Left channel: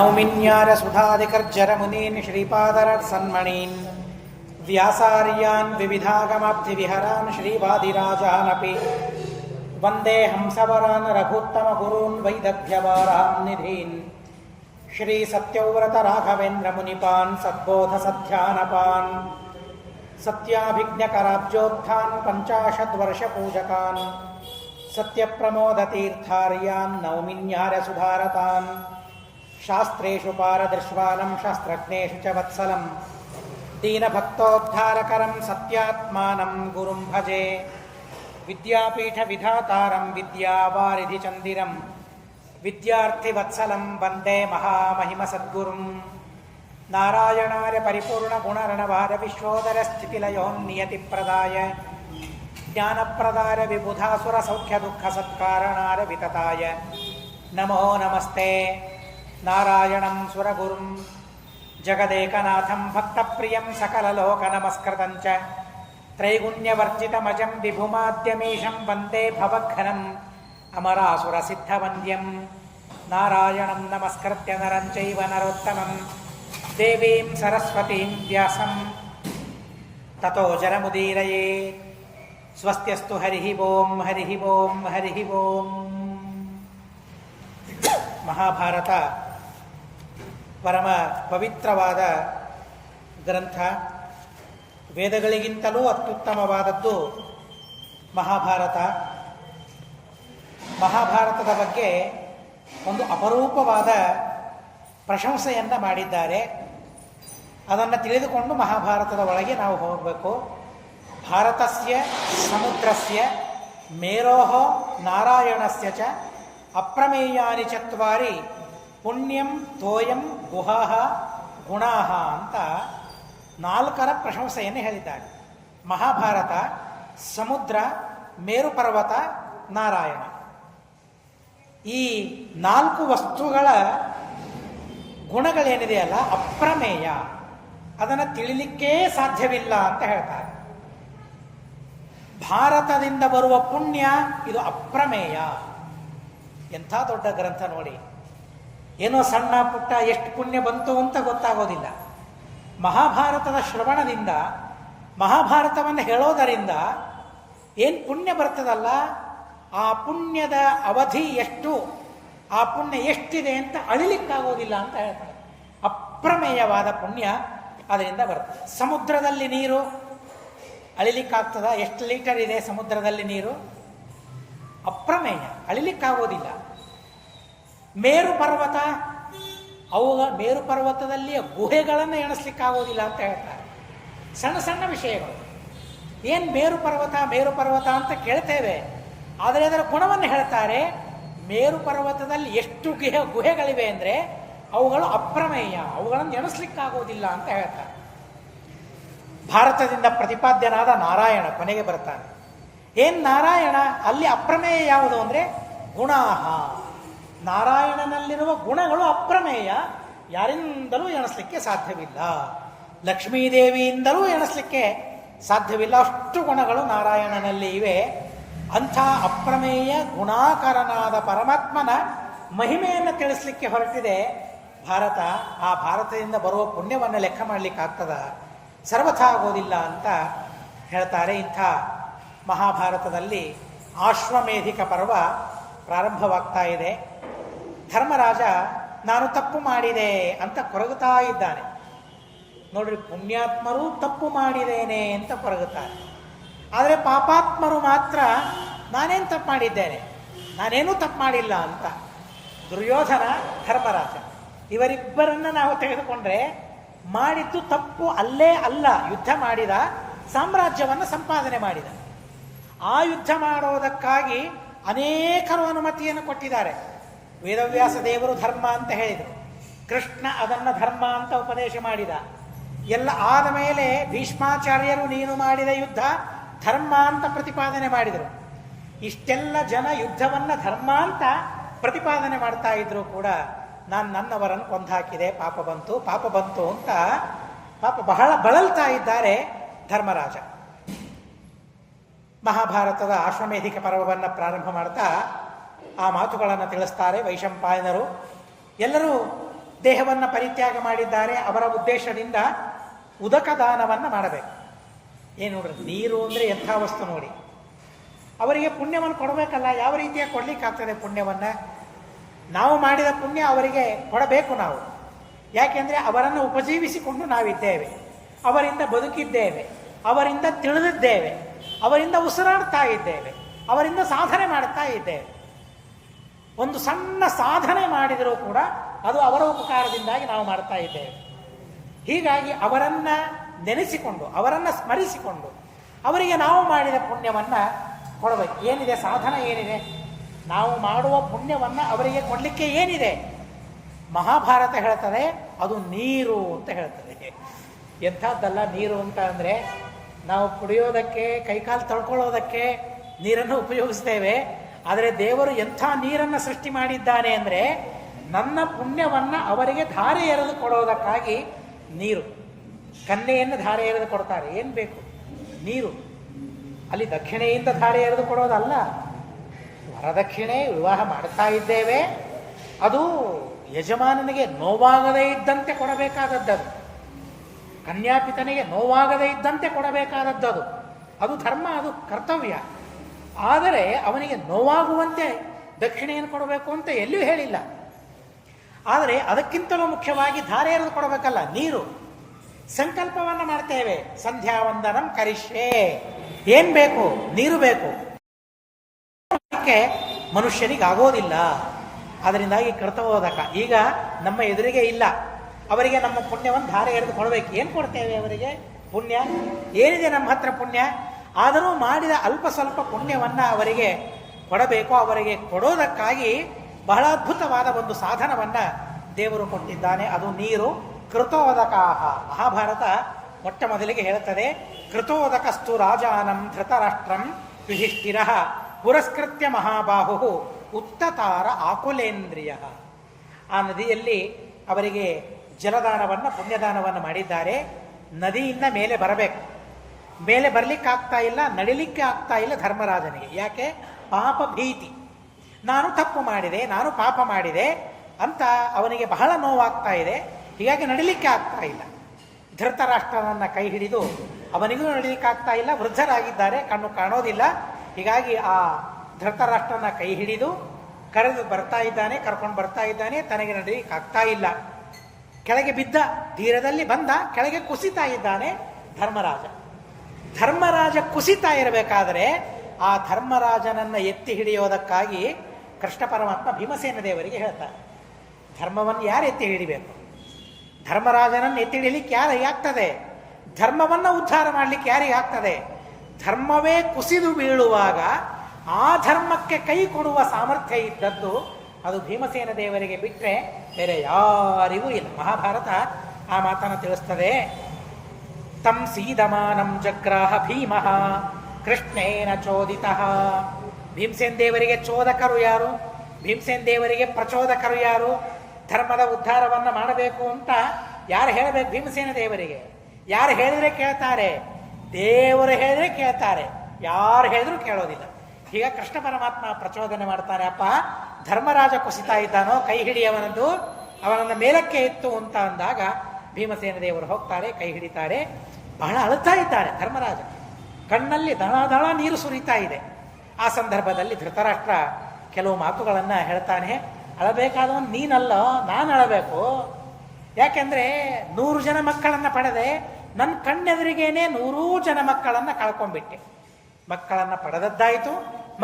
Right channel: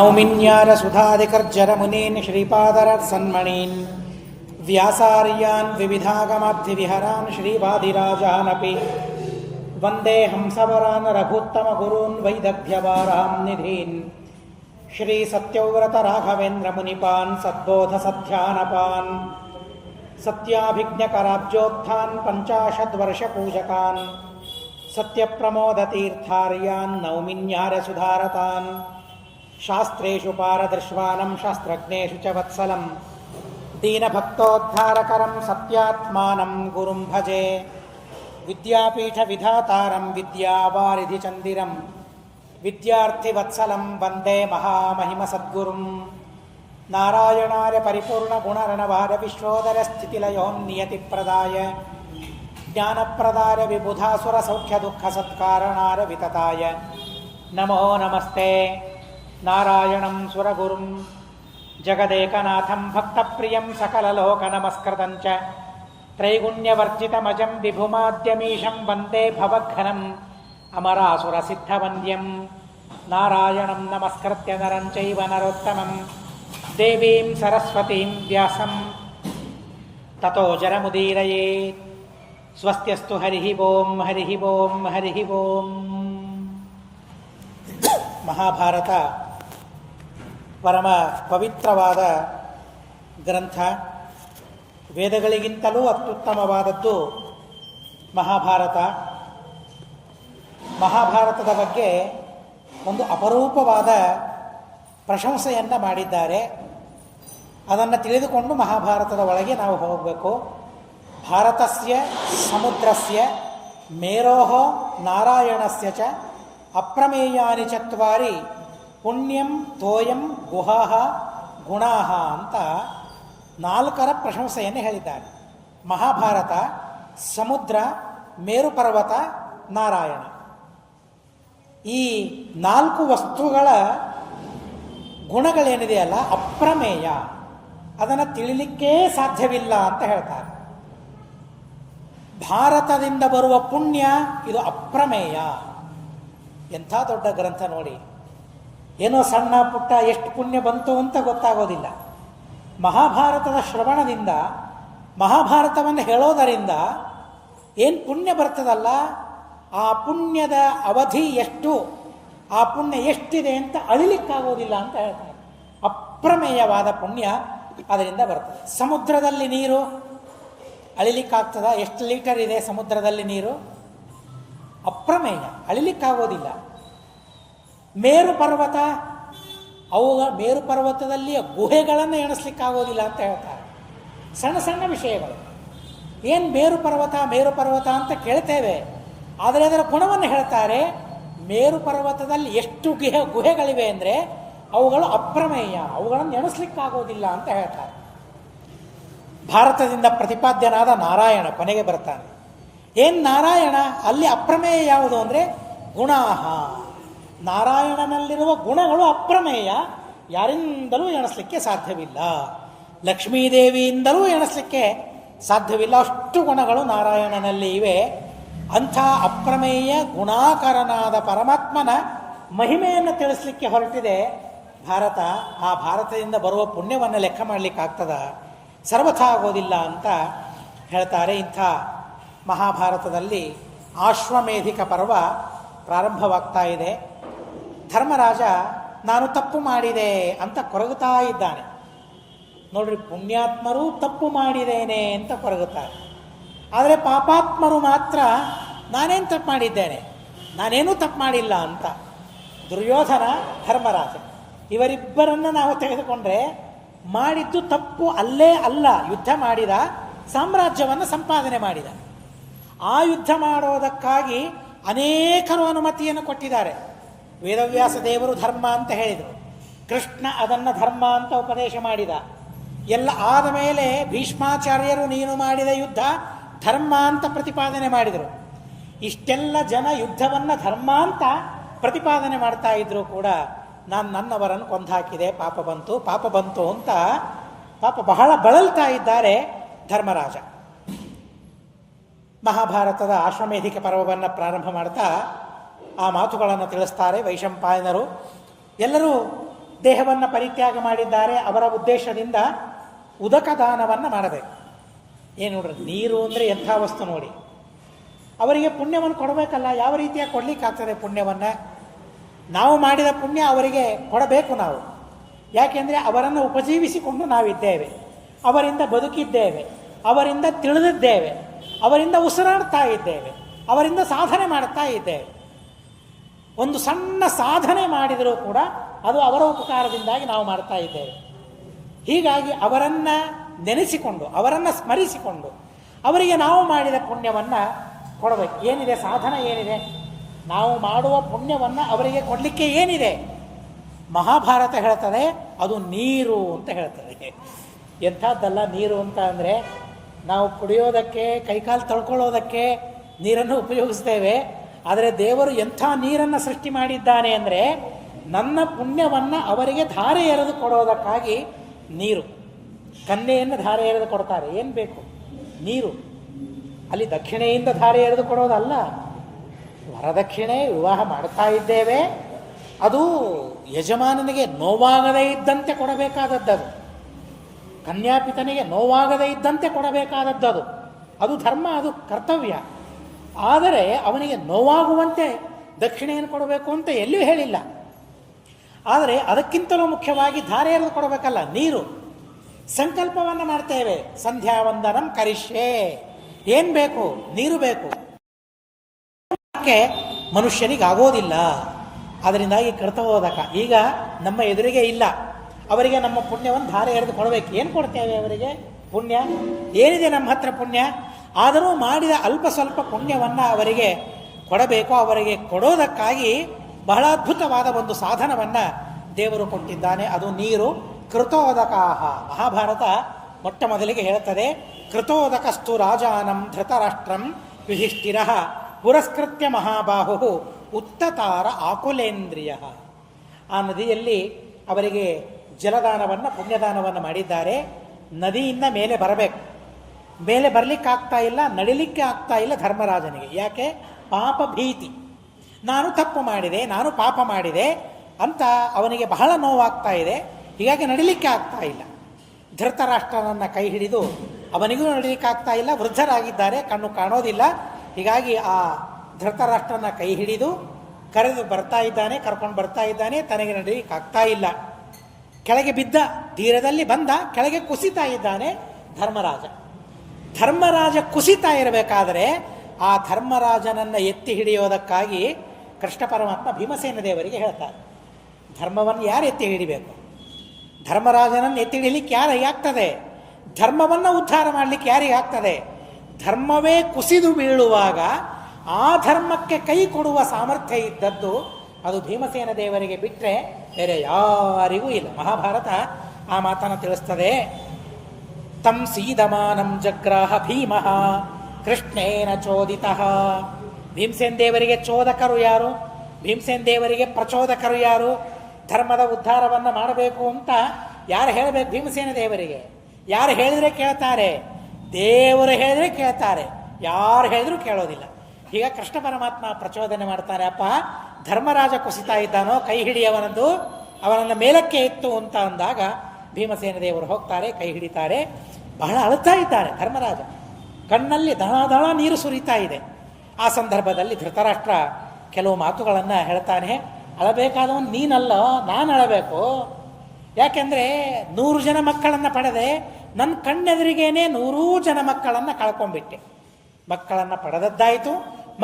ನೌಮಿನ್ಯಾರ ಸುಧಾಧಿಕರ್ಜರ ಮುನೀನ್ ಶ್ರೀಪಾದರಸನ್ಮಣೀನ್ ವ್ಯಾಸಾರ್ಯಾನ್ ವಿವಿಧಾಗಮಾಬ್ಧಿವಿಹರಾನ್ ಶ್ರೀವಾದಿರಾಜಾನಪಿ ವಂದೇ ಹಂಸವರಾನ್ ರಘುತ್ತಮ ಗುರೂನ್ ವೈದಗ್ಧ್ಯವಾರಾನ್ ನಿಧೀನ್ ಶ್ರೀ ಸತ್ಯವ್ರತ ರಾಘವೇಂದ್ರ ಮುನಿಪಾನ್ ಸದ್ಬೋಧ ಸತ್ಯಾನಪಾನ್ ಸತ್ಯಾಭಿಜ್ಞಕರಾಬ್ಜೋತ್ಥಾನ್ ಪಂಚಾಶದ್ವರ್ಷ ಪೂಜಕಾನ್ ಸತ್ಯಪ್ರಮೋದತೀರ್ಥಾರ್ಯಾನ್ ನೌಮಿನ್ಯಾರ ಸುಧಾರತಾನ್ ಶಾಸ್ತ್ರೇಷು ಪಾರದೃಶ್ವಾನಂ ಶಾಸ್ತ್ರಜ್ಞೇಷು ಚ ವತ್ಸಲಂ ದೀನಭಕ್ತೋದ್ಧಾರಕರಂ ಸತ್ಯಾತ್ಮಾನಂ ಗುರುಂ ಭಜೆ ವಿದ್ಯಾಪೀಠ ವಿಧಾತಾರಂ ವಿದ್ಯಾವಾರಿಧಿ ಚಂದಿರಂ ವಿದ್ಯಾರ್ಥಿವತ್ಸಲಂ ವಂದೇ ಮಹಾಮಹಿಮ ಸದ್ಗುರುಂ ನಾರಾಯಣಾರ್ಯ ಪರಿಪೂರ್ಣ ಗುಣರಣವಾದ ವಿಶ್ವೋದರ ಸ್ಥಿತಿಲಯೋನ್ನಿಯತಿಪ್ರದಾಯ ಜ್ಞಾನಪ್ರದಾಯ ವಿಬುಧಾಸುರ ಸೌಖ್ಯ ದುಃಖ ಸತ್ಕಾರಣಾರ ವಿತತಾಯ ನಮೋ ನಮಸ್ತೆ ನಾರಾಯಣಂ ಸುರಗುರುಂ ಜಗದೇಕನಾಥಂ ಭಕ್ತಪ್ರಿಯಂ ಸಕಲಲೋಕನಮಸ್ಕೃತಂ ಚ ತ್ರೈಗುಣ್ಯವರ್ಜಿತಮಜಂ ವಿಭುಮಾದ್ಯಮೀಶಂ ವಂದೇ ಭವಘ್ನಂ ಅಮರಾಸುರಸಿದ್ಧವಂದ್ಯಂ ನಾರಾಯಣಂ ನಮಸ್ಕೃತ್ಯ ನರಂ ಚೈವ ನರೋತ್ತಮಂ ದೇವೀಂ ಸರಸ್ವತೀಂ ವ್ಯಾಸಂ ತತೋ ಜರಮುದೀರಯೇತ್ ಸ್ವಸ್ತ್ಯಸ್ತು ಹರಿಃ ಓಂ ಹರಿಃ ಓಂ ಹರಿಃ ಓಂ. ಮಹಾಭಾರತ ಪರಮ ಪವಿತ್ರವಾದ ಗ್ರಂಥ. ವೇದಗಳಿಗಿಂತಲೂ ಅತ್ಯುತ್ತಮವಾದದ್ದು ಮಹಾಭಾರತ. ಮಹಾಭಾರತದ ಬಗ್ಗೆ ಒಂದು ಅಪರೂಪವಾದ ಪ್ರಶಂಸೆಯನ್ನು ಮಾಡಿದ್ದಾರೆ. ಅದನ್ನು ತಿಳಿದುಕೊಂಡು ಮಹಾಭಾರತದ ಒಳಗೆ ನಾವು ಹೋಗಬೇಕು. ಭಾರತಸ್ಯ ಸಮುದ್ರಸ್ಯ ಮೇರೋಹ ನಾರಾಯಣಸ್ಯ ಚ ಅಪ್ರಮೇಯಾನಿ ಚತ್ವಾರಿ ಪುಣ್ಯಂ ತೋಯಂ ಗುಹಾಹ ಗುಣಾಹ ಅಂತ 4 ಪ್ರಶಂಸೆಯನ್ನು ಹೇಳಿದ್ದಾರೆ. ಮಹಾಭಾರತ, ಸಮುದ್ರ, ಮೇರು ಪರ್ವತ, ನಾರಾಯಣ. ಈ 4 ವಸ್ತುಗಳ ಗುಣಗಳೇನಿದೆಯಲ್ಲ ಅಪ್ರಮೇಯ, ಅದನ್ನು ತಿಳಿಲಿಕ್ಕೇ ಸಾಧ್ಯವಿಲ್ಲ ಅಂತ ಹೇಳ್ತಾರೆ. ಭಾರತದಿಂದ ಬರುವ ಪುಣ್ಯ ಇದು ಅಪ್ರಮೇಯ. ಎಂಥ ದೊಡ್ಡ ಗ್ರಂಥ ನೋಡಿ. ಏನೋ ಸಣ್ಣ ಪುಟ್ಟ ಎಷ್ಟು ಪುಣ್ಯ ಬಂತು ಅಂತ ಗೊತ್ತಾಗೋದಿಲ್ಲ. ಮಹಾಭಾರತದ ಶ್ರವಣದಿಂದ, ಮಹಾಭಾರತವನ್ನು ಹೇಳೋದರಿಂದ ಏನು ಪುಣ್ಯ ಬರ್ತದಲ್ಲ, ಆ ಪುಣ್ಯದ ಅವಧಿ ಎಷ್ಟು, ಆ ಪುಣ್ಯ ಎಷ್ಟಿದೆ ಅಂತ ಅಳಿಲಿಕ್ಕಾಗೋದಿಲ್ಲ ಅಂತ ಹೇಳ್ತಾರೆ. ಅಪ್ರಮೇಯವಾದ ಪುಣ್ಯ ಅದರಿಂದ ಬರ್ತದೆ. ಸಮುದ್ರದಲ್ಲಿ ನೀರು ಅಳಿಲಿಕ್ಕಾಗ್ತದ? ಎಷ್ಟು ಲೀಟರ್ ಇದೆ ಸಮುದ್ರದಲ್ಲಿ ನೀರು? ಅಪ್ರಮೇಯ, ಅಳಿಲಿಕ್ಕಾಗೋದಿಲ್ಲ. ಮೇರು ಪರ್ವತ, ಮೇರು ಪರ್ವತದಲ್ಲಿಯ ಗುಹೆಗಳನ್ನು ಎಣಿಸ್ಲಿಕ್ಕಾಗೋದಿಲ್ಲ ಅಂತ ಹೇಳ್ತಾರೆ. ಸಣ್ಣ ಸಣ್ಣ ವಿಷಯಗಳು. ಏನು ಮೇರು ಪರ್ವತ ಅಂತ ಕೇಳ್ತೇವೆ, ಆದರೆ ಅದರ ಗುಣವನ್ನು ಹೇಳ್ತಾರೆ. ಮೇರು ಪರ್ವತದಲ್ಲಿ ಎಷ್ಟು ಗುಹೆಗಳಿವೆ ಅಂದರೆ ಅವುಗಳು ಅಪ್ರಮೇಯ, ಅವುಗಳನ್ನು ಎಣಿಸ್ಲಿಕ್ಕಾಗೋದಿಲ್ಲ ಅಂತ ಹೇಳ್ತಾರೆ. ಭಾರತದಿಂದ ಪ್ರತಿಪಾದ್ಯನಾದ ನಾರಾಯಣ ಕೊನೆಗೆ ಬರ್ತಾನೆ. ಏನು ನಾರಾಯಣ? ಅಲ್ಲಿ ಅಪ್ರಮೇಯ ಯಾವುದು ಅಂದರೆ ಗುಣಾಹ. ನಾರಾಯಣನಲ್ಲಿರುವ ಗುಣಗಳು ಅಪ್ರಮೇಯ, ಯಾರಿಂದಲೂ ಎಣಿಸ್ಲಿಕ್ಕೆ ಸಾಧ್ಯವಿಲ್ಲ. ಲಕ್ಷ್ಮೀದೇವಿಯಿಂದಲೂ ಎಣಿಸ್ಲಿಕ್ಕೆ ಸಾಧ್ಯವಿಲ್ಲ, ಅಷ್ಟು ಗುಣಗಳು ನಾರಾಯಣನಲ್ಲಿ ಇವೆ. ಅಂಥ ಅಪ್ರಮೇಯ ಗುಣಾಕರನಾದ ಪರಮಾತ್ಮನ ಮಹಿಮೆಯನ್ನು ತಿಳಿಸ್ಲಿಕ್ಕೆ ಹೊರಟಿದೆ ಭಾರತ. ಆ ಭಾರತದಿಂದ ಬರುವ ಪುಣ್ಯವನ್ನು ಲೆಕ್ಕ ಮಾಡಲಿಕ್ಕಾಗ್ತದ? ಸರ್ವಥಾ ಆಗೋದಿಲ್ಲ ಅಂತ ಹೇಳ್ತಾರೆ. ಇಂಥ ಮಹಾಭಾರತದಲ್ಲಿ ಆಶ್ವಮೇಧಿಕ ಪರ್ವ ಪ್ರಾರಂಭವಾಗ್ತಾ ಇದೆ. ಧರ್ಮರಾಜ ನಾನು ತಪ್ಪು ಮಾಡಿದೆ ಅಂತ ಕೊರಗುತ್ತಾ ಇದ್ದಾನೆ. ನೋಡ್ರಿ, ಪುಣ್ಯಾತ್ಮರು ತಪ್ಪು ಮಾಡಿದ್ದೇನೆ ಅಂತ ಕೊರಗುತ್ತಾರೆ, ಆದರೆ ಪಾಪಾತ್ಮರು ಮಾತ್ರ ನಾನೇನು ತಪ್ಪು ಮಾಡಿದ್ದೇನೆ, ನಾನೇನೂ ತಪ್ಪು ಮಾಡಿಲ್ಲ ಅಂತ. ದುರ್ಯೋಧನ, ಧರ್ಮರಾಜ ಇವರಿಬ್ಬರನ್ನು ನಾವು ತೆಗೆದುಕೊಂಡ್ರೆ ಮಾಡಿದ್ದು ತಪ್ಪು ಅಲ್ಲೇ ಅಲ್ಲ. ಯುದ್ಧ ಮಾಡಿದ, ಸಾಮ್ರಾಜ್ಯವನ್ನು ಸಂಪಾದನೆ ಮಾಡಿದ. ಆ ಯುದ್ಧ ಮಾಡೋದಕ್ಕಾಗಿ ಅನೇಕರು ಅನುಮತಿಯನ್ನು ಕೊಟ್ಟಿದ್ದಾರೆ. ವೇದವ್ಯಾಸ ದೇವರು ಧರ್ಮ ಅಂತ ಹೇಳಿದರು, ಕೃಷ್ಣ ಅದನ್ನು ಧರ್ಮ ಅಂತ ಉಪದೇಶ ಮಾಡಿದ. ಎಲ್ಲ ಆದ ಮೇಲೆ ಭೀಷ್ಮಾಚಾರ್ಯರು ನೀನು ಮಾಡಿದ ಯುದ್ಧ ಧರ್ಮ ಅಂತ ಪ್ರತಿಪಾದನೆ ಮಾಡಿದರು. ಇಷ್ಟೆಲ್ಲ ಜನ ಯುದ್ಧವನ್ನು ಧರ್ಮ ಅಂತ ಪ್ರತಿಪಾದನೆ ಮಾಡ್ತಾ ಇದ್ರು ಕೂಡ ನಾನು ನನ್ನವರನ್ನು ಕೊಂದಾಕಿದೆ, ಪಾಪ ಬಂತು ಅಂತ ಬಹಳ ಬಳಲ್ತಾ ಇದ್ದಾರೆ ಧರ್ಮರಾಜ. ಮಹಾಭಾರತದ ಆಶ್ವಮೇಧಿಕ ಪರ್ವವನ್ನು ಪ್ರಾರಂಭ ಮಾಡ್ತಾ ಆ ಮಾತುಗಳನ್ನು ತಿಳಿಸ್ತಾರೆ ವೈಶಂಪಾಯನರು. ಎಲ್ಲರೂ ದೇಹವನ್ನು ಪರಿತ್ಯಾಗ ಮಾಡಿದ್ದಾರೆ. ಅವರ ಉದ್ದೇಶದಿಂದ ಉದಕ ದಾನವನ್ನು ಮಾಡಬೇಕು. ಏನು ನೋಡ್ರಿ, ನೀರು ಅಂದರೆ ಎಂಥ ವಸ್ತು ನೋಡಿ. ಅವರಿಗೆ ಪುಣ್ಯವನ್ನು ಕೊಡಬೇಕಲ್ಲ, ಯಾವ ರೀತಿಯಾಗಿ ಕೊಡಲಿಕ್ಕಾಗ್ತದೆ ಪುಣ್ಯವನ್ನು? ನಾವು ಮಾಡಿದ ಪುಣ್ಯ ಅವರಿಗೆ ಕೊಡಬೇಕು ನಾವು. ಯಾಕೆಂದರೆ ಅವರನ್ನು ಉಪಜೀವಿಸಿಕೊಂಡು ನಾವಿದ್ದೇವೆ, ಅವರಿಂದ ಬದುಕಿದ್ದೇವೆ, ಅವರಿಂದ ತಿಳಿದಿದ್ದೇವೆ, ಅವರಿಂದ ಉಸಿರಾಡ್ತಾ ಇದ್ದೇವೆ, ಅವರಿಂದ ಸಾಧನೆ ಮಾಡ್ತಾ ಇದ್ದೇವೆ. ಒಂದು ಸಣ್ಣ ಸಾಧನೆ ಮಾಡಿದರೂ ಕೂಡ ಅದು ಅವರ ಉಪಕಾರದಿಂದಾಗಿ ನಾವು ಮಾಡ್ತಾ ಇದ್ದೇವೆ. ಹೀಗಾಗಿ ಅವರನ್ನು ನೆನೆಸಿಕೊಂಡು, ಅವರನ್ನು ಸ್ಮರಿಸಿಕೊಂಡು ಅವರಿಗೆ ನಾವು ಮಾಡಿದ ಪುಣ್ಯವನ್ನು ಕೊಡಬೇಕು. ಏನಿದೆ ಸಾಧನ? ಏನಿದೆ? ನಾವು ಮಾಡುವ ಪುಣ್ಯವನ್ನು ಅವರಿಗೆ ಕೊಡಲಿಕ್ಕೆ ಏನಿದೆ? ಮಹಾಭಾರತ ಹೇಳ್ತದೆ ಅದು ನೀರು ಅಂತ ಹೇಳ್ತದೆ. ಎಂಥದ್ದಲ್ಲ ನೀರು ಅಂತ ಅಂದರೆ, ನಾವು ಕುಡಿಯೋದಕ್ಕೆ, ಕೈಕಾಲು ತೊಳ್ಕೊಳ್ಳೋದಕ್ಕೆ ನೀರನ್ನು ಉಪಯೋಗಿಸ್ತೇವೆ. ಆದರೆ ದೇವರು ಎಂಥ ನೀರನ್ನು ಸೃಷ್ಟಿ ಮಾಡಿದ್ದಾನೆ ಅಂದರೆ, ನನ್ನ ಪುಣ್ಯವನ್ನು ಅವರಿಗೆ ಧಾರೆ ಎರೆದು ಕೊಡೋದಕ್ಕಾಗಿ ನೀರು. ಕನ್ಯೆಯನ್ನು ಧಾರೆ ಎರೆದು ಕೊಡ್ತಾರೆ, ಏನು ಬೇಕು? ನೀರು. ಅಲ್ಲಿ ದಕ್ಷಿಣೆಯಿಂದ ಧಾರೆ ಎರೆದು ಕೊಡೋದಲ್ಲ, ವರದಕ್ಷಿಣೆ ವಿವಾಹ ಮಾಡ್ತಾ ಇದ್ದೇವೆ, ಅದು ಯಜಮಾನನಿಗೆ ನೋವಾಗದೇ ಇದ್ದಂತೆ ಕೊಡಬೇಕಾದದ್ದದು, ಕನ್ಯಾಪಿತನಿಗೆ ನೋವಾಗದೇ ಇದ್ದಂತೆ ಕೊಡಬೇಕಾದದ್ದದು. ಅದು ಧರ್ಮ, ಅದು ಕರ್ತವ್ಯ. ಆದರೆ ಅವನಿಗೆ ನೋವಾಗುವಂತೆ ದಕ್ಷಿಣೆಯನ್ನು ಕೊಡಬೇಕು ಅಂತ ಎಲ್ಲಿಯೂ ಹೇಳಿಲ್ಲ. ಆದರೆ ಅದಕ್ಕಿಂತಲೂ ಮುಖ್ಯವಾಗಿ ಧಾರೆ ಎರೆದು ಕೊಡಬೇಕಲ್ಲ, ನೀರು. ಸಂಕಲ್ಪವನ್ನು ಮಾಡ್ತೇವೆ, ಸಂಧ್ಯಾ ವಂದನಂ ಕರಿಷ್ಯೆ. ಏನು ಬೇಕು? ನೀರು ಬೇಕು. ಮನುಷ್ಯನಿಗಾಗೋದಿಲ್ಲ. ಅದರಿಂದಾಗಿ ಕರ್ತವೋದಕ ಈಗ ನಮ್ಮ ಎದುರಿಗೆ ಇಲ್ಲ. ಅವರಿಗೆ ನಮ್ಮ ಪುಣ್ಯವನ್ನು ಧಾರೆ ಎರೆದು ಕೊಡಬೇಕು. ಏನು ಕೊಡ್ತೇವೆ ಅವರಿಗೆ? ಪುಣ್ಯ ಏನಿದೆ ನಮ್ಮ ಹತ್ರ ಪುಣ್ಯ? ಆದರೂ ಮಾಡಿದ ಅಲ್ಪ ಸ್ವಲ್ಪ ಪುಣ್ಯವನ್ನು ಅವರಿಗೆ ಕೊಡಬೇಕು. ಅವರಿಗೆ ಕೊಡೋದಕ್ಕಾಗಿ ಬಹಳ ಅದ್ಭುತವಾದ ಒಂದು ಸಾಧನವನ್ನು ದೇವರು ಕೊಟ್ಟಿದ್ದಾನೆ, ಅದು ನೀರು. ಕೃತೋದಕಾಹ. ಮಹಾಭಾರತ ಮೊಟ್ಟ ಮೊದಲಿಗೆ ಹೇಳುತ್ತದೆ, ಕೃತೋದಕಸ್ತು ರಾಜಾನಂ ಧೃತರಾಷ್ಟ್ರಂ ಯುಧಿಷ್ಠಿರ ಪುರಸ್ಕೃತ್ಯ ಮಹಾಬಾಹು ಉತ್ತತಾರ ಆಕುಲೇಂದ್ರಿಯ. ಆ ನದಿಯಲ್ಲಿ ಅವರಿಗೆ ಜಲದಾನವನ್ನು, ಪುಣ್ಯದಾನವನ್ನು ಮಾಡಿದ್ದಾರೆ. ನದಿಯಿಂದ ಮೇಲೆ ಬರಬೇಕು, ಮೇಲೆ ಬರಲಿಕ್ಕಾಗ್ತಾ ಇಲ್ಲ, ನಡಿಲಿಕ್ಕೆ ಆಗ್ತಾ ಇಲ್ಲ ಧರ್ಮರಾಜನಿಗೆ. ಯಾಕೆ? ಪಾಪ ಭೀತಿ. ನಾನು ತಪ್ಪು ಮಾಡಿದೆ, ನಾನು ಪಾಪ ಮಾಡಿದೆ ಅಂತ ಅವನಿಗೆ ಬಹಳ ನೋವಾಗ್ತಾ ಇದೆ. ಹೀಗಾಗಿ ನಡಿಲಿಕ್ಕೆ ಆಗ್ತಾ ಇಲ್ಲ. ಧೃತರಾಷ್ಟ್ರನನ್ನು ಕೈ ಹಿಡಿದು, ಅವನಿಗೂ ನಡಿಲಿಕ್ಕೆ ಆಗ್ತಾ ಇಲ್ಲ, ವೃದ್ಧರಾಗಿದ್ದಾರೆ, ಕಣ್ಣು ಕಾಣೋದಿಲ್ಲ. ಹೀಗಾಗಿ ಆ ಧೃತರಾಷ್ಟ್ರನ ಕೈ ಹಿಡಿದು ಕರೆದು ಬರ್ತಾ ಇದ್ದಾನೆ, ಕರ್ಕೊಂಡು ಬರ್ತಾ ಇದ್ದಾನೆ. ತನಗೆ ನಡಿಲಿಕ್ಕೆ ಆಗ್ತಾ ಇಲ್ಲ. ಕೆಳಗೆ ಬಿದ್ದ, ತೀರದಲ್ಲಿ ಬಂದ, ಕೆಳಗೆ ಕುಸಿತಾ ಇದ್ದಾನೆ ಧರ್ಮರಾಜ. ಧರ್ಮರಾಜ ಕುಸಿತಾ ಇರಬೇಕಾದರೆ ಆ ಧರ್ಮರಾಜನನ್ನು ಎತ್ತಿ ಹಿಡಿಯೋದಕ್ಕಾಗಿ ಕೃಷ್ಣ ಪರಮಾತ್ಮ ಭೀಮಸೇನ ದೇವರಿಗೆ ಹೇಳ್ತಾರೆ, ಧರ್ಮವನ್ನು ಯಾರು ಎತ್ತಿ ಹಿಡಿಬೇಕು? ಧರ್ಮರಾಜನನ್ನು ಎತ್ತಿ ಹಿಡಿಲಿಕ್ಕೆ ಯಾರಿಗೆ ಆಗ್ತದೆ? ಧರ್ಮವನ್ನು ಉದ್ಧಾರ ಮಾಡಲಿಕ್ಕೆ ಯಾರಿಗೆ ಆಗ್ತದೆ? ಧರ್ಮವೇ ಕುಸಿದು ಬೀಳುವಾಗ ಆ ಧರ್ಮಕ್ಕೆ ಕೈ ಕೊಡುವ ಸಾಮರ್ಥ್ಯ ಇದ್ದದ್ದು ಅದು ಭೀಮಸೇನ ದೇವರಿಗೆ ಬಿಟ್ಟರೆ ಬೇರೆ ಯಾರಿಗೂ ಇಲ್ಲ. ಮಹಾಭಾರತ ಆ ಮಾತನ್ನು ತಿಳಿಸ್ತದೆ. ತಂ ಸೀದಮಾನಂ ಜಗ್ರಾಹ ಭೀಮಃ ಕೃಷ್ಣೇನ ಚೋದಿತಃ. ಭೀಮಸೇನ ದೇವರಿಗೆ ಚೋದಕರು ಯಾರು? ಭೀಮಸೇನ ದೇವರಿಗೆ ಪ್ರಚೋದಕರು ಯಾರು? ಧರ್ಮದ ಉದ್ಧಾರವನ್ನು ಮಾಡಬೇಕು ಅಂತ ಯಾರು ಹೇಳಬೇಕು? ಭೀಮಸೇನ ದೇವರಿಗೆ. ಯಾರು ಹೇಳಿದ್ರೆ ಕೇಳ್ತಾರೆ, ದೇವರು ಹೇಳಿದ್ರೆ ಕೇಳ್ತಾರೆ, ಯಾರು ಹೇಳಿದ್ರು ಕೇಳೋದಿಲ್ಲ. ಈಗ ಕೃಷ್ಣ ಪರಮಾತ್ಮ ಪ್ರಚೋದನೆ ಮಾಡ್ತಾರೆ. ಅಪ್ಪ, ಧರ್ಮರಾಜ ಕುಸಿತಾ ಇದ್ದಾನೋ, ಕೈ ಹಿಡಿಯವನದ್ದು, ಅವನನ್ನು ಮೇಲಕ್ಕೆ ಎತ್ತು ಅಂತ ಅಂದಾಗ ಭೀಮಸೇನ ದೇವರು ಹೋಗ್ತಾರೆ, ಕೈ ಹಿಡಿತಾರೆ. ಬಹಳ ಅಳುತ್ತಾ ಇದ್ದಾರೆ ಧರ್ಮರಾಜ, ಕಣ್ಣಲ್ಲಿ ದಳ ದಳ ನೀರು ಸುರಿತಾ ಇದೆ. ಆ ಸಂದರ್ಭದಲ್ಲಿ ಧೃತರಾಷ್ಟ್ರ ಕೆಲವು ಮಾತುಗಳನ್ನು ಹೇಳ್ತಾನೆ. ಅಳಬೇಕಾದವನು ನೀನಲ್ಲ, ನಾನು ಅಳಬೇಕು. ಯಾಕೆಂದರೆ 100 ಜನ ಮಕ್ಕಳನ್ನು ಪಡೆದೆ, ನನ್ನ ಕಣ್ಣೆದುರಿಗೇನೆ 100 ಜನ ಮಕ್ಕಳನ್ನು ಕಳ್ಕೊಂಡ್ಬಿಟ್ಟೆ. ಮಕ್ಕಳನ್ನು ಪಡೆದದ್ದಾಯಿತು,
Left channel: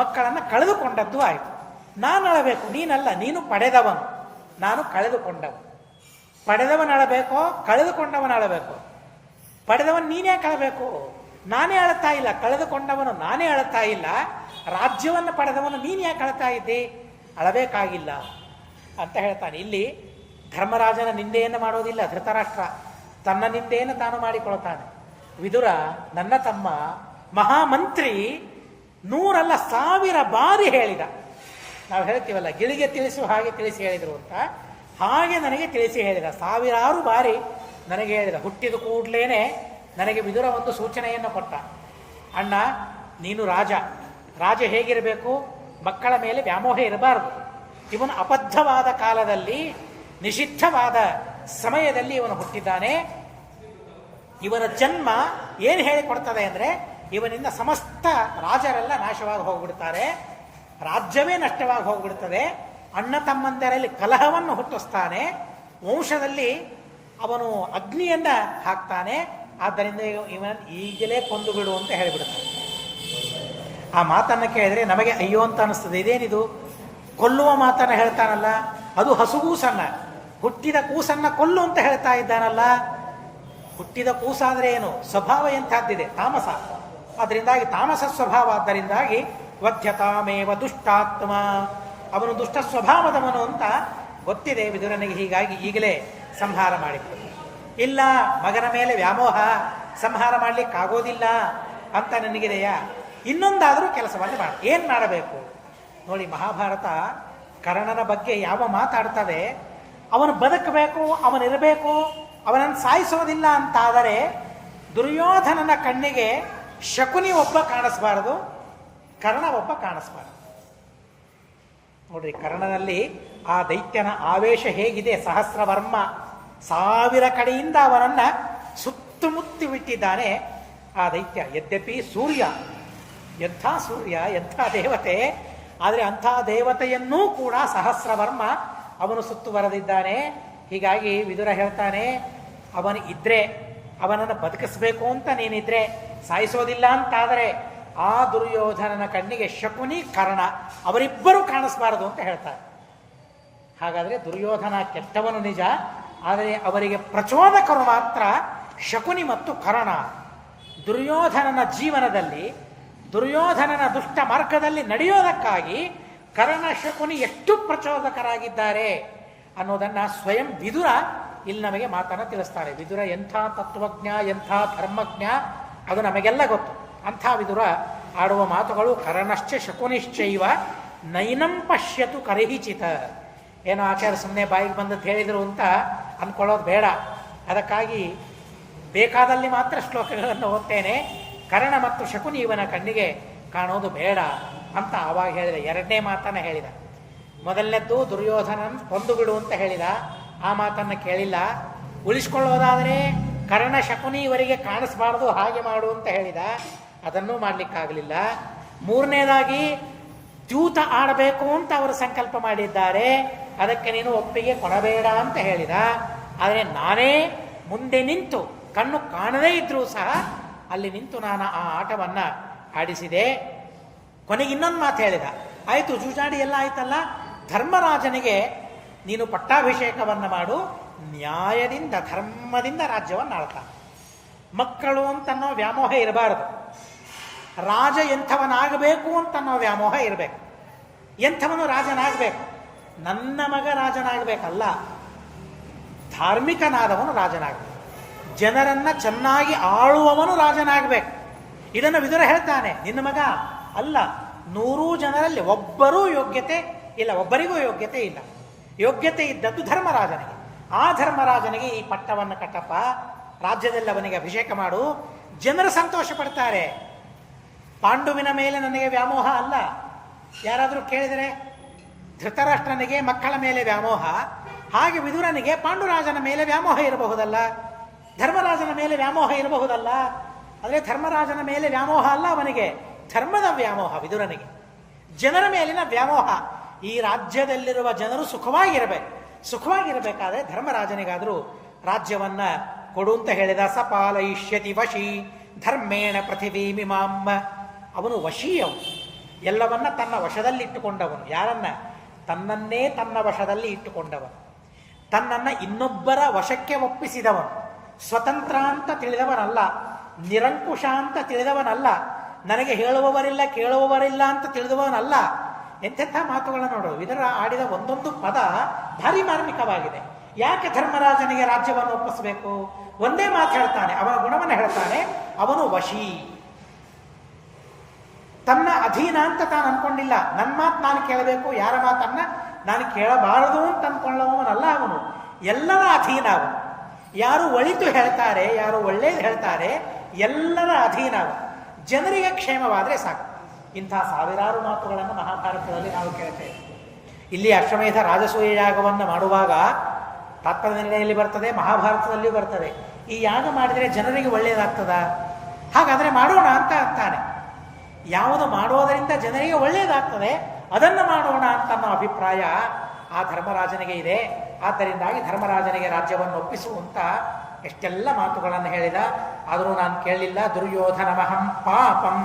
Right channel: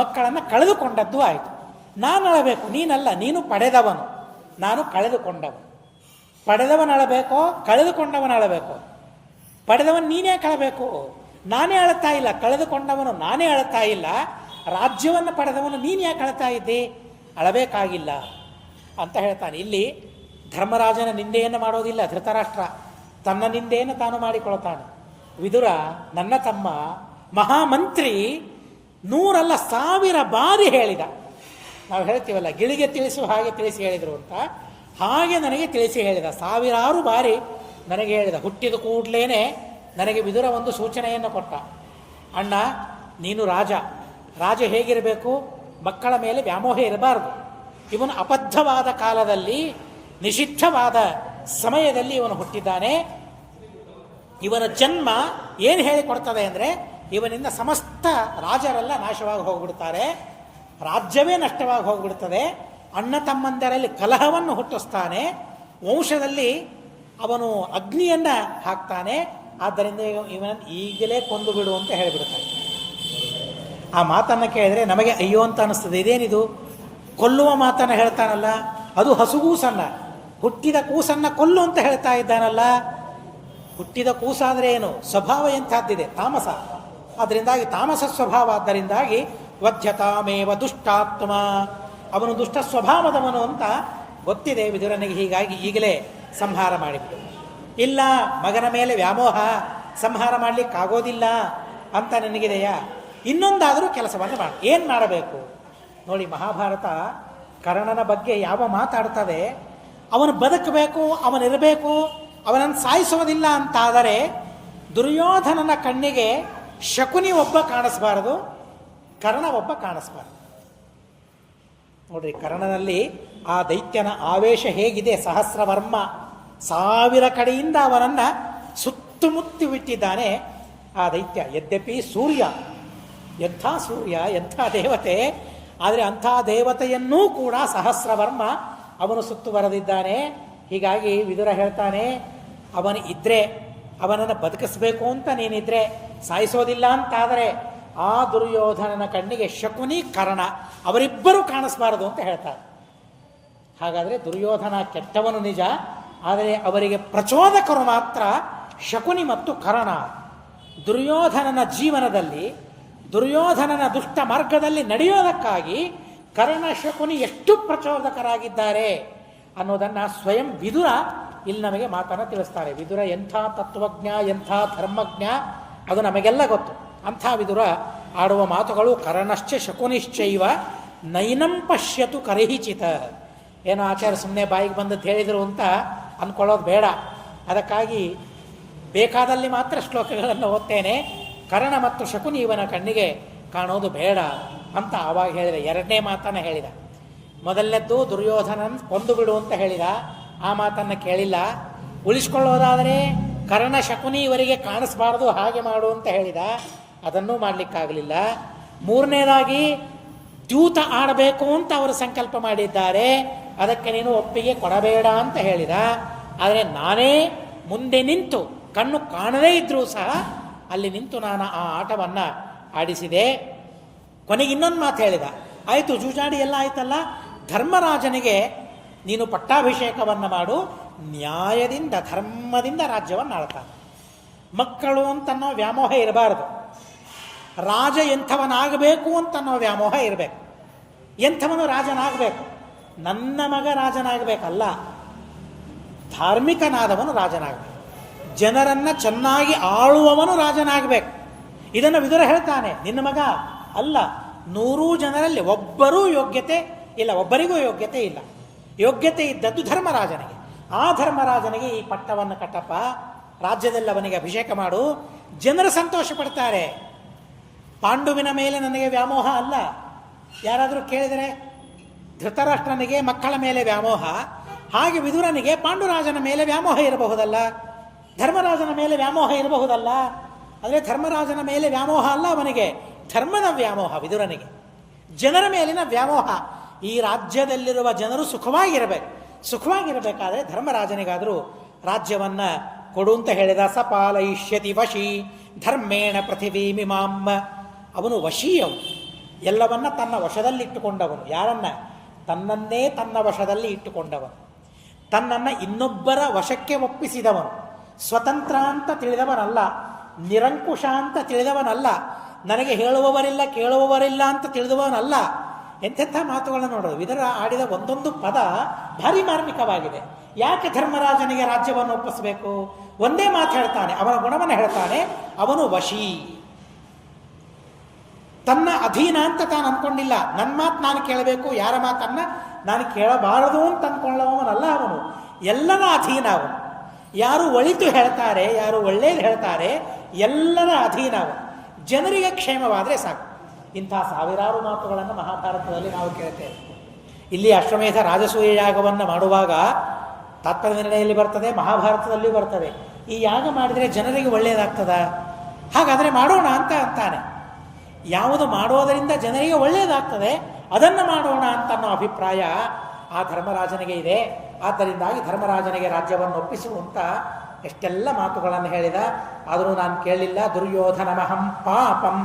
ಮಕ್ಕಳನ್ನು ಕಳೆದುಕೊಂಡದ್ದು ಆಯಿತು. ನಾನು ಅಳಬೇಕು, ನೀನಲ್ಲ. ನೀನು ಪಡೆದವನು, ನಾನು ಕಳೆದುಕೊಂಡವನು. ಪಡೆದವನು ಅಳಬೇಕೋ, ಕಳೆದುಕೊಂಡವನು ಅಳಬೇಕು? ಪಡೆದವನು ನೀನೇ ಕಳಬೇಕು. ನಾನೇ ಅಳ್ತಾ ಇಲ್ಲ, ಕಳೆದುಕೊಂಡವನು ನಾನೇ ಅಳ್ತಾ ಇಲ್ಲ. ರಾಜ್ಯವನ್ನು ಪಡೆದವನು ನೀನು ಯಾಕೆ ಅಳ್ತಾ ಇದ್ದಿ? ಅಳಬೇಕಾಗಿಲ್ಲ ಅಂತ ಹೇಳ್ತಾನೆ. ಇಲ್ಲಿ ಧರ್ಮರಾಜನ ನಿಂದೆಯನ್ನು ಮಾಡೋದಿಲ್ಲ ಧೃತರಾಷ್ಟ್ರ, ತನ್ನ ನಿಂದೆಯನ್ನು ತಾನು ಮಾಡಿಕೊಳ್ತಾನೆ. ವಿದುರ ನನ್ನ ತಮ್ಮ ಮಹಾಮಂತ್ರಿ 100 ಅಲ್ಲ 1000 ಬಾರಿ ಹೇಳಿದ. ನಾವು ಹೇಳ್ತೀವಲ್ಲ, ಗಿಳಿಗೆ ತಿಳಿಸುವ ಹಾಗೆ ತಿಳಿಸಿ ಹೇಳಿದರು ಅಂತ, ಹಾಗೆ ನನಗೆ ತಿಳಿಸಿ ಹೇಳಿದ. 1000 ಬಾರಿ ನನಗೆ ಹೇಳಿದ. ಹುಟ್ಟಿದ ಕೂಡಲೇ ನನಗೆ ವಿದುರ ಒಂದು ಸೂಚನೆಯನ್ನು ಕೊಟ್ಟ. ಅಣ್ಣ, ನೀನು ರಾಜ, ರಾಜ ಹೇಗಿರಬೇಕು? ಮಕ್ಕಳ ಮೇಲೆ ವ್ಯಾಮೋಹ ಇರಬಾರದು. ಇವನು ಅಬದ್ಧವಾದ ಕಾಲದಲ್ಲಿ ನಿಷಿದ್ಧವಾದ ಸಮಯದಲ್ಲಿ ಇವನು ಹುಟ್ಟಿದ್ದಾನೆ. ಇವನ ಜನ್ಮ ಏನು ಹೇಳಿಕೊಡ್ತದೆ ಅಂದರೆ, ಇವನಿಂದ ಸಮಸ್ತ ರಾಜರೆಲ್ಲ ನಾಶವಾಗಿ ಹೋಗ್ಬಿಡ್ತಾರೆ, ರಾಜ್ಯವೇ ನಷ್ಟವಾಗಿ ಹೋಗ್ಬಿಡ್ತದೆ, ಅಣ್ಣ ತಮ್ಮಂದರಲ್ಲಿ ಕಲಹವನ್ನು ಹುಟ್ಟಿಸ್ತಾನೆ, ವಂಶದಲ್ಲಿ ಅವನು ಅಗ್ನಿಯನ್ನ ಹಾಕ್ತಾನೆ. ಆದ್ದರಿಂದ ಇವನ್ ಈಗಲೇ ಕೊಂದು ಬಿಡು ಅಂತ ಹೇಳಿಬಿಡ್ತಾನೆ. ಆ ಮಾತನ್ನು ಕೇಳಿದ್ರೆ ನಮಗೆ ಅಯ್ಯೋ ಅಂತ ಅನಿಸ್ತದೆ. ಇದೇನಿದು ಕೊಲ್ಲುವ ಮಾತನ್ನು ಹೇಳ್ತಾನಲ್ಲ, ಅದು ಹಸುಗೂಸನ್ನ, ಹುಟ್ಟಿದ ಕೂಸನ್ನ ಕೊಲ್ಲು ಅಂತ ಹೇಳ್ತಾ ಇದ್ದಾನಲ್ಲ. ಹುಟ್ಟಿದ ಕೂಸಾದ್ರೆ ಏನು, ಸ್ವಭಾವ ಎಂಥದ್ದಿದೆ, ತಾಮಸ. ಅದರಿಂದಾಗಿ ತಾಮಸ ಸ್ವಭಾವ, ಆದ್ದರಿಂದಾಗಿ ವಧ್ಯತಾಮೇವ ದುಷ್ಟಾತ್ಮ, ಅವನು ದುಷ್ಟ ಸ್ವಭಾವದವನು ಅಂತ ಗೊತ್ತಿದೆ ವಿದುರನಿಗೆ. ಹೀಗಾಗಿ ಈಗಲೇ ಸಂಹಾರ ಮಾಡಿಬಿಟ್ಟು, ಇಲ್ಲ ಮಗನ ಮೇಲೆ ವ್ಯಾಮೋಹ, ಸಂಹಾರ ಮಾಡಲಿಕ್ಕಾಗೋದಿಲ್ಲ ಅಂತ ನನಗಿದೆಯಾ, ಇನ್ನೊಂದಾದರೂ ಕೆಲಸವನ್ನು ಮಾಡಿ. ಏನು ಮಾಡಬೇಕು ನೋಡಿ, ಮಹಾಭಾರತ ಕರ್ಣನ ಬಗ್ಗೆ ಯಾವ ಮಾತಾಡ್ತದೆ, ಅವನು ಬದುಕಬೇಕು, ಅವನಿರಬೇಕು, ಅವನನ್ನು ಸಾಯಿಸೋದಿಲ್ಲ ಅಂತಾದರೆ ದುರ್ಯೋಧನನ ಕಣ್ಣಿಗೆ ಶಕುನಿ ಒಬ್ಬ ಕಾಣಿಸ್ಬಾರದು, ಕರ್ಣ ಒಬ್ಬ ಕಾಣಿಸ್ಬಾರದು. ನೋಡ್ರಿ, ಕರ್ಣನಲ್ಲಿ ಆ ದೈತ್ಯನ ಆವೇಶ ಹೇಗಿದೆ. ಸಹಸ್ರವರ್ಮ 1000 ಕಡೆಯಿಂದ ಅವನನ್ನ ಸುತ್ತಮುತ್ತಿ ಬಿಟ್ಟಿದ್ದಾನೆ ಆ ದೈತ್ಯ. ಯದ್ಯಪಿ ಸೂರ್ಯ, ಎಂಥ ಸೂರ್ಯ, ಎಂಥ ದೇವತೆ, ಆದರೆ ಅಂಥ ದೇವತೆಯನ್ನೂ ಕೂಡ ಸಹಸ್ರವರ್ಮ ಅವನು ಸುತ್ತುವರೆದಿದ್ದಾನೆ. ಹೀಗಾಗಿ ವಿದುರ ಹೇಳ್ತಾನೆ, ಅವನು ಇದ್ರೆ, ಅವನನ್ನು ಬದುಕಿಸ್ಬೇಕು ಅಂತ ನೀನಿದ್ರೆ, ಸಾಯಿಸೋದಿಲ್ಲ ಅಂತಾದರೆ ಆ ದುರ್ಯೋಧನನ ಕಣ್ಣಿಗೆ ಶಕುನಿ ಕರ್ಣ ಅವರಿಬ್ಬರೂ ಕಾಣಿಸ್ಬಾರದು ಅಂತ ಹೇಳ್ತಾರೆ. ಹಾಗಾದರೆ ದುರ್ಯೋಧನ ಕೆಟ್ಟವನು ನಿಜ, ಆದರೆ ಅವರಿಗೆ ಪ್ರಚೋದಕರು ಮಾತ್ರ ಶಕುನಿ ಮತ್ತು ಕರ್ಣ. ದುರ್ಯೋಧನನ ಜೀವನದಲ್ಲಿ, ದುರ್ಯೋಧನನ ದುಷ್ಟ ಮಾರ್ಗದಲ್ಲಿ ನಡೆಯೋದಕ್ಕಾಗಿ ಕರ್ಣ ಶಕುನಿ ಎಷ್ಟು ಪ್ರಚೋದಕರಾಗಿದ್ದಾರೆ ಅನ್ನೋದನ್ನು ಸ್ವಯಂ ವಿದುರ ಇಲ್ಲಿ ನಮಗೆ ಮಾತನ್ನು ತಿಳಿಸ್ತಾರೆ. ವಿದುರ ಎಂಥ ತತ್ವಜ್ಞ, ಎಂಥ ಧರ್ಮಜ್ಞ, ಅದು ನಮಗೆಲ್ಲ ಗೊತ್ತು. ಅಂಥ ವಿದುರ ಆಡುವ ಮಾತುಗಳು ಕರ್ಣಶ್ಚ ಶಕುನಿಶ್ಚೈವ ನೈನಂ ಪಶ್ಯತು ಕರಹಿಚಿತ. ಏನೋ ಆಚಾರ್ಯ ಸುಮ್ಮನೆ ಬಾಯಿಗೆ ಬಂದದ್ದು ಹೇಳಿದರು ಅಂತ ಅಂದ್ಕೊಳ್ಳೋದು ಬೇಡ. ಅದಕ್ಕಾಗಿ ಬೇಕಾದಲ್ಲಿ ಮಾತ್ರ ಶ್ಲೋಕಗಳನ್ನು ಓದ್ತೇನೆ. ಕರ್ಣ ಮತ್ತು ಶಕುನಿ ಇವನ ಕಣ್ಣಿಗೆ ಕಾಣೋದು ಬೇಡ ಅಂತ ಆವಾಗ ಹೇಳಿದ. ಎರಡನೇ ಮಾತನ್ನು ಹೇಳಿದ. ಮೊದಲನೇದ್ದು ದುರ್ಯೋಧನನ್ ಕೊಂದು ಬಿಡು ಅಂತ ಹೇಳಿದ, ಆ ಮಾತನ್ನು ಕೇಳಿಲ್ಲ. ಉಳಿಸ್ಕೊಳ್ಳೋದಾದರೆ ಕರ್ಣ ಶಕುನಿ ಇವರಿಗೆ ಕಾಣಿಸ್ಬಾರ್ದು, ಹಾಗೆ ಮಾಡು ಅಂತ ಹೇಳಿದ, ಅದನ್ನೂ ಮಾಡಲಿಕ್ಕಾಗಲಿಲ್ಲ. ಮೂರನೇದಾಗಿ ದ್ಯೂತ ಆಡಬೇಕು ಅಂತ ಅವರು ಸಂಕಲ್ಪ ಮಾಡಿದ್ದಾರೆ, ಅದಕ್ಕೆ ನೀನು ಒಪ್ಪಿಗೆ ಕೊಡಬೇಡ ಅಂತ ಹೇಳಿದ. ಆದರೆ ನಾನೇ ಮುಂದೆ ನಿಂತು, ಕಣ್ಣು ಕಾಣದೇ ಇದ್ರೂ ಸಹ ಅಲ್ಲಿ ನಿಂತು ನಾನು ಆ ಆಟವನ್ನು ಆಡಿಸಿದೆ. ಕೊನೆಗೆ ಇನ್ನೊಂದು ಮಾತು ಹೇಳಿದ, ಆಯಿತು ಜೂಜಾಡಿ ಎಲ್ಲ ಆಯ್ತಲ್ಲ, ಧರ್ಮರಾಜನಿಗೆ ನೀನು ಪಟ್ಟಾಭಿಷೇಕವನ್ನು ಮಾಡು, ನ್ಯಾಯದಿಂದ ಧರ್ಮದಿಂದ ರಾಜ್ಯವನ್ನು ಆಳ್ತಾನೆ. ಮಕ್ಕಳು ಅಂತನ್ನೋ ವ್ಯಾಮೋಹ ಇರಬಾರದು, ರಾಜ ಎಂಥವನಾಗಬೇಕು ಅಂತನ್ನೋ ವ್ಯಾಮೋಹ ಇರಬೇಕು. ಎಂಥವನು ರಾಜನಾಗಬೇಕು, ನನ್ನ ಮಗ ರಾಜನಾಗಬೇಕಲ್ಲ, ಧಾರ್ಮಿಕನಾದವನು ರಾಜನಾಗಬೇಕು, ಜನರನ್ನು ಚೆನ್ನಾಗಿ ಆಳುವವನು ರಾಜನಾಗಬೇಕು. ಇದನ್ನು ವಿದುರ ಹೇಳ್ತಾನೆ. ನಿನ್ನ ಮಗ ಅಲ್ಲ, 100 ಜನರಲ್ಲಿ ಒಬ್ಬರೂ ಯೋಗ್ಯತೆ ಇಲ್ಲ, ಒಬ್ಬರಿಗೂ ಯೋಗ್ಯತೆ ಇಲ್ಲ. ಯೋಗ್ಯತೆ ಇದ್ದದ್ದು ಧರ್ಮರಾಜನಿಗೆ. ಆ ಧರ್ಮರಾಜನಿಗೆ ಈ ಪಟ್ಟವನ್ನು ಕಟ್ಟಪ್ಪ, ರಾಜ್ಯದಲ್ಲಿ ಅವನಿಗೆ ಅಭಿಷೇಕ ಮಾಡು, ಜನರು ಸಂತೋಷ ಪಡ್ತಾರೆ. ಪಾಂಡುವಿನ ಮೇಲೆ ನನಗೆ ವ್ಯಾಮೋಹ ಅಲ್ಲ. ಯಾರಾದರೂ ಕೇಳಿದರೆ, ಧೃತರಾಷ್ಟ್ರನಿಗೆ ಮಕ್ಕಳ ಮೇಲೆ ವ್ಯಾಮೋಹ, ಹಾಗೆ ವಿದುರನಿಗೆ ಪಾಂಡುರಾಜನ ಮೇಲೆ ವ್ಯಾಮೋಹ ಇರಬಹುದಲ್ಲ, ಧರ್ಮರಾಜನ ಮೇಲೆ ವ್ಯಾಮೋಹ ಇರಬಹುದಲ್ಲ. ಆದರೆ ಧರ್ಮರಾಜನ ಮೇಲೆ ವ್ಯಾಮೋಹ ಅಲ್ಲ, ಅವನಿಗೆ ಧರ್ಮದ ವ್ಯಾಮೋಹ ವಿದುರನಿಗೆ, ಜನರ ಮೇಲಿನ ವ್ಯಾಮೋಹ. ಈ ರಾಜ್ಯದಲ್ಲಿರುವ ಜನರು ಸುಖವಾಗಿರಬೇಕು. ಸುಖವಾಗಿರಬೇಕಾದ್ರೆ ಧರ್ಮರಾಜನಿಗಾದರೂ ರಾಜ್ಯವನ್ನ ಕೊಡು ಅಂತ ಹೇಳಿದ. ಸಪಾಲಯಿಷ್ಯತಿ ವಶಿ ಧರ್ಮೇಣ ಪೃಥಿವೀಮಿಮಾಂ. ಅವನು ವಶೀಯವನು, ಎಲ್ಲವನ್ನ ತನ್ನ ವಶದಲ್ಲಿಟ್ಟುಕೊಂಡವನು. ಯಾರನ್ನ? ತನ್ನನ್ನೇ ತನ್ನ ವಶದಲ್ಲಿ ಇಟ್ಟುಕೊಂಡವನು, ತನ್ನನ್ನು ಇನ್ನೊಬ್ಬರ ವಶಕ್ಕೆ ಒಪ್ಪಿಸಿದವನು. ಸ್ವತಂತ್ರ ಅಂತ ತಿಳಿದವನಲ್ಲ, ನಿರಂಕುಶ ಅಂತ ತಿಳಿದವನಲ್ಲ, ನನಗೆ ಹೇಳುವವರಿಲ್ಲ ಕೇಳುವವರಿಲ್ಲ ಅಂತ ತಿಳಿದವನಲ್ಲ. ಎಂತೆಂಥ ಮಾತುಗಳನ್ನು ನೋಡೋದು. ಇದರ ಆಡಿದ ಒಂದೊಂದು ಪದ ಭಾರಿ ಮಾರ್ಮಿಕವಾಗಿದೆ. ಯಾಕೆ ಧರ್ಮರಾಜನಿಗೆ ರಾಜ್ಯವನ್ನು ಒಪ್ಪಿಸಬೇಕು? ಒಂದೇ ಮಾತು ಹೇಳ್ತಾನೆ, ಅವನ ಗುಣವನ್ನು ಹೇಳ್ತಾನೆ. ಅವನು ವಶಿ, ತನ್ನ ಅಧೀನ ಅಂತ ತಾನು ಅನ್ಕೊಂಡಿಲ್ಲ. ನನ್ನ ಮಾತು ನಾನು ಕೇಳಬೇಕು, ಯಾರ ಮಾತನ್ನ ನಾನು ಕೇಳಬಾರದು ಅಂತ ಅಂದ್ಕೊಳ್ಳವನಲ್ಲ ಅವನು. ಎಲ್ಲರ ಅಧೀನ ಅವನು. ಯಾರು ಒಳಿತು ಹೇಳ್ತಾರೆ, ಯಾರು ಒಳ್ಳೇದು ಹೇಳ್ತಾರೆ, ಎಲ್ಲರ ಅಧೀನ ಅವನು. ಜನರಿಗೆ ಕ್ಷೇಮವಾದರೆ ಸಾಕು. ಇಂಥ ಸಾವಿರಾರು ಮಾತುಗಳನ್ನು ಮಹಾಭಾರತದಲ್ಲಿ ನಾವು ಕೇಳ್ತೇವೆ. ಇಲ್ಲಿ ಅಶ್ವಮೇಧ ರಾಜಸೂಯ ಯಾಗವನ್ನು ಮಾಡುವಾಗ ತಾತ್ಪರ್ಯ ನಿರ್ಣಯದಲ್ಲಿ ಬರ್ತದೆ, ಮಹಾಭಾರತದಲ್ಲಿಯೂ ಬರ್ತದೆ. ಈ ಯಾಗ ಮಾಡಿದರೆ ಜನರಿಗೆ ಒಳ್ಳೆಯದಾಗ್ತದ? ಹಾಗಾದರೆ ಮಾಡೋಣ ಅಂತ ಅಂತಾನೆ. ಯಾವುದು ಮಾಡೋದರಿಂದ ಜನರಿಗೆ ಒಳ್ಳೆಯದಾಗ್ತದೆ ಅದನ್ನು ಮಾಡೋಣ ಅಂತ ಅನ್ನೋ ಅಭಿಪ್ರಾಯ ಆ ಧರ್ಮರಾಜನಿಗೆ ಇದೆ. ಆದ್ದರಿಂದಾಗಿ ಧರ್ಮರಾಜನಿಗೆ ರಾಜ್ಯವನ್ನು ಒಪ್ಪಿಸುವಂತ ಎಷ್ಟೆಲ್ಲ ಮಾತುಗಳನ್ನು ಹೇಳಿದ. ಆದರೂ ನಾನು ಕೇಳಲಿಲ್ಲ. ದುರ್ಯೋಧನಮಹಂ ಪಾಪಂ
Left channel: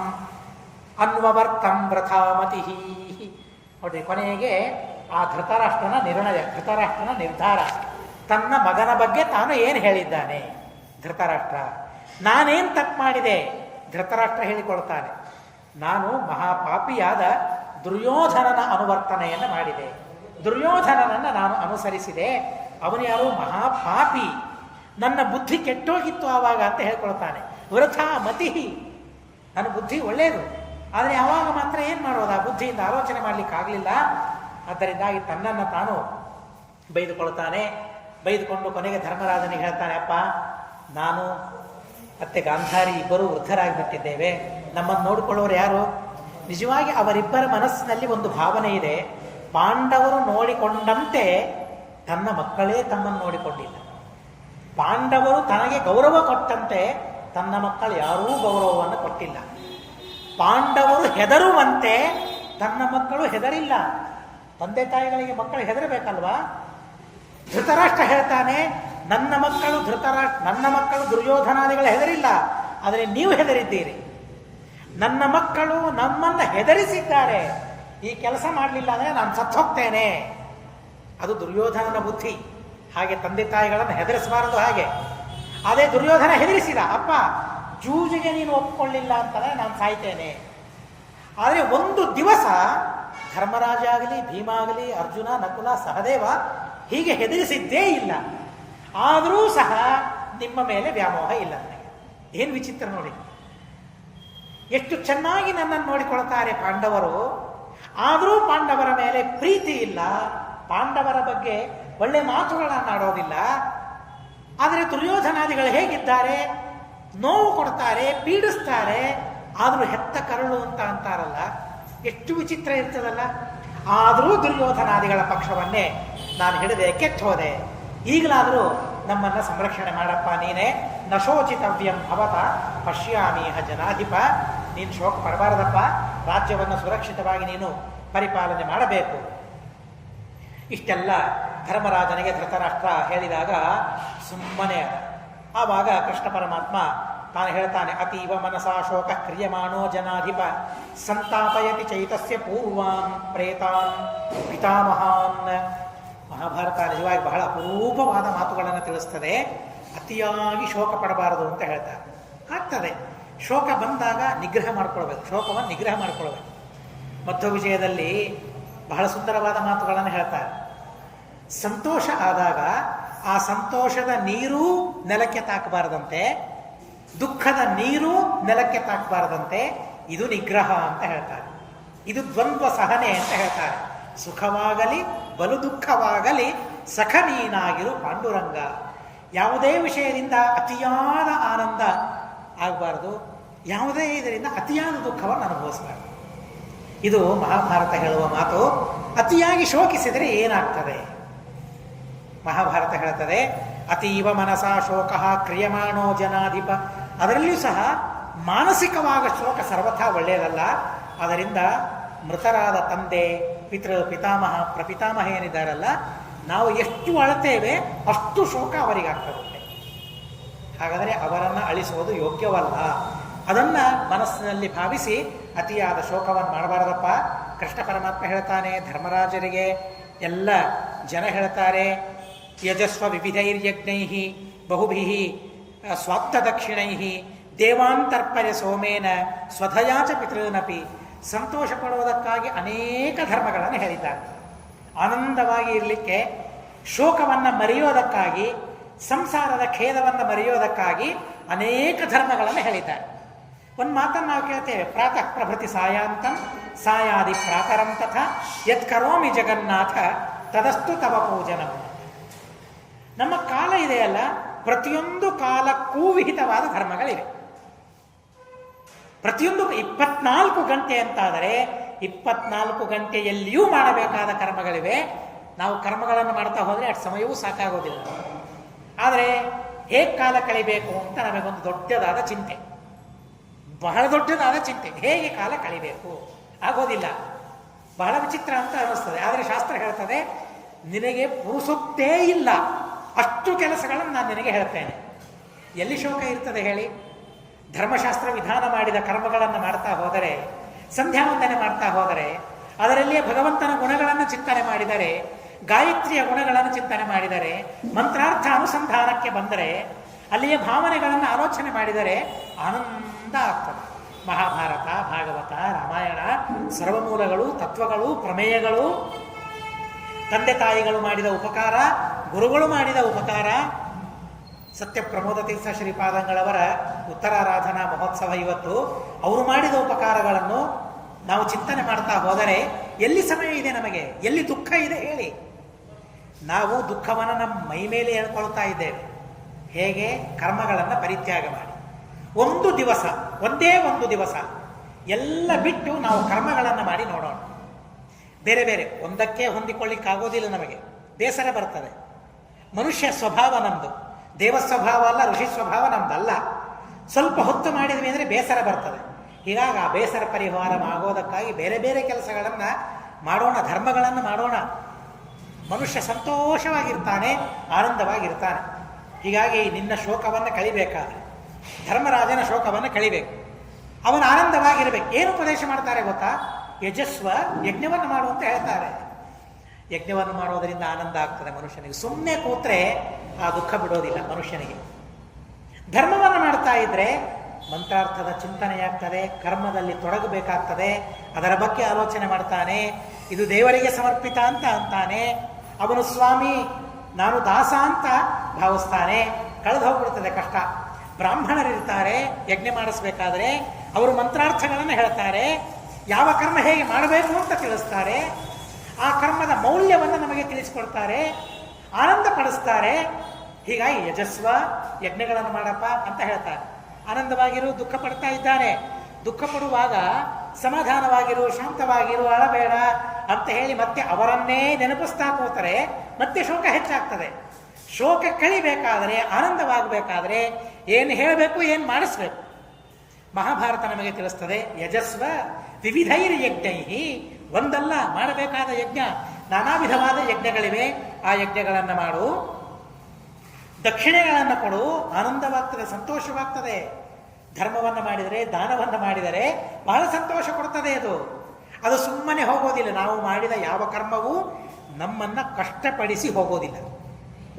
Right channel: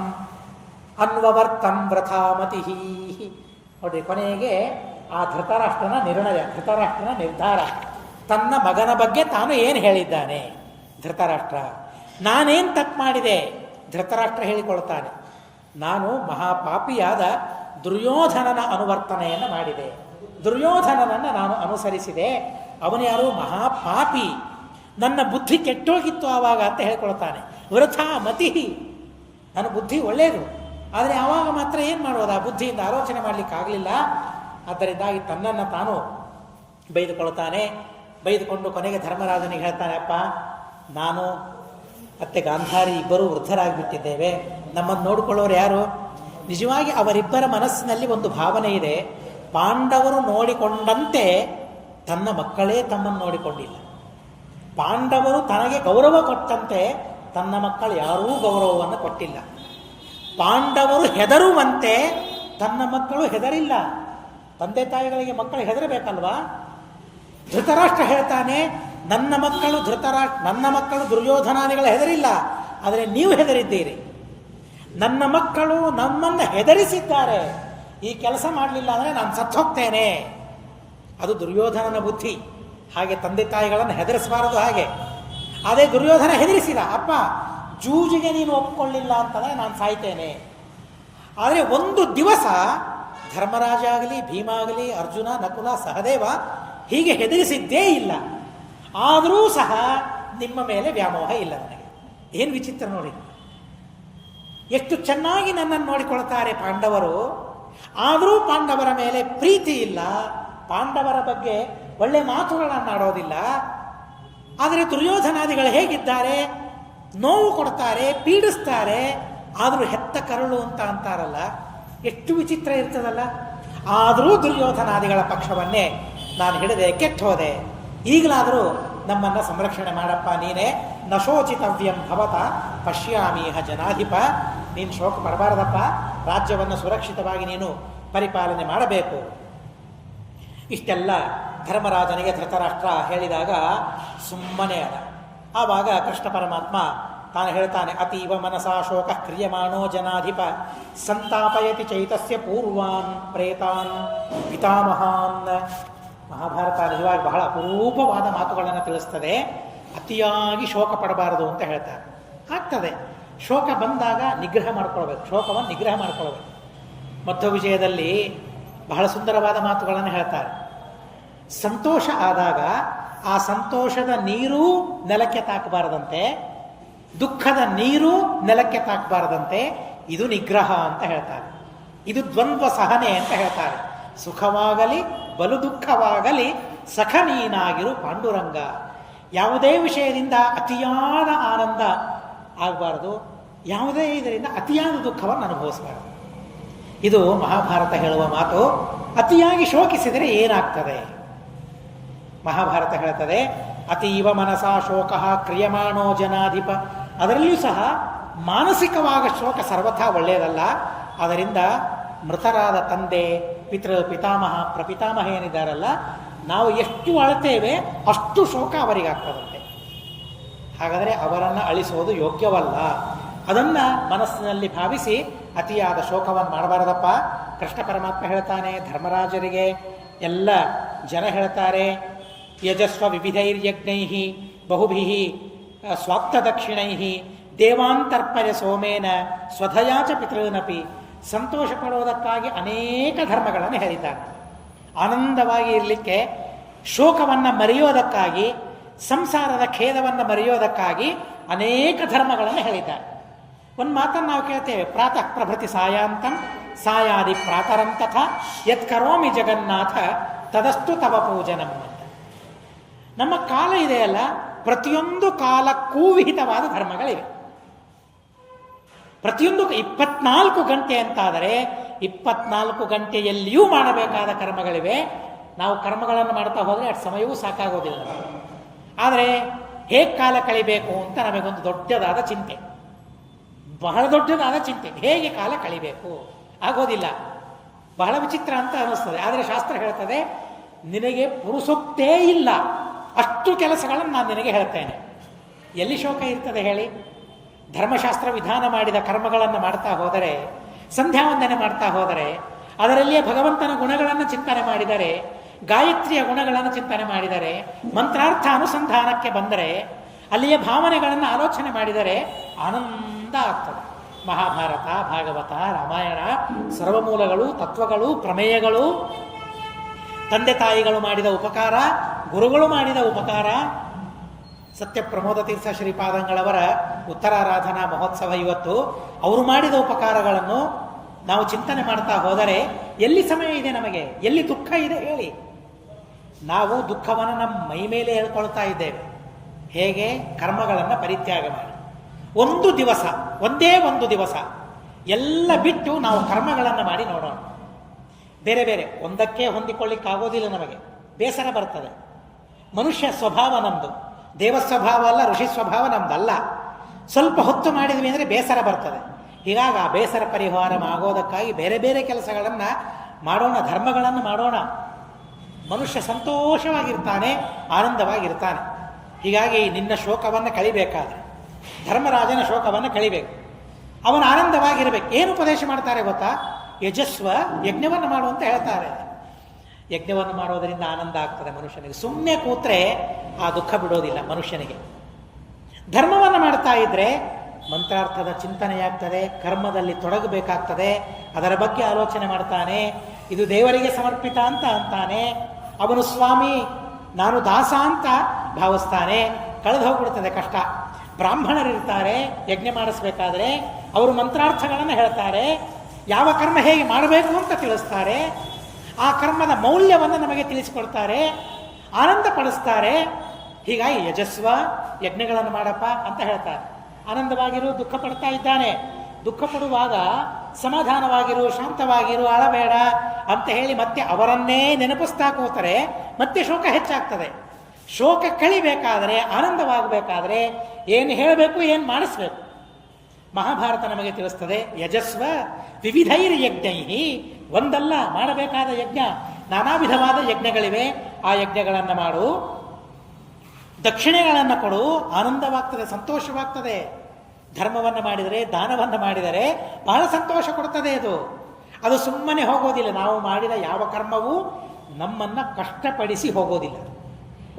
ಅನ್ವವರ್ತಂ ವ್ರಥಾಮತಿ. ನೋಡ್ರಿ, ಕೊನೆಗೆ ಆ ಧೃತರಾಷ್ಟ್ರನ ನಿರ್ಣಯ, ಧೃತರಾಷ್ಟ್ರನ ನಿರ್ಧಾರ. ತನ್ನ ಮಗನ ಬಗ್ಗೆ ತಾನು ಏನು ಹೇಳಿದ್ದಾನೆ ಧೃತರಾಷ್ಟ್ರ. ನಾನೇನು ತಪ್ಪು ಮಾಡಿದೆ? ಧೃತರಾಷ್ಟ್ರ ಹೇಳಿಕೊಳ್ತಾನೆ, ನಾನು ಮಹಾಪಾಪಿಯಾದ ದುರ್ಯೋಧನನ ಅನುವರ್ತನೆಯನ್ನು ಮಾಡಿದೆ, ದುರ್ಯೋಧನನನ್ನು ನಾನು ಅನುಸರಿಸಿದೆ. ಅವನು ಯಾರು? ಮಹಾಪಾಪಿ. ನನ್ನ ಬುದ್ಧಿ ಕೆಟ್ಟೋಗಿತ್ತು ಆವಾಗ ಅಂತ ಹೇಳ್ಕೊಳ್ತಾನೆ. ವೃಥಾ ಮತಿ, ನನ್ನ ಬುದ್ಧಿ ಒಳ್ಳೆಯದು, ಆದರೆ ಆವಾಗ ಮಾತ್ರ ಏನು ಮಾಡೋದು? ಆ ಬುದ್ಧಿಯಿಂದ ಆಲೋಚನೆ ಮಾಡಲಿಕ್ಕಾಗಲಿಲ್ಲ. ಆದ್ದರಿಂದಾಗಿ ತನ್ನನ್ನು ತಾನು ಬೈದುಕೊಳ್ತಾನೆ. ಬೈದುಕೊಂಡು ಕೊನೆಗೆ ಧರ್ಮರಾಜನಿಗೆ ಹೇಳ್ತಾನೆ, ಅಪ್ಪ, ನಾನು ಮತ್ತೆ ಗಾಂಧಾರಿ ಇಬ್ಬರೂ ವೃದ್ಧರಾಗಿಬಿಟ್ಟಿದ್ದೇವೆ, ನಮ್ಮನ್ನು ನೋಡಿಕೊಳ್ಳೋರು ಯಾರು? ನಿಜವಾಗಿ ಅವರಿಬ್ಬರ ಮನಸ್ಸಿನಲ್ಲಿ ಒಂದು ಭಾವನೆ ಇದೆ. ಪಾಂಡವರು ನೋಡಿಕೊಂಡಂತೆ ತನ್ನ ಮಕ್ಕಳೇ ತಮ್ಮನ್ನು ನೋಡಿಕೊಂಡಿಲ್ಲ. ಪಾಂಡವರು ತನಗೆ ಗೌರವ ಕೊಟ್ಟಂತೆ ತನ್ನ ಮಕ್ಕಳು ಯಾರೂ ಗೌರವವನ್ನು ಕೊಟ್ಟಿಲ್ಲ. ಪಾಂಡವರು ಹೆದರುವಂತೆ ತನ್ನ ಮಕ್ಕಳು ಹೆದರಿಲ್ಲ. ತಂದೆ ತಾಯಿಗಳಿಗೆ ಮಕ್ಕಳು ಹೆದರಬೇಕಲ್ವಾ? ಧೃತರಾಷ್ಟ್ರ ಹೇಳ್ತಾನೆ, ನನ್ನ ಮಕ್ಕಳು ದುರ್ಯೋಧನಾದಿಗಳು ಹೆದರಿಲ್ಲ, ಆದರೆ ನೀವು ಹೆದರಿದ್ದೀರಿ. ನನ್ನ ಮಕ್ಕಳು ನಮ್ಮನ್ನು ಹೆದರಿಸಿದ್ದಾರೆ. ಈ ಕೆಲಸ ಮಾಡಲಿಲ್ಲ ಅಂದರೆ ನಾನು ಸತ್ತು ಹೋಗ್ತೇನೆ. ಅದು ದುರ್ಯೋಧನನ ಬುದ್ಧಿ. ಹಾಗೆ ತಂದೆ ತಾಯಿಗಳನ್ನು ಹೆದರಿಸಬಾರದು. ಹಾಗೆ ಅದೇ ದುರ್ಯೋಧನ ಹೆದರಿಸಿದ, ಅಪ್ಪ ಜೂಜಿಗೆ ನೀನು ಒಪ್ಪಿಕೊಳ್ಳಿಲ್ಲ ಅಂತಂದರೆ ನಾನು ಸಾಯ್ತೇನೆ. ಆದರೆ ಒಂದು ದಿವಸ ಧರ್ಮರಾಜ ಆಗಲಿ, ಭೀಮ ಆಗಲಿ, ಅರ್ಜುನ, ನಕುಲ, ಸಹದೇವ ಹೀಗೆ ಹೆದರಿಸಿದ್ದೇ ಇಲ್ಲ. ಆದರೂ ಸಹ ನಿಮ್ಮ ಮೇಲೆ ವ್ಯಾಮೋಹ ಇಲ್ಲ ನನಗೆ. ಏನು ವಿಚಿತ್ರ ನೋಡಿ, ಎಷ್ಟು ಚೆನ್ನಾಗಿ ನನ್ನನ್ನು ನೋಡಿಕೊಳ್ತಾರೆ ಪಾಂಡವರು. ಆದರೂ ಪಾಂಡವರ ಮೇಲೆ ಪ್ರೀತಿ ಇಲ್ಲ, ಪಾಂಡವರ ಬಗ್ಗೆ ಒಳ್ಳೆ ಮಾತುಗಳನ್ನಾಡೋದಿಲ್ಲ. ಆದರೆ ದುರ್ಯೋಧನಾದಿಗಳು ಹೇಗಿದ್ದಾರೆ? ನೋವು ಕೊಡ್ತಾರೆ, ಪೀಡಿಸ್ತಾರೆ, ಆದರೂ ಹೆತ್ತ ಕರುಳು ಅಂತ ಅಂತಾರಲ್ಲ, ಎಷ್ಟು ವಿಚಿತ್ರ ಇರ್ತದಲ್ಲ. ಆದರೂ ದುರ್ಯೋಧನಾದಿಗಳ ಪಕ್ಷವನ್ನೇ ನಾನು ಹಿಡಿದೆ, ಕೆಟ್ಟು ಹೋದೆ. ಈಗಲಾದರೂ ನಮ್ಮನ್ನು ಸಂರಕ್ಷಣೆ ಮಾಡಪ್ಪ ನೀನೇ. ನಶೋಚಿತವ್ಯಂ ಭವತ ಪಶ್ಯಾಮೀಹ ಜನಾಧಿಪ. ನೀನು ಶೋಕ ಪಡಬಾರದಪ್ಪ, ರಾಜ್ಯವನ್ನು ಸುರಕ್ಷಿತವಾಗಿ ನೀನು ಪರಿಪಾಲನೆ ಮಾಡಬೇಕು. ಇಷ್ಟೆಲ್ಲ ಧರ್ಮರಾಜನಿಗೆ ಧೃತರಾಷ್ಟ್ರ ಹೇಳಿದಾಗ ಸುಮ್ಮನೆ ಅದ. ಆವಾಗ ಕೃಷ್ಣ ಪರಮಾತ್ಮ ತಾನು ಹೇಳ್ತಾನೆ, ಅತೀವ ಮನಸಾ ಶೋಕ ಕ್ರಿಯಮಾಣೋ ಜನಾಧಿಪ ಸಂತಾಪಯತಿ ಚೈತಸ್ಯ ಪೂರ್ವಾನ್ ಪ್ರೇತಾನ್ ಪಿತಾಮಹಾನ್. ಮಹಾಭಾರತ ನಿಜವಾಗಿ ಬಹಳ ಅಪರೂಪವಾದ ಮಾತುಗಳನ್ನು ತಿಳಿಸ್ತದೆ. ಅತಿಯಾಗಿ ಶೋಕ ಪಡಬಾರದು ಅಂತ ಹೇಳ್ತಾರೆ. ಆಗ್ತದೆ, ಶೋಕ ಬಂದಾಗ ನಿಗ್ರಹ ಮಾಡ್ಕೊಳ್ಬೇಕು, ಶೋಕವನ್ನು ನಿಗ್ರಹ ಮಾಡ್ಕೊಳ್ಬೇಕು. ಮಧ್ವ ವಿಜಯದಲ್ಲಿ ಬಹಳ ಸುಂದರವಾದ ಮಾತುಗಳನ್ನು ಹೇಳ್ತಾರೆ. ಸಂತೋಷ ಆದಾಗ ಆ ಸಂತೋಷದ ನೀರೂ ನೆಲಕ್ಕೆ ತಾಕಬಾರದಂತೆ, ದುಃಖದ ನೀರು ನೆಲಕ್ಕೆ ತಾಕಬಾರದಂತೆ, ಇದು ನಿಗ್ರಹ ಅಂತ ಹೇಳ್ತಾರೆ. ಇದು ದ್ವಂದ್ವ ಸಹನೆ ಅಂತ ಹೇಳ್ತಾರೆ. ಸುಖವಾಗಲಿ ಬಲು ದುಃಖವಾಗಲಿ ಸಖ ನೀನಾಗಿರು ಪಾಂಡುರಂಗ. ಯಾವುದೇ ವಿಷಯದಿಂದ ಅತಿಯಾದ ಆನಂದ ಆಗಬಾರದು, ಯಾವುದೇ ಇದರಿಂದ ಅತಿಯಾದ ದುಃಖವನ್ನು ಅನುಭವಿಸಬಾರದು. ಇದು ಮಹಾಭಾರತ ಹೇಳುವ ಮಾತು. ಅತಿಯಾಗಿ ಶೋಕಿಸಿದರೆ ಏನಾಗ್ತದೆ? ಮಹಾಭಾರತ ಹೇಳ್ತದೆ, ಅತೀವ ಮನಸಾ ಶೋಕ ಕ್ರಿಯಮಾಣೋ ಜನಾಧಿಪ. ಅದರಲ್ಲಿಯೂ ಸಹ ಮಾನಸಿಕವಾದ ಶೋಕ ಸರ್ವಥಾ ಒಳ್ಳೆಯದಲ್ಲ. ಅದರಿಂದ ಮೃತರಾದ ತಂದೆ, ಪಿತಾಮಹ, ಪ್ರಪಿತಾಮಹ ಏನಿದ್ದಾರಲ್ಲ, ನಾವು ಎಷ್ಟು ಅಳತೇವೆ ಅಷ್ಟು ಶೋಕ ಅವರಿಗಾಗ್ತದಂತೆ. ಹಾಗಾದರೆ ಅವರನ್ನು ಅಳಿಸುವುದು ಯೋಗ್ಯವಲ್ಲ. ಅದನ್ನು ಮನಸ್ಸಿನಲ್ಲಿ ಭಾವಿಸಿ ಅತಿಯಾದ ಶೋಕವನ್ನು ಮಾಡಬಾರದಪ್ಪ. ಕೃಷ್ಣ ಪರಮಾತ್ಮ ಹೇಳ್ತಾನೆ ಧರ್ಮರಾಜರಿಗೆ, ಎಲ್ಲ ಜನ ಹೇಳ್ತಾರೆ, ಯಜಸ್ವ ವಿವಿಧೈರ್ಯಜ್ಞೈ ಬಹುಭಿ ಸ್ವಾಪ್ತ ದಕ್ಷಿಣೈ ದೇವಾಂತರ್ಪಯ ಸೋಮೇನ ಸ್ವಧಯಾಚ ಪಿತೃನಪಿ. ಸಂತೋಷ ಪಡುವುದಕ್ಕಾಗಿ ಅನೇಕ ಧರ್ಮಗಳನ್ನು ಹೇಳಿದ್ದಾರೆ. ಆನಂದವಾಗಿ ಇರಲಿಕ್ಕೆ, ಶೋಕವನ್ನು ಮರೆಯೋದಕ್ಕಾಗಿ, ಸಂಸಾರದ ಖೇದವನ್ನು ಮರೆಯೋದಕ್ಕಾಗಿ ಅನೇಕ ಧರ್ಮಗಳನ್ನು ಹೇಳಿದ್ದಾರೆ. ಒಂದು ಮಾತನ್ನು ನಾವು ಕೇಳ್ತೇವೆ, ಪ್ರಾತಃ ಪ್ರಭೃತಿ ಸಾಯಾಂತಂ ಸಾಯಾದಿ ಪ್ರಾತರಂ ತಥಾ ಯತ್ ಕರೋಮಿ ಜಗನ್ನಾಥ ತದಸ್ತು ತವ ಪೂಜನಂ. ನಮ್ಮ ಕಾಲ ಇದೆಯಲ್ಲ, ಪ್ರತಿಯೊಂದು ಕಾಲಕ್ಕೂ ವಿಹಿತವಾದ ಧರ್ಮಗಳಿವೆ. ಪ್ರತಿಯೊಂದು 24 ಗಂಟೆ ಅಂತಾದರೆ 24 ಗಂಟೆಯಲ್ಲಿಯೂ ಮಾಡಬೇಕಾದ ಕರ್ಮಗಳಿವೆ. ನಾವು ಕರ್ಮಗಳನ್ನು ಮಾಡ್ತಾ ಹೋದರೆ ಅಷ್ಟು ಸಮಯವೂ ಸಾಕಾಗೋದಿಲ್ಲ. ಆದರೆ ಹೇಗೆ ಕಾಲ ಕಳಿಬೇಕು ಅಂತ ನಮಗೊಂದು ದೊಡ್ಡದಾದ ಚಿಂತೆ, ಬಹಳ ದೊಡ್ಡದಾದ ಚಿಂತೆ. ಹೇಗೆ ಕಾಲ ಕಳಿಬೇಕು ಆಗೋದಿಲ್ಲ. ಬಹಳ ವಿಚಿತ್ರ ಅಂತ ಅನ್ನಿಸ್ತದೆ. ಆದರೆ ಶಾಸ್ತ್ರ ಹೇಳ್ತದೆ, ನಿನಗೆ ಪುರುಸೊತ್ತೇ ಇಲ್ಲ, ಅಷ್ಟು ಕೆಲಸಗಳನ್ನು ನಾನು ನಿನಗೆ ಹೇಳ್ತೇನೆ. ಎಲ್ಲಿ ಶೋಕ ಇರ್ತದೆ ಹೇಳಿ? ಧರ್ಮಶಾಸ್ತ್ರ ವಿಧಾನ ಮಾಡಿದ ಕರ್ಮಗಳನ್ನು ಮಾಡ್ತಾ ಹೋದರೆ, ಸಂಧ್ಯಾ ವಂದನೆ ಮಾಡ್ತಾ ಹೋದರೆ, ಅದರಲ್ಲಿಯೇ ಭಗವಂತನ ಗುಣಗಳನ್ನು ಚಿಂತನೆ ಮಾಡಿದರೆ, ಗಾಯತ್ರಿಯ ಗುಣಗಳನ್ನು ಚಿಂತನೆ ಮಾಡಿದರೆ, ಮಂತ್ರಾರ್ಥ ಅನುಸಂಧಾನಕ್ಕೆ ಬಂದರೆ, ಅಲ್ಲಿಯ ಭಾವನೆಗಳನ್ನು ಆಲೋಚನೆ ಮಾಡಿದರೆ ಆನಂದ ಆಗ್ತದೆ. ಮಹಾಭಾರತ, ಭಾಗವತ, ರಾಮಾಯಣ, ಸರ್ವಮೂಲಗಳು, ತತ್ವಗಳು, ಪ್ರಮೇಯಗಳು, ತಂದೆ ತಾಯಿಗಳು ಮಾಡಿದ ಉಪಕಾರ, ಗುರುಗಳು ಮಾಡಿದ ಉಪಕಾರ. ಸತ್ಯ ಪ್ರಮೋದ ತೀರ್ಥ ಶ್ರೀಪಾದಂಗಳವರ ಉತ್ತರಾರಾಧನಾ ಮಹೋತ್ಸವ ಇವತ್ತು. ಅವರು ಮಾಡಿದ ಉಪಕಾರಗಳನ್ನು ನಾವು ಚಿಂತನೆ ಮಾಡ್ತಾ ಹೋದರೆ ಎಲ್ಲಿ ಸಮಯ ಇದೆ ನಮಗೆ? ಎಲ್ಲಿ ದುಃಖ ಇದೆ ಹೇಳಿ? ನಾವು ದುಃಖವನ್ನು ನಮ್ಮ ಮೈ ಮೇಲೆ ಹೇಳ್ಕೊಳ್ತಾ ಇದ್ದೇವೆ. ಹೇಗೆ? ಕರ್ಮಗಳನ್ನು ಪರಿತ್ಯಾಗ ಮಾಡಿ ಒಂದು ದಿವಸ, ಒಂದೇ ಒಂದು ದಿವಸ ಎಲ್ಲ ಬಿಟ್ಟು ನಾವು ಕರ್ಮಗಳನ್ನು ಮಾಡಿ ನೋಡೋಣ. ಬೇರೆ ಬೇರೆ ಒಂದಕ್ಕೆ ಹೊಂದಿಕೊಳ್ಳಿಕ್ಕಾಗೋದಿಲ್ಲ, ನಮಗೆ ಬೇಸರ ಬರ್ತದೆ. ಮನುಷ್ಯ ಸ್ವಭಾವ ನಮ್ಮದು, ದೇವ ಸ್ವಭಾವ ಅಲ್ಲ, ಋಷಿ ಸ್ವಭಾವ ನಮ್ದಲ್ಲ. ಸ್ವಲ್ಪ ಹೊತ್ತು ಮಾಡಿದ್ವಿ ಅಂದರೆ ಬೇಸರ ಬರ್ತದೆ. ಹೀಗಾಗಿ ಆ ಬೇಸರ ಪರಿಹಾರ ಆಗೋದಕ್ಕಾಗಿ ಬೇರೆ ಬೇರೆ ಕೆಲಸಗಳನ್ನು ಮಾಡೋಣ, ಧರ್ಮಗಳನ್ನು ಮಾಡೋಣ. ಮನುಷ್ಯ ಸಂತೋಷವಾಗಿರ್ತಾನೆ, ಆನಂದವಾಗಿರ್ತಾನೆ. ಹೀಗಾಗಿ ನಿನ್ನ ಶೋಕವನ್ನು ಕಳಿಬೇಕಾದ್ರೆ ಧರ್ಮರಾಜನ ಶೋಕವನ್ನು ಕಳಿಬೇಕು, ಅವನ ಆನಂದವಾಗಿರಬೇಕು. ಏನು ಉಪದೇಶ ಮಾಡ್ತಾರೆ ಗೊತ್ತಾ? ಯಜಸ್ವ, ಯಜ್ಞವನ್ನು ಮಾಡು ಅಂತ ಹೇಳ್ತಾರೆ. ಯಜ್ಞವನ್ನು ಮಾಡೋದರಿಂದ ಆನಂದ ಆಗ್ತದೆ ಮನುಷ್ಯನಿಗೆ. ಸುಮ್ಮನೆ ಕೂತ್ರೆ ಆ ದುಃಖ ಬಿಡೋದಿಲ್ಲ ಮನುಷ್ಯನಿಗೆ. ಧರ್ಮವನ್ನು ಮಾಡ್ತಾ ಇದ್ರೆ ಮಂತ್ರಾರ್ಥದ ಚಿಂತನೆಯಾಗ್ತದೆ, ಕರ್ಮದಲ್ಲಿ ತೊಡಗಬೇಕಾಗ್ತದೆ, ಅದರ ಬಗ್ಗೆ ಆಲೋಚನೆ ಮಾಡ್ತಾನೆ. ಇದು ದೇವರಿಗೆ ಸಮರ್ಪಿತ ಅಂತ ಅಂತಾನೆ. ಅವನು ಸ್ವಾಮಿ, ನಾನು ದಾಸ ಅಂತ ಭಾವಿಸ್ತಾನೆ. ಕಳೆದು ಹೋಗ್ಬಿಡ್ತದೆ ಕಷ್ಟ. ಬ್ರಾಹ್ಮಣರಿರ್ತಾರೆ ಯಜ್ಞ ಮಾಡಿಸ್ಬೇಕಾದ್ರೆ, ಅವರು ಮಂತ್ರಾರ್ಥಗಳನ್ನು ಹೇಳ್ತಾರೆ, ಯಾವ ಕರ್ಮ ಹೇಗೆ ಮಾಡಬೇಕು ಅಂತ ತಿಳಿಸ್ತಾರೆ, ಆ ಕರ್ಮದ ಮೌಲ್ಯವನ್ನು ನಮಗೆ ತಿಳಿಸಿಕೊಡ್ತಾರೆ, ಆನಂದ ಪಡಿಸ್ತಾರೆ. ಹೀಗಾಗಿ ಯಜಸ್ವ, ಯಜ್ಞಗಳನ್ನು ಮಾಡಪ್ಪ ಅಂತ ಹೇಳ್ತಾರೆ. ಆನಂದವಾಗಿರು, ದುಃಖ ಪಡ್ತಾ ಇದ್ದಾನೆ. ದುಃಖ ಪಡುವಾಗ ಸಮಾಧಾನವಾಗಿರು, ಶಾಂತವಾಗಿರು, ಅಳಬೇಡ ಅಂತ ಹೇಳಿ ಮತ್ತೆ ಅವರನ್ನೇ ನೆನಪಿಸ್ತಾ ಕೂತರೆ ಮತ್ತೆ ಶೋಕ ಹೆಚ್ಚಾಗ್ತದೆ. ಶೋಕ ಕಳಿಬೇಕಾದರೆ, ಆನಂದವಾಗಬೇಕಾದ್ರೆ ಏನು ಹೇಳಬೇಕು, ಏನು ಮಾಡಿಸ್ಬೇಕು? ಮಹಾಭಾರತ ನಮಗೆ ತಿಳಿಸ್ತದೆ. ಯಜಸ್ವ ವಿವಿಧೈರ್ ಯಜ್ಞೈಹಿ, ಒಂದಲ್ಲ ಮಾಡಬೇಕಾದ ಯಜ್ಞ, ನಾನಾ ವಿಧವಾದ ಯಜ್ಞಗಳಿವೆ. ಆ ಯಜ್ಞಗಳನ್ನು ಮಾಡು, ದಕ್ಷಿಣೆಗಳನ್ನು ಕೊಡು, ಆನಂದವಾಗ್ತದೆ, ಸಂತೋಷವಾಗ್ತದೆ. ಧರ್ಮವನ್ನು ಮಾಡಿದರೆ, ದಾನವನ್ನು ಮಾಡಿದರೆ ಬಹಳ ಸಂತೋಷ ಕೊಡ್ತದೆ. ಅದು ಸುಮ್ಮನೆ ಹೋಗೋದಿಲ್ಲ. ನಾವು ಮಾಡಿದ ಯಾವ ಕರ್ಮವೂ ನಮ್ಮನ್ನು ಕಷ್ಟಪಡಿಸಿ ಹೋಗೋದಿಲ್ಲ.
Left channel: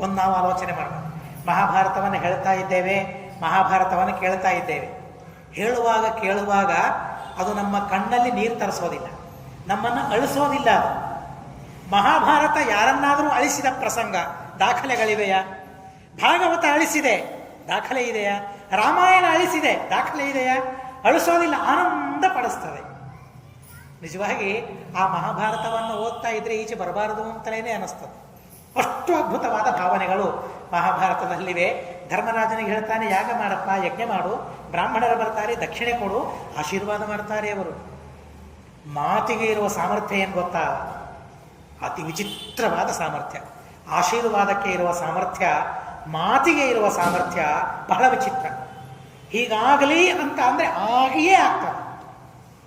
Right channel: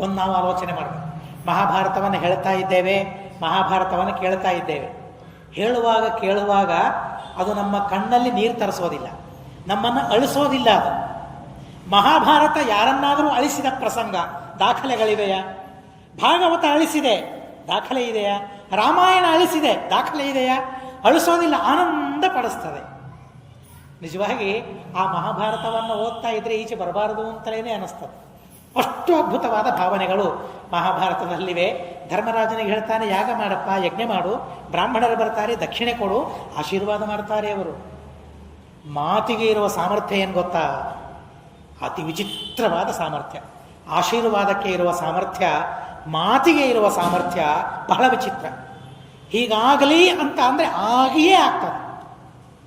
ಒಂದು ನಾವು ಆಲೋಚನೆ ಮಾಡಬೇಕು. ಮಹಾಭಾರತವನ್ನು ಹೇಳ್ತಾ ಇದ್ದೇವೆ, ಮಹಾಭಾರತವನ್ನು ಕೇಳ್ತಾ ಇದ್ದೇವೆ. ಹೇಳುವಾಗ ಕೇಳುವಾಗ ಅದು ನಮ್ಮ ಕಣ್ಣಲ್ಲಿ ನೀರು ತರಿಸೋದಿಲ್ಲ, ನಮ್ಮನ್ನು ಅಳಿಸೋದಿಲ್ಲ. ಅದು ಮಹಾಭಾರತ ಯಾರನ್ನಾದರೂ ಅಳಿಸಿದ ಪ್ರಸಂಗ ದಾಖಲೆಗಳಿವೆಯಾ? ಭಾಗವತ ಅಳಿಸಿದೆ, ದಾಖಲೆ ಇದೆಯಾ? ರಾಮಾಯಣ ಅಳಿಸಿದೆ, ದಾಖಲೆ ಇದೆಯಾ? ಅಳಿಸೋದಿಲ್ಲ, ಆನಂದ ಪಡಿಸ್ತದೆ. ನಿಜವಾಗಿ ಆ ಮಹಾಭಾರತವನ್ನು ಓದ್ತಾ ಇದ್ರೆ ಈಚೆ ಬರಬಾರದು ಅಂತಲೇ ಅನ್ನಿಸ್ತದೆ. ಅಷ್ಟು ಅದ್ಭುತವಾದ ಭಾವನೆಗಳು ಮಹಾಭಾರತದಲ್ಲಿವೆ. ಧರ್ಮರಾಜನಿಗೆ ಹೇಳ್ತಾನೆ, ಯಾಗ ಮಾಡಪ್ಪ, ಯಜ್ಞ ಮಾಡು, ಬ್ರಾಹ್ಮಣರು ಬರ್ತಾರೆ, ದಕ್ಷಿಣೆ ಕೊಡು, ಆಶೀರ್ವಾದ ಮಾಡ್ತಾರೆ. ಅವರು ಮಾತಿಗೆ ಇರುವ ಸಾಮರ್ಥ್ಯ ಏನು ಗೊತ್ತಾ? ಅತಿ ವಿಚಿತ್ರವಾದ ಸಾಮರ್ಥ್ಯ. ಆಶೀರ್ವಾದಕ್ಕೆ ಇರುವ ಸಾಮರ್ಥ್ಯ, ಮಾತಿಗೆ ಇರುವ ಸಾಮರ್ಥ್ಯ ಬಹಳ ವಿಚಿತ್ರ. ಹೀಗಾಗಲಿ ಅಂತ ಅಂದರೆ ಆಗಿಯೇ ಆಗ್ತದೆ.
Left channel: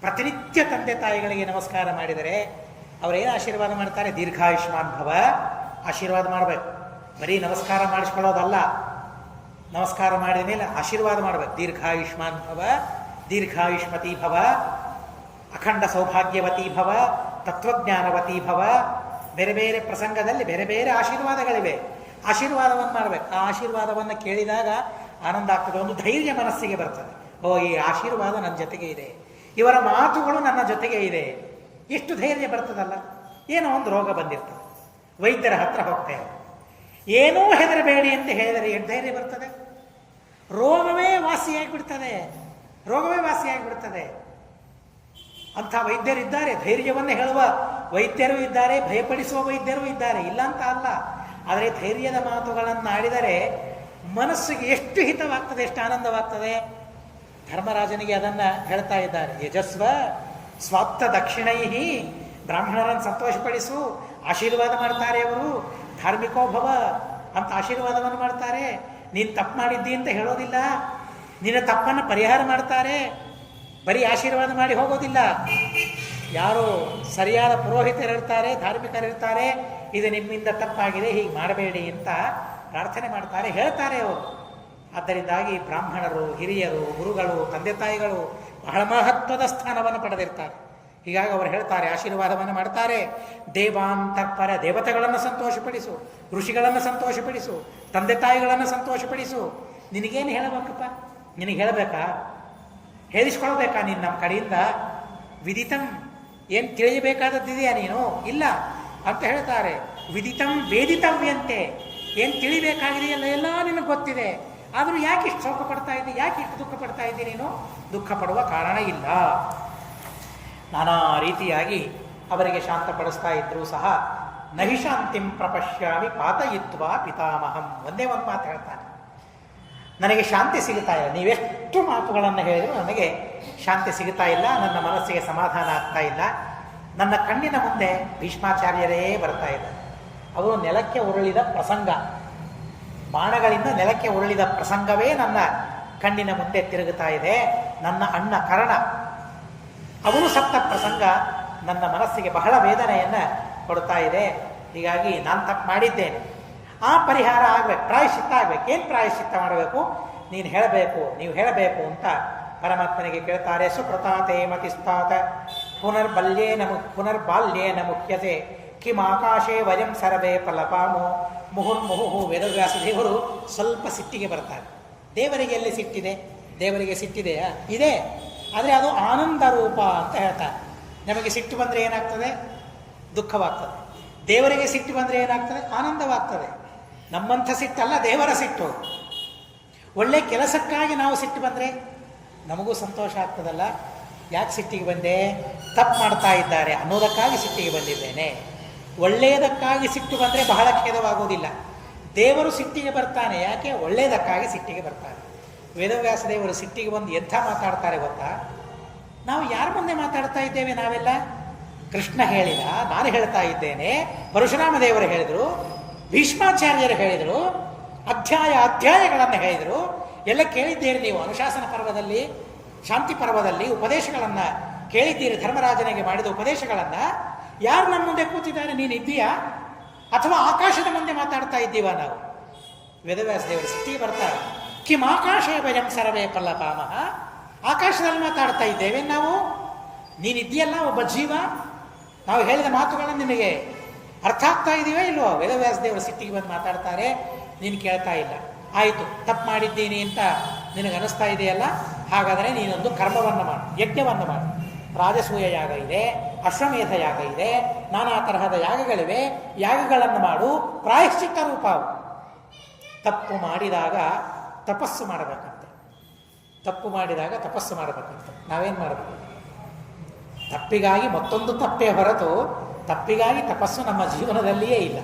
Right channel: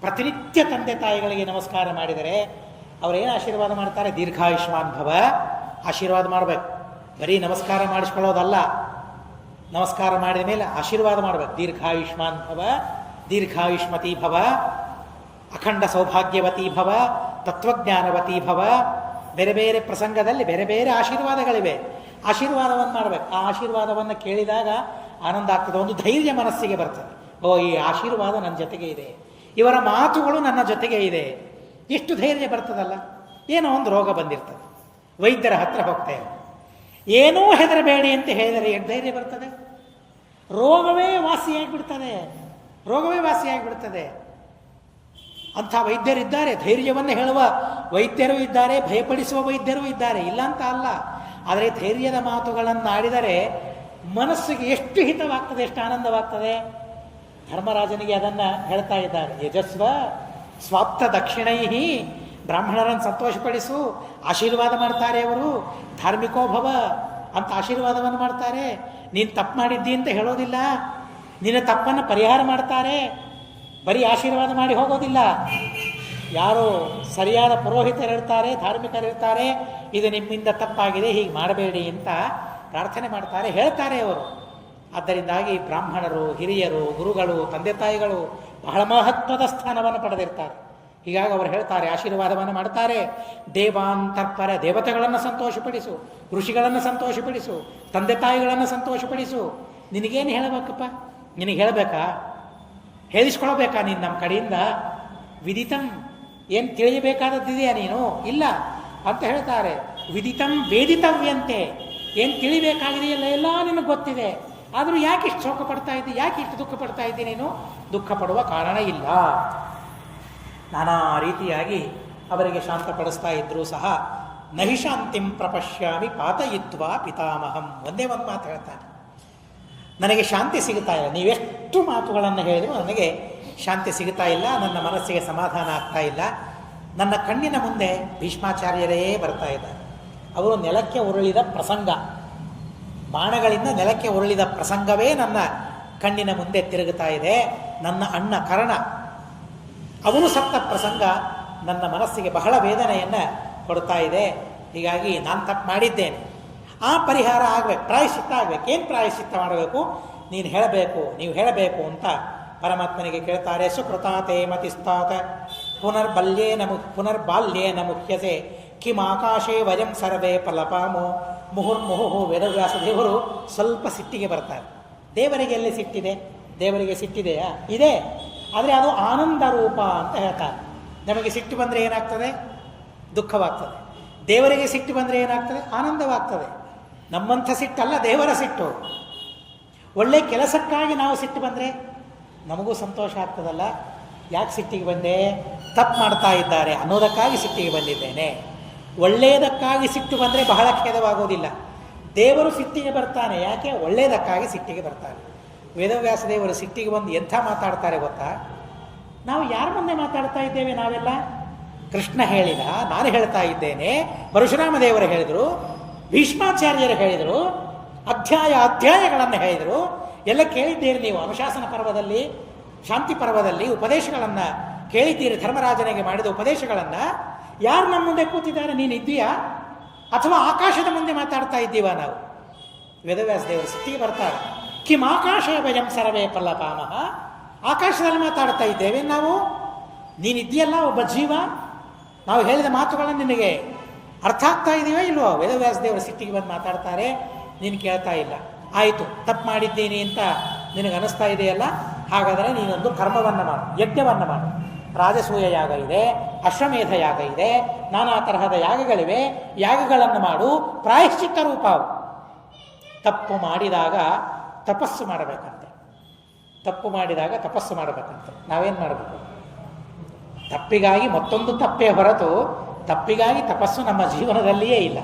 ಪ್ರತಿನಿತ್ಯ ತಂದೆ ತಾಯಿಗಳಿಗೆ ನಮಸ್ಕಾರ ಮಾಡಿದರೆ ಅವರೇನು ಆಶೀರ್ವಾದ ಮಾಡ್ತಾರೆ? ದೀರ್ಘಾಯುಷ್ಮಾನ್ ಭವ. ಆಶೀರ್ವಾದ ಮಾಡಬೇಕು, ಬರೀ ನಮಸ್ಕಾರ ಮಾಡಿಸ್ಕೊಳ್ಳೋದಲ್ಲ. ನಮಸ್ಕಾರ ಮಾಡಿದ ಮೇಲೆ ಆಶೀರ್ವಾದ ಮಾಡಬೇಕು. ದೀರ್ಘಾಯುಷ್ಮಾನ್ ಭವ, ದೀರ್ಘಾಯುಷ್ಮತಿ ಭವ, ಅಖಂಡ ಸೌಭಾಗ್ಯವತಿ ಭವ, ತತ್ವಜ್ಞಾನವತಿ ಭವ. ಬೇರೆ ಬೇರೆ ಪ್ರಸಂಗದಲ್ಲಿ ಬೇರೆ ಬೇರೆ ಆಶೀರ್ವಾದಗಳಿವೆ. ಆಶೀರ್ವಾದವನ್ನು ಮಾಡಬೇಕು. ಆ ಆಶೀರ್ವಾದವನ್ನು ಕೇಳಿದಾಗ ಆನಂದ ಆಗ್ತದೆ, ಒಂದು ಧೈರ್ಯ ಮನಸ್ಸಿಗೆ ಬರ್ತದೆ. ಓ, ಈ ಆಶೀರ್ವಾದ ನನ್ನ ಜೊತೆಗೆ ಇದೆ, ಇವರ ಮಾತುಗಳು ನನ್ನ ಜೊತೆಗೆ ಇದೆ, ಎಷ್ಟು ಧೈರ್ಯ ಬರ್ತದಲ್ಲ. ಏನೋ ಒಂದು ರೋಗ ಬಂದಿರ್ತದೆ, ವೈದ್ಯರ ಹತ್ರ ಹೋಗ್ತೇವೆ, ಏನೂ ಹೆದರಬೇಡಿ ಅಂತ ಹೇಳಿದರೆ ಎಷ್ಟು ಧೈರ್ಯ ಬರ್ತದೆ? ರೋಗವೇ ವಾಸಿಯಾಗಿಬಿಡ್ತದೆ, ರೋಗವೇ ವಾಸಿಯಾಗಿಬಿಡ್ತದೆ. ಅಂಥ ವೈದ್ಯರಿದ್ದಾರೆ, ಧೈರ್ಯವನ್ನು ಹೇಳುವ ವೈದ್ಯರು ಇದ್ದಾರೆ, ಭಯಪಡಿಸುವ ವೈದ್ಯರು ಇದ್ದಾರೆ, ಇಲ್ಲ ಅಂತ ಅಲ್ಲ. ಆದರೆ ಧೈರ್ಯದ ಮಾತುಗಳನ್ನು ಆಡಿದರೆ ಮನಸ್ಸಿಗೆ ಎಷ್ಟು ಹಿತವಾಗ್ತದೆ, ಎಷ್ಟು ಆನಂದವಾಗ್ತದೆ. ಧರ್ಮರಾಜನಿಗೆ ಅದನ್ನು ಹೇಳ್ತಾ ಇದ್ದಾರೆ. ಯಜಸ್ವ ಸ್ವಾಪ್ತ ದಕ್ಷಿಣೈಹಿ, ಬ್ರಾಹ್ಮಣರನ್ನು ಸಂತೋಷಪಡಿಸು, ಆಶೀರ್ವಾದ ಮಾಡ್ತಾರೆ ಅವರು. ಧಾರ್ಮಿಕೋಭವ ಅಂತ ಆಶೀರ್ವಾದವನ್ನು ಮಾಡ್ತಾರೆ. ನೀನು ತಪ್ಪು ಮಾಡಿದ್ದಿ ಅಂತ ಹೇಳೋದಿಲ್ಲ, ನಿನ್ನ ತಪ್ಪನ್ನು ಪರಿಹಾರ ಮಾಡ್ತಾರೆ. ಬರೀ ಆಶೀರ್ವಾದ ಮಾಡಿ ಹೋಗೋದಿಲ್ಲ. ಯಾರು ಸರಿಯಾದ ಪುರೋಹಿತರಿರ್ತಾರೆ, ಧಾರ್ಮಿಕರಿರ್ತಾರೆ, ಇದು ನಿಮ್ಮಿಂದ ತಪ್ಪಾಗಿದೆ, ಹೀಗೆ ಮಾಡಬೇಡಿ ಅಂತ ಪ್ರಾರ್ಥನೆ ಮಾಡ್ತಾರೆ, ಹೇಳ್ತಾರೆ ಅವರು. ಆದ್ದರಿಂದಾಗಿ ಬ್ರಾಹ್ಮಣರು, ಹಿರಿಯರು, ಗುರುಗಳು, ತಂದೆ ತಾಯಿಗಳು ಬಹಳ ಮಹತ್ವದ ಸ್ಥಾನವನ್ನು ಪಡೆದಿರ್ತಾರೆ. ಹೀಗಾಗಿ ಅವರು ಹೇಳ್ತಾರೆ, ಆಶೀರ್ವಾದವನ್ನು ಮಾಡ್ತಾರೆ. ದೇವಾಂತರ್ಪರ, ದೇವತೆಗಳನ್ನು ಸಂತೋಷಪಡಿಸು, ಋಷಿಗಳನ್ನು ಸಂತೋಷಪಡಿಸು, ತಂದೆ ತಾಯಿಗಳನ್ನು ಸಂತೋಷಪಡಿಸು. ನಿನಗೇನು ಹೇಳಬೇಕಪ್ಪ? ನಿನಗೆ ಹೇಳಬೇಕಾ? ಹೇಳಿಸ್ಕೊಳ್ಬೇಕಾ ನೀನು ನಮ್ಮ ಕಡೆಯಿಂದ? ವಿದಿತಂ, ಏನು ತಿಳಿಯಬೇಕಾದದ್ದಿದೆಯಾ ನೀನು? ಇಲ್ಲ ಅಂತ ಹೇಳ್ತಾರೆ. ವಿದಿತಂ ವೇದಿತವ್ಯಂತೆ, ಏನು ತಿಳಿಬೇಕಾಗಿದೆಯಲ್ಲ ಎಲ್ಲ ನಿನಗೆ ಗೊತ್ತಿದೆ. ಆದರೂ ಯಾಕೆ ಇಷ್ಟು ಶೋಕ ಪಡ್ತಾ ಇದ್ದಿ? ಯಾಕೆ ಇಷ್ಟು ದುಃಖ ಪಡ್ತಾ ಇದ್ದಿ ನೀನು? ದುಃಖ ಪಡುವ ಕಾರಣ ಇಲ್ಲ. ನಾನಾ ರೀತಿಯಾಗಿ ಅವರಿಗೆ ಶಾಂತಪಡಿಸ್ತಾ ಇದ್ರೂ ಸಹ ನಹಿ ಶಾಂತಿಂ ಪ್ರಪಶ್ಯಾಮಿ ಪಾತಯಿತ್ವ ಪಿತಾಮಹಂ. ಒಂದೇ ಒಂದು ಮಾತು ಹೇಳ್ತಾನೆ, ನನಗೆ ಶಾಂತಿ ಸಿಗುತ್ತಾ ಇಲ್ಲ. ನೀವೆಷ್ಟು ಮಾತುಗಳನ್ನು ಹೇಳಿದರೂ ನನಗೆ ಶಾಂತಿ ಸಿಗುತ್ತಾ ಇಲ್ಲ, ನನ್ನ ಮನಸ್ಸಿಗೆ ಸಮಾಧಾನ ಆಗ್ತಾ ಇಲ್ಲ. ನನ್ನ ಕಣ್ಣಿನ ಮುಂದೆ ಭೀಷ್ಮಾಚಾರ್ಯರೇ ಬರ್ತಾ ಇದ್ದಾರೆ. ಅವರು ನೆಲಕ್ಕೆ ಉರುಳಿದ ಪ್ರಸಂಗ, ಬಾಣಗಳಿಂದ ನೆಲಕ್ಕೆ ಉರುಳಿದ ಪ್ರಸಂಗವೇ ನನ್ನ ಕಣ್ಣಿನ ಮುಂದೆ ತಿರುಗುತ್ತಾ ಇದೆ. ನನ್ನ ಅಣ್ಣ ಕರ್ಣ, ಅವನು ಸತ್ತ ಪ್ರಸಂಗ ನನ್ನ ಮನಸ್ಸಿಗೆ ಬಹಳ ವೇದನೆಯನ್ನು ಕೊಡ್ತಾ ಇದೆ. ಹೀಗಾಗಿ ನಾನು ತಪ್ಪು ಮಾಡಿದ್ದೇನೆ, ಆ ಪರಿಹಾರ ಆಗಬೇಕು, ಪ್ರಾಯಶ್ಚಿತ್ತ ಆಗಬೇಕು. ಏನು ಪ್ರಾಯಶ್ಚಿತ್ತ ಮಾಡಬೇಕು? ನೀನು ಹೇಳಬೇಕು, ನೀವು ಹೇಳಬೇಕು ಅಂತ ಪರಮಾತ್ಮನಿಗೆ ಕೇಳ್ತಾರೆ. ಸುಕೃತಾತೆ ಮತಿಸ್ತಾತ ಪುನರ್ಬಾಲ್ಯೇನ ಮುಖ್ಯತೆ ಕಿಮಾಕಾಶೇ ವಯಂ ಸರ್ವೇ ಫಲಪಾಮೋ ಮುಹುರ್ಮುಹು. ವೇದವ್ಯಾಸ ದೇವರು ಸ್ವಲ್ಪ ಸಿಟ್ಟಿಗೆ ಬರ್ತಾರೆ. ದೇವರಿಗೆ ಎಲ್ಲಿ ಸಿಟ್ಟಿದೆ? ದೇವರಿಗೆ ಸಿಟ್ಟಿದೆಯಾ? ಇದೆ, ಆದರೆ ಅದು ಆನಂದ ರೂಪ ಅಂತ ಹೇಳ್ತಾರೆ. ನಮಗೆ ಸಿಟ್ಟು ಬಂದರೆ ಏನಾಗ್ತದೆ? ದುಃಖವಾಗ್ತದೆ. ದೇವರಿಗೆ ಸಿಟ್ಟು ಬಂದರೆ ಏನಾಗ್ತದೆ? ಆನಂದವಾಗ್ತದೆ. ನಮ್ಮಂಥ ಸಿಟ್ಟಲ್ಲ, ದೇವರ ಸಿಟ್ಟು. ಒಳ್ಳೆ ಕೆಲಸಕ್ಕಾಗಿ ನಾವು ಸಿಟ್ಟು ಬಂದರೆ ನಮಗೂ ಸಂತೋಷ ಆಗ್ತದಲ್ಲ. ಯಾಕೆ ಸಿಟ್ಟಿಗೆ ಬಂದೆ? ತಪ್ಪು ಮಾಡ್ತಾ ಇದ್ದಾರೆ ಅನ್ನೋದಕ್ಕಾಗಿ ಸಿಟ್ಟಿಗೆ ಬಂದಿದ್ದೇನೆ. ಒಳ್ಳೆಯದಕ್ಕಾಗಿ ಸಿಟ್ಟು ಬಂದರೆ ಬಹಳ ಖೇದವಾಗೋದಿಲ್ಲ. ದೇವರು ಸಿಟ್ಟಿಗೆ ಬರ್ತಾನೆ, ಯಾಕೆ? ಒಳ್ಳೆಯದಕ್ಕಾಗಿ ಸಿಟ್ಟಿಗೆ ಬರ್ತಾನೆ. ವೇದವ್ಯಾಸ ದೇವರು ಸಿಟ್ಟಿಗೆ ಬಂದು ಎಂಥ ಮಾತಾಡ್ತಾರೆ ಗೊತ್ತಾ? ನಾವು ಯಾರ ಮುಂದೆ ಮಾತಾಡ್ತಾ ಇದ್ದೇವೆ ನಾವೆಲ್ಲ? ಕೃಷ್ಣ ಹೇಳಿದ, ನಾನು ಹೇಳ್ತಾ ಇದ್ದೇನೆ, ಪರಶುರಾಮ ದೇವರು ಹೇಳಿದರು, ಭೀಷ್ಮಾಚಾರ್ಯರು ಹೇಳಿದರು, ಅಧ್ಯಾಯಗಳನ್ನು ಹೇಳಿದರು. ಎಲ್ಲ ಕೇಳಿದ್ದೀರಿ ನೀವು. ಅನುಶಾಸನ ಪರ್ವದಲ್ಲಿ, ಶಾಂತಿ ಪರ್ವದಲ್ಲಿ ಉಪದೇಶಗಳನ್ನು ಕೇಳಿದ್ದೀರಿ. ಧರ್ಮರಾಜನಿಗೆ ಮಾಡಿದ ಉಪದೇಶಗಳನ್ನು. ಯಾರು ನಮ್ಮ ಮುಂದೆ ಕೂತಿದ್ದಾರೆ? ನೀನು ಇದ್ದೀಯಾ ಅಥವಾ ಆಕಾಶದ ಮುಂದೆ ಮಾತಾಡ್ತಾ ಇದ್ದೀವ ನಾವು? ವೇದವ್ಯಾಸ ದೇವರು ಸಿಟ್ಟಿಗೆ ಬರ್ತಾರೆ. ಕಿಂ ಆಕಾಶೇ ಭಜಂ ಸರ್ವೇ ಫಲಪಾಮಃ. ಆಕಾಶದಲ್ಲಿ ಮಾತಾಡ್ತಾ ಇದ್ದೇವೆ ನಾವು. ನೀನಿದ್ದೀಯಲ್ಲ ಒಬ್ಬ ಜೀವ, ನಾವು ಹೇಳಿದ ಮಾತುಗಳನ್ನು ನಿನಗೆ ಅರ್ಥ ಆಗ್ತಾ ಇದೆಯೋ ಇಲ್ವೋ? ವೇದವ್ಯಾಸ ದೇವರು ಸಿಟ್ಟಿಗೆ ಬಂದು ಮಾತಾಡ್ತಾರೆ, ನೀನು ಕೇಳ್ತಾ ಇಲ್ಲ. ಆಯಿತು, ತಪ್ಪು ಮಾಡಿದ್ದೀನಿ ಅಂತ ನಿನಗೆ ಅನಿಸ್ತಾ ಇದೆಯಲ್ಲ, ಹಾಗಾದರೆ ನೀನೊಂದು ಕರ್ಮವನ್ನು ಮಾಡು, ಯಜ್ಞವನ್ನು ಮಾಡು. ರಾಜಸೂಯ ಯಾಗ ಇದೆ, ಅಶ್ವಮೇಧ ಯಾಗ ಇದೆ, ನಾನಾ ತರಹದ ಯಾಗಗಳಿವೆ. ಯಾಗಗಳನ್ನು ಮಾಡು, ಪ್ರಾಯಶ್ಚಿತ್ತ ರೂಪ. ತಪ್ಪು ಮಾಡಿದಾಗ ತಪಸ್ಸು ಮಾಡಬೇಕಂತ. ತಪ್ಪು ಮಾಡಿದಾಗ ತಪಸ್ಸು ಮಾಡಬೇಕಂತ. ನಾವೇನು ಮಾಡಬೇಕು? ತಪ್ಪಿಗಾಗಿ ಮತ್ತೊಂದು ತಪ್ಪೇ ಹೊರತು ತಪ್ಪಿಗಾಗಿ ತಪಸ್ಸು ನಮ್ಮ ಜೀವನದಲ್ಲಿಯೇ ಇಲ್ಲ.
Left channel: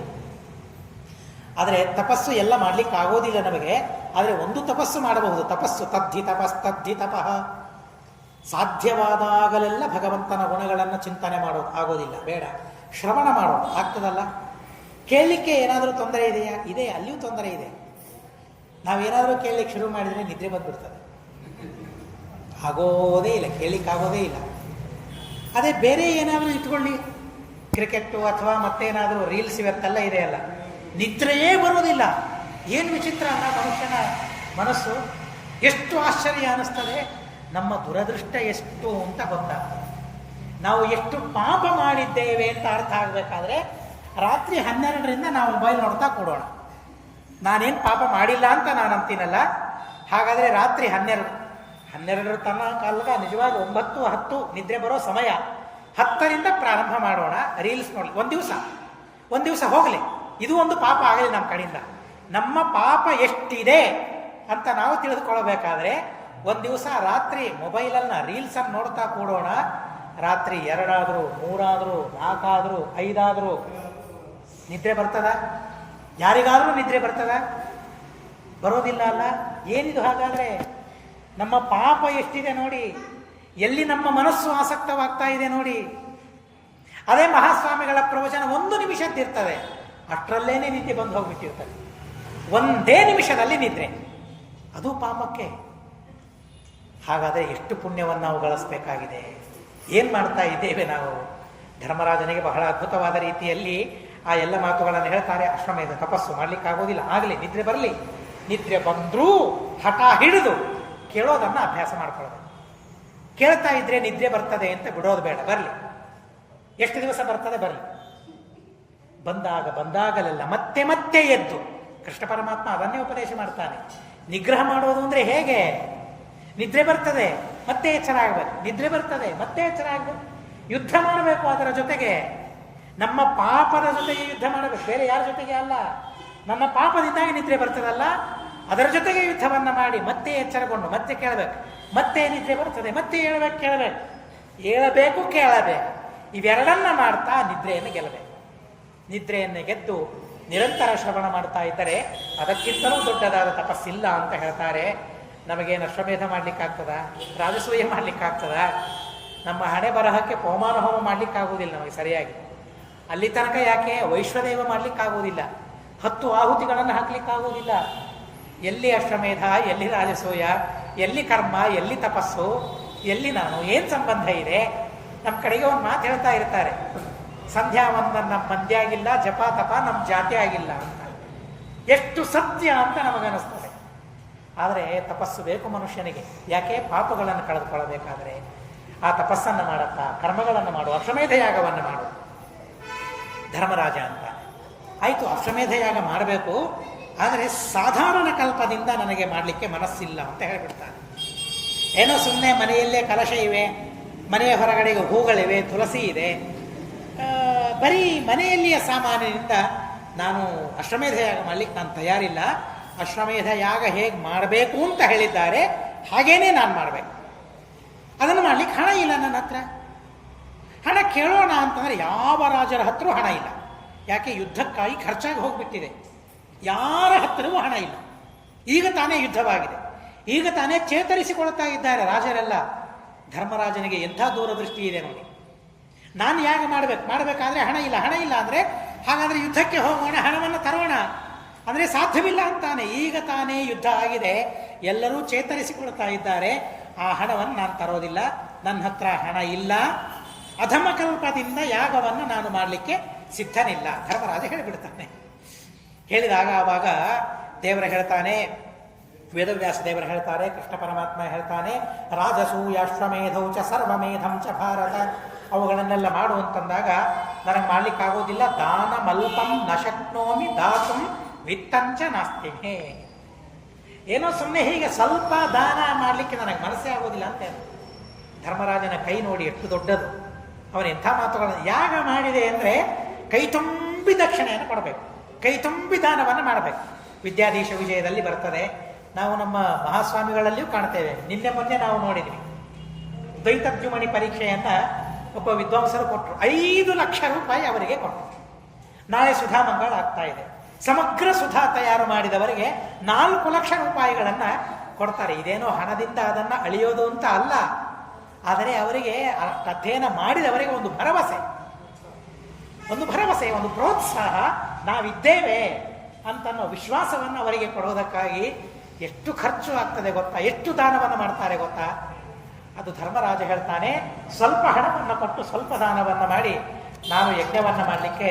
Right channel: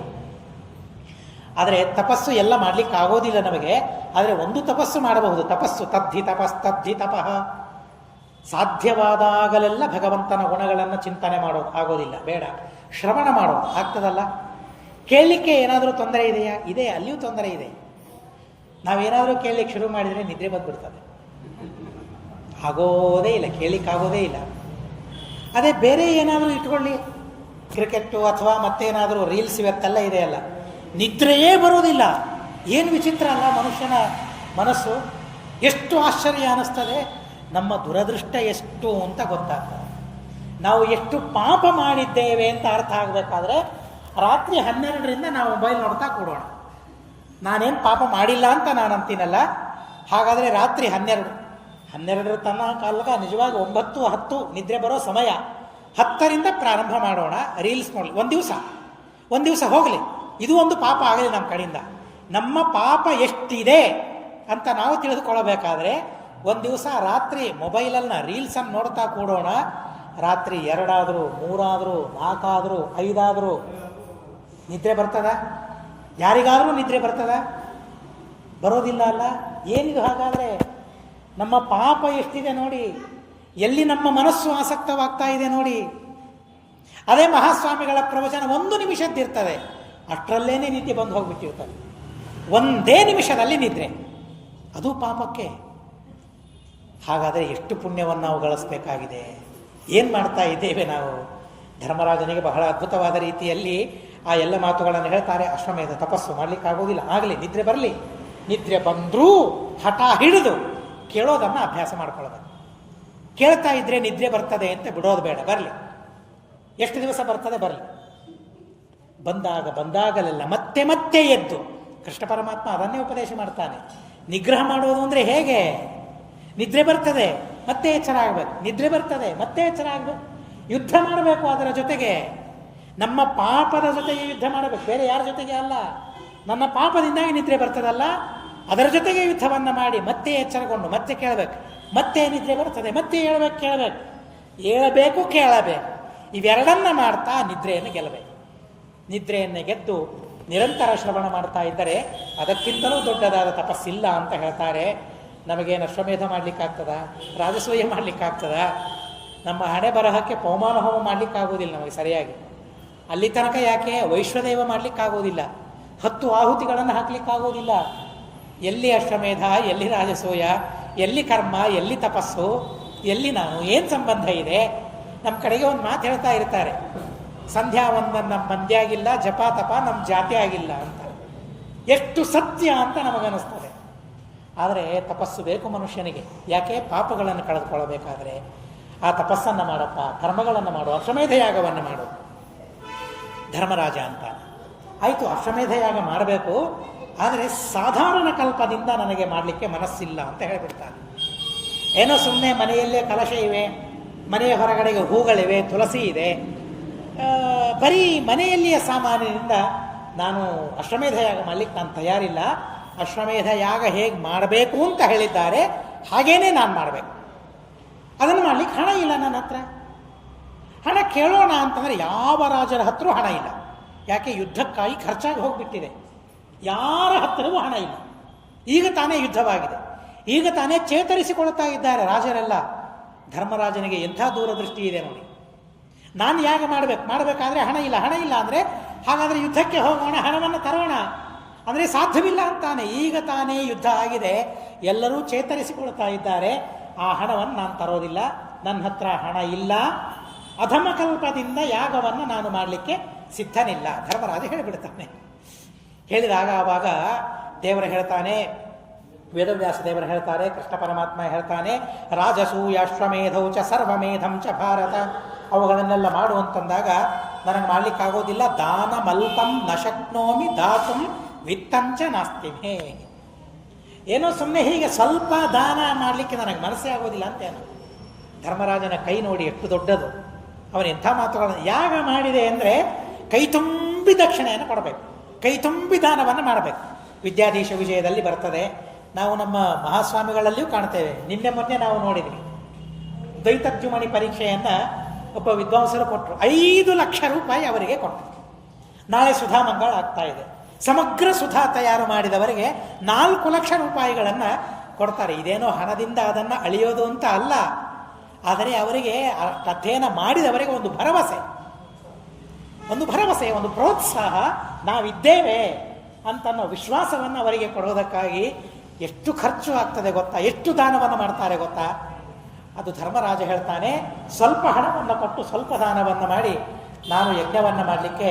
ಆದರೆ ತಪಸ್ಸು ಎಲ್ಲ ಮಾಡಲಿಕ್ಕೆ ಆಗೋದಿಲ್ಲ ನಮಗೆ. ಆದರೆ ಒಂದು ತಪಸ್ಸು ಮಾಡಬಹುದು. ತಪಸ್ಸು ತದ್ಧಿ ತಪಸ್ತದ್ಧಿ ತಪಃ. ಸಾಧ್ಯವಾದಾಗಲೆಲ್ಲ ಭಗವಂತನ ಗುಣಗಳನ್ನು ಚಿಂತನೆ ಮಾಡೋದು ಆಗೋದಿಲ್ಲ, ಬೇಡ. ಶ್ರವಣ ಮಾಡೋದು ಆಗ್ತದಲ್ಲ. ಕೇಳಲಿಕ್ಕೆ ಏನಾದರೂ ತೊಂದರೆ ಇದೆಯಾ? ಇದೆ, ಅಲ್ಲಿಯೂ ತೊಂದರೆ ಇದೆ. ನಾವೇನಾದರೂ ಕೇಳಲಿಕ್ಕೆ ಶುರು ಮಾಡಿದರೆ ನಿದ್ರೆ ಬಂದುಬಿಡ್ತದೆ, ಆಗೋದೇ ಇಲ್ಲ, ಕೇಳಲಿಕ್ಕಾಗೋದೇ ಇಲ್ಲ. ಅದೇ ಬೇರೆ ಏನಾದರೂ ಇಟ್ಕೊಳ್ಳಿ, ಕ್ರಿಕೆಟ್ಟು ಅಥವಾ ಮತ್ತೇನಾದರೂ ರೀಲ್ಸ್, ಇವತ್ತೆಲ್ಲ ಇದೆಯಲ್ಲ, ನಿದ್ರೆಯೇ ಬರೋದಿಲ್ಲ. ಏನು ವಿಚಿತ್ರ ಅಲ್ಲ ಮನುಷ್ಯನ ಮನಸ್ಸು. ಎಷ್ಟು ಆಶ್ಚರ್ಯ ಅನ್ನಿಸ್ತದೆ. ನಮ್ಮ ದುರದೃಷ್ಟ ಎಷ್ಟು ಅಂತ ಗೊತ್ತಾಗ್ತದೆ. ನಾವು ಎಷ್ಟು ಪಾಪ ಮಾಡಿದ್ದೇವೆ ಅಂತ ಅರ್ಥ ಆಗಬೇಕಾದ್ರೆ ರಾತ್ರಿ 12ರಿಂದ ನಾವು ಮೊಬೈಲ್ ನೋಡ್ತಾ ಕೂಡೋಣ. ನಾನೇನು ಪಾಪ ಮಾಡಿಲ್ಲ ಅಂತ ನಾನು ಅಂತೀನಲ್ಲ. ಹಾಗಾದರೆ ರಾತ್ರಿ 12 ತನ್ನ ಕಾಲಗ ನಿಜವಾಗಿ 9, 10 ನಿದ್ರೆ ಬರೋ ಸಮಯ. 10ರಿಂದ ಪ್ರಾರಂಭ ಮಾಡೋಣ ರೀಲ್ಸ್ ನೋಡಿ. ಒಂದು ದಿವಸ ಹೋಗಲಿ, ಇದು ಒಂದು ಪಾಪ ಆಗಲಿ ನಮ್ಮ ಕಡೆಯಿಂದ. ನಮ್ಮ ಪಾಪ ಎಷ್ಟಿದೆ ಅಂತ ನಾವು ತಿಳಿದುಕೊಳ್ಳಬೇಕಾದ್ರೆ ಒಂದು ದಿವಸ ರಾತ್ರಿ ಮೊಬೈಲನ್ನು ರೀಲ್ಸನ್ನು ನೋಡ್ತಾ ಕೂಡೋಣ. ರಾತ್ರಿ 2 ಆದರೂ 3 ಆದರೂ 4 ಆದರೂ 5 ಆದರೂ ನಿದ್ರೆ ಬರ್ತದ? ಯಾರಿಗಾದರೂ ನಿದ್ರೆ ಬರ್ತದ? ಬರೋದಿಲ್ಲ ಅಲ್ಲ. ಏನಿದು ಹಾಗಾದರೆ? ನಮ್ಮ ಪಾಪ ಎಷ್ಟಿದೆ ನೋಡಿ, ಎಲ್ಲಿ ನಮ್ಮ ಮನಸ್ಸು ಆಸಕ್ತವಾಗ್ತಾ ಇದೆ ನೋಡಿ. ಅದೇ ಮಹಾಸ್ವಾಮಿಗಳ ಪ್ರವಚನ 1 ನಿಮಿಷದ್ದಿರ್ತದೆ, ಅಷ್ಟರಲ್ಲೇನೆ ನಿದ್ದೆ ಬಂದು ಹೋಗ್ಬಿಟ್ಟಿರ್ತದೆ. ಒಂದೇ ನಿಮಿಷದಲ್ಲಿ ನಿದ್ರೆ, ಅದು ಪಾಪಕ್ಕೆ. ಹಾಗಾದರೆ ಎಷ್ಟು ಪುಣ್ಯವನ್ನು ನಾವು ಗಳಿಸ್ಬೇಕಾಗಿದೆ. ಏನು ಮಾಡ್ತಾ ಇದ್ದೇವೆ ನಾವು? ಧರ್ಮರಾಜನಿಗೆ ಬಹಳ ಅದ್ಭುತವಾದ ರೀತಿಯಲ್ಲಿ ಆ ಎಲ್ಲ ಮಾತುಗಳನ್ನು ಹೇಳ್ತಾರೆ. ಅಶ್ವಮೇಧ ತಪಸ್ಸು ಮಾಡಲಿಕ್ಕಾಗೋದಿಲ್ಲ, ಆಗಲಿ ನಿದ್ರೆ ಬರಲಿ. ನಿದ್ರೆ ಬಂದರೂ ಹಠ ಹಿಡಿದು ಕೇಳೋದನ್ನು ಅಭ್ಯಾಸ ಮಾಡ್ಕೊಳ್ಳೋದು. ಕೇಳ್ತಾ ಇದ್ರೆ ನಿದ್ರೆ ಬರ್ತದೆ ಅಂತ ಬಿಡೋದು ಬೇಡ, ಬರಲಿ. ಎಷ್ಟು ದಿವಸ ಬರ್ತದೆ ಬರಲಿ. ಬಂದಾಗಲೆಲ್ಲ ಮತ್ತೆ ಮತ್ತೆ ಎದ್ದು, ಕೃಷ್ಣ ಪರಮಾತ್ಮ ಅದನ್ನೇ ಉಪದೇಶ ಮಾಡ್ತಾನೆ. ನಿಗ್ರಹ ಮಾಡೋದು ಅಂದರೆ ಹೇಗೆ? ನಿದ್ರೆ ಬರ್ತದೆ ಮತ್ತೆ ಎಚ್ಚರ ಆಗಬೇಕು, ನಿದ್ರೆ ಬರ್ತದೆ ಮತ್ತೆ ಎಚ್ಚರ ಆಗಬೇಕು, ಯುದ್ಧ ಮಾಡಬೇಕು. ಅದರ ಜೊತೆಗೆ ನಮ್ಮ ಪಾಪದ ಜೊತೆಗೆ ಯುದ್ಧ ಮಾಡಬೇಕು, ಬೇರೆ ಯಾರ ಜೊತೆಗೆ ಅಲ್ಲ. ನನ್ನ ಪಾಪದಿಂದಾಗಿ ನಿದ್ರೆ ಬರ್ತದಲ್ಲ, ಅದರ ಜೊತೆಗೆ ಯುದ್ಧವನ್ನು ಮಾಡಿ ಮತ್ತೆ ಎಚ್ಚರಗೊಂಡು ಮತ್ತೆ ಕೇಳಬೇಕು. ಮತ್ತೆ ನಿದ್ರೆ ಬರ್ತದೆ, ಮತ್ತೆ ಹೇಳಬೇಕು ಕೇಳಬೇಕು. ಇವೆರಡನ್ನ ಮಾಡ್ತಾ ನಿದ್ರೆಯನ್ನು ಗೆಲ್ಲಬೇಕು. ನಿದ್ರೆಯನ್ನು ಗೆದ್ದು ನಿರಂತರ ಶ್ರವಣ ಮಾಡ್ತಾ ಇದ್ದರೆ ಅದಕ್ಕಿಂತಲೂ ದೊಡ್ಡದಾದ ತಪಸ್ಸಿಲ್ಲ ಅಂತ ಹೇಳ್ತಾರೆ. ನಮಗೇನು ಅಶ್ವಮೇಧ ಮಾಡಲಿಕ್ಕಾಗ್ತದ? ರಾಜಸೂಯ ಮಾಡಲಿಕ್ಕಾಗ್ತದ? ನಮ್ಮ ಹಣೆ ಬರಹಕ್ಕೆ ಪವಮಾನ ಹೋಮ ಮಾಡಲಿಕ್ಕಾಗೋದಿಲ್ಲ ನಮಗೆ ಸರಿಯಾಗಿ. ಅಲ್ಲಿ ತನಕ ಯಾಕೆ ವೈಶ್ವದೇವ ಮಾಡಲಿಕ್ಕಾಗೋದಿಲ್ಲ, 10 ಆಹುತಿಗಳನ್ನು ಹಾಕಲಿಕ್ಕಾಗೋದಿಲ್ಲ. ಎಲ್ಲಿ ಅಶ್ವಮೇಧ, ಎಲ್ಲಿ ರಾಜಸೂಯ, ಎಲ್ಲಿ ಕರ್ಮ, ಎಲ್ಲಿ ತಪಸ್ಸು, ಎಲ್ಲಿ ನಾನು, ಏನು ಸಂಬಂಧ ಇದೆ? ನಮ್ಮ ಕಡೆಗೆ ಒಂದು ಮಾತು ಹೇಳ್ತಾ ಇರ್ತಾರೆ, ಸಂಧ್ಯಾ ವಂದನ ನಮ್ಮ ಮಂದಿ ಆಗಿಲ್ಲ, ಜಪ ತಪ ನಮ್ಮ ಜಾತಿ ಆಗಿಲ್ಲ ಅಂತ. ಎಷ್ಟು ಸತ್ಯ ಅಂತ ನಮಗನಿಸ್ತದೆ. ಆದರೆ ತಪಸ್ಸು ಬೇಕು ಮನುಷ್ಯನಿಗೆ. ಯಾಕೆ? ಪಾಪಗಳನ್ನು ಕಳೆದುಕೊಳ್ಳಬೇಕಾದರೆ ಆ ತಪಸ್ಸನ್ನು ಮಾಡಪ್ಪ, ಕರ್ಮಗಳನ್ನು ಮಾಡು, ಅಶ್ವಮೇಧ ಯಾಗವನ್ನು ಮಾಡು. ಧರ್ಮರಾಜ ಅಂತ ಆಯಿತು, ಅಶ್ವಮೇಧ ಯಾಗ ಮಾಡಬೇಕು, ಆದರೆ ಸಾಧಾರಣ ಕಲ್ಪದಿಂದ ನನಗೆ ಮಾಡಲಿಕ್ಕೆ ಮನಸ್ಸಿಲ್ಲ ಅಂತ ಹೇಳಿಬಿಡ್ತಾನೆ. ಏನೋ ಸುಮ್ಮನೆ ಮನೆಯಲ್ಲೇ ಕಲಶ ಇವೆ, ಮನೆಯ ಹೊರಗಡೆಗೆ ಹೂಗಳಿವೆ, ತುಳಸಿ ಇದೆ, ಬರೀ ಮನೆಯಲ್ಲಿಯ ಸಾಮಾನಿನಿಂದ ನಾನು ಅಶ್ವಮೇಧ ಯಾಗ ಮಾಡಲಿಕ್ಕೆ ನಾನು ತಯಾರಿಲ್ಲ. ಅಶ್ವಮೇಧ ಯಾಗ ಹೇಗೆ ಮಾಡಬೇಕು ಅಂತ ಹೇಳಿದ್ದಾರೆ ಹಾಗೇನೇ ನಾನು ಮಾಡಬೇಕು. ಅದನ್ನು ಮಾಡಲಿಕ್ಕೆ ಹಣ ಇಲ್ಲ ನನ್ನ ಹತ್ರ. ಹಣ ಕೇಳೋಣ ಅಂತಂದರೆ ಯಾವ ರಾಜರ ಹತ್ರ ಹಣ ಇಲ್ಲ. ಯಾಕೆ? ಯುದ್ಧಕ್ಕಾಗಿ ಖರ್ಚಾಗಿ ಹೋಗಿಬಿಟ್ಟಿದೆ. ಯಾರ ಹತ್ತಿರವೂ ಹಣ ಇಲ್ಲ. ಈಗ ತಾನೇ ಯುದ್ಧವಾಗಿದೆ, ಈಗ ತಾನೇ ಚೇತರಿಸಿಕೊಳ್ತಾ ಇದ್ದಾರೆ ರಾಜರೆಲ್ಲ. ಧರ್ಮರಾಜನಿಗೆ ಎಂಥ ದೂರದೃಷ್ಟಿ ಇದೆ ನೋಡಿ. ನಾನು ಯಾಗ ಮಾಡಬೇಕಾದ್ರೆ ಹಣ ಇಲ್ಲ ಅಂದರೆ ಹಾಗಾದರೆ ಯುದ್ಧಕ್ಕೆ ಹೋಗೋಣ, ಹಣವನ್ನು ತರೋಣ ಅಂದರೆ ಸಾಧ್ಯವಿಲ್ಲ ಅಂತಾನೆ. ಈಗ ತಾನೇ ಯುದ್ಧ ಆಗಿದೆ, ಎಲ್ಲರೂ ಚೇತರಿಸಿಕೊಳ್ತಾ ಇದ್ದಾರೆ. ಆ ಹಣವನ್ನು ನಾನು ತರೋದಿಲ್ಲ, ನನ್ನ ಹತ್ರ ಹಣ ಇಲ್ಲ, ಅಧಮಕಲ್ಪದಿಂದ ಯಾಗವನ್ನು ನಾನು ಮಾಡಲಿಕ್ಕೆ ಸಿದ್ಧನಿಲ್ಲ. ಧರ್ಮರಾಜ ಹೇಳಿಬಿಡ್ತಾನೆ. ಹೇಳಿದಾಗ ಆವಾಗ ದೇವರ ಹೇಳ್ತಾನೆ, ವೇದವ್ಯಾಸ ದೇವರು ಹೇಳ್ತಾರೆ, ಕೃಷ್ಣ ಪರಮಾತ್ಮ ಹೇಳ್ತಾನೆ, ರಾಜಸೂಯಾಶ್ವಮೇಧೌ ಚ ಸರ್ವಮೇಧಂ ಚ ಭಾರತ, ಅವುಗಳನ್ನೆಲ್ಲ ಮಾಡು ಅಂತಂದಾಗ ನನಗೆ ಮಾಡಲಿಕ್ಕಾಗೋದಿಲ್ಲ. ದಾನ ಮಲ್ಪಂ ನ ಶಕ್ನೋಮಿ ದಾತುಂ ವಿತ್ತಂಚ ನಾಸ್ತಿಮೇ. ಏನೋ ಸುಮ್ಮನೆ ಹೀಗೆ ಸ್ವಲ್ಪ ದಾನ ಮಾಡಲಿಕ್ಕೆ ನನಗೆ ಮನಸ್ಸೇ ಆಗೋದಿಲ್ಲ ಅಂತೇನು. ಧರ್ಮರಾಜನ ಕೈ ನೋಡಿ ಎಷ್ಟು ದೊಡ್ಡದು. ಅವನು ಎಂಥ ಮಾತುಗಳನ್ನು ಯಾಗ ಮಾಡಿದೆ ಅಂದರೆ ಕೈ ತುಂಬಿ ದಕ್ಷಿಣೆಯನ್ನು ಕೊಡಬೇಕು, ಕೈ ತುಂಬಿ ದಾನವನ್ನು ಮಾಡಬೇಕು. ವಿದ್ಯಾಧೀಶ ವಿಜಯದಲ್ಲಿ ಬರ್ತದೆ. ನಾವು ನಮ್ಮ ಮಹಾಸ್ವಾಮಿಗಳಲ್ಲಿಯೂ ಕಾಣ್ತೇವೆ. ನಿನ್ನೆ ಮೊನ್ನೆ ನಾವು ನೋಡಿದ್ವಿ, ದ್ವೈತದ್ಯುಮಣಿ ಪರೀಕ್ಷೆಯನ್ನು ಒಬ್ಬ ವಿದ್ವಾಂಸರು ಕೊಟ್ಟರು. 5 ಲಕ್ಷ ರೂಪಾಯಿ ಅವರಿಗೆ ಕೊಟ್ಟರು. ನಾಳೆ ಸುಧಾಮಂಗಳ ಆಗ್ತಾ ಇದೆ. ಸಮಗ್ರ ಸುಧಾ ತಯಾರು ಮಾಡಿದವರಿಗೆ 4 ಲಕ್ಷ ರೂಪಾಯಿಗಳನ್ನು ಕೊಡ್ತಾರೆ. ಇದೇನೋ ಹಣದಿಂದ ಅದನ್ನು ಅಳಿಯೋದು ಅಂತ ಅಲ್ಲ, ಆದರೆ ಅವರಿಗೆ ಅಧ್ಯಯನ ಮಾಡಿದವರಿಗೆ ಒಂದು ಭರವಸೆ, ಒಂದು ಪ್ರೋತ್ಸಾಹ, ನಾವಿದ್ದೇವೆ ಅಂತನ್ನೋ ವಿಶ್ವಾಸವನ್ನು ಅವರಿಗೆ ಕೊಡೋದಕ್ಕಾಗಿ ಎಷ್ಟು ಖರ್ಚು ಆಗ್ತದೆ ಗೊತ್ತಾ, ಎಷ್ಟು ದಾನವನ್ನು ಮಾಡ್ತಾರೆ ಗೊತ್ತಾ. ಅದು ಧರ್ಮರಾಜ ಹೇಳ್ತಾನೆ, ಸ್ವಲ್ಪ ಹಣವನ್ನು ಕೊಟ್ಟು ಸ್ವಲ್ಪ ದಾನವನ್ನು ಮಾಡಿ ನಾನು ಯಜ್ಞವನ್ನು ಮಾಡಲಿಕ್ಕೆ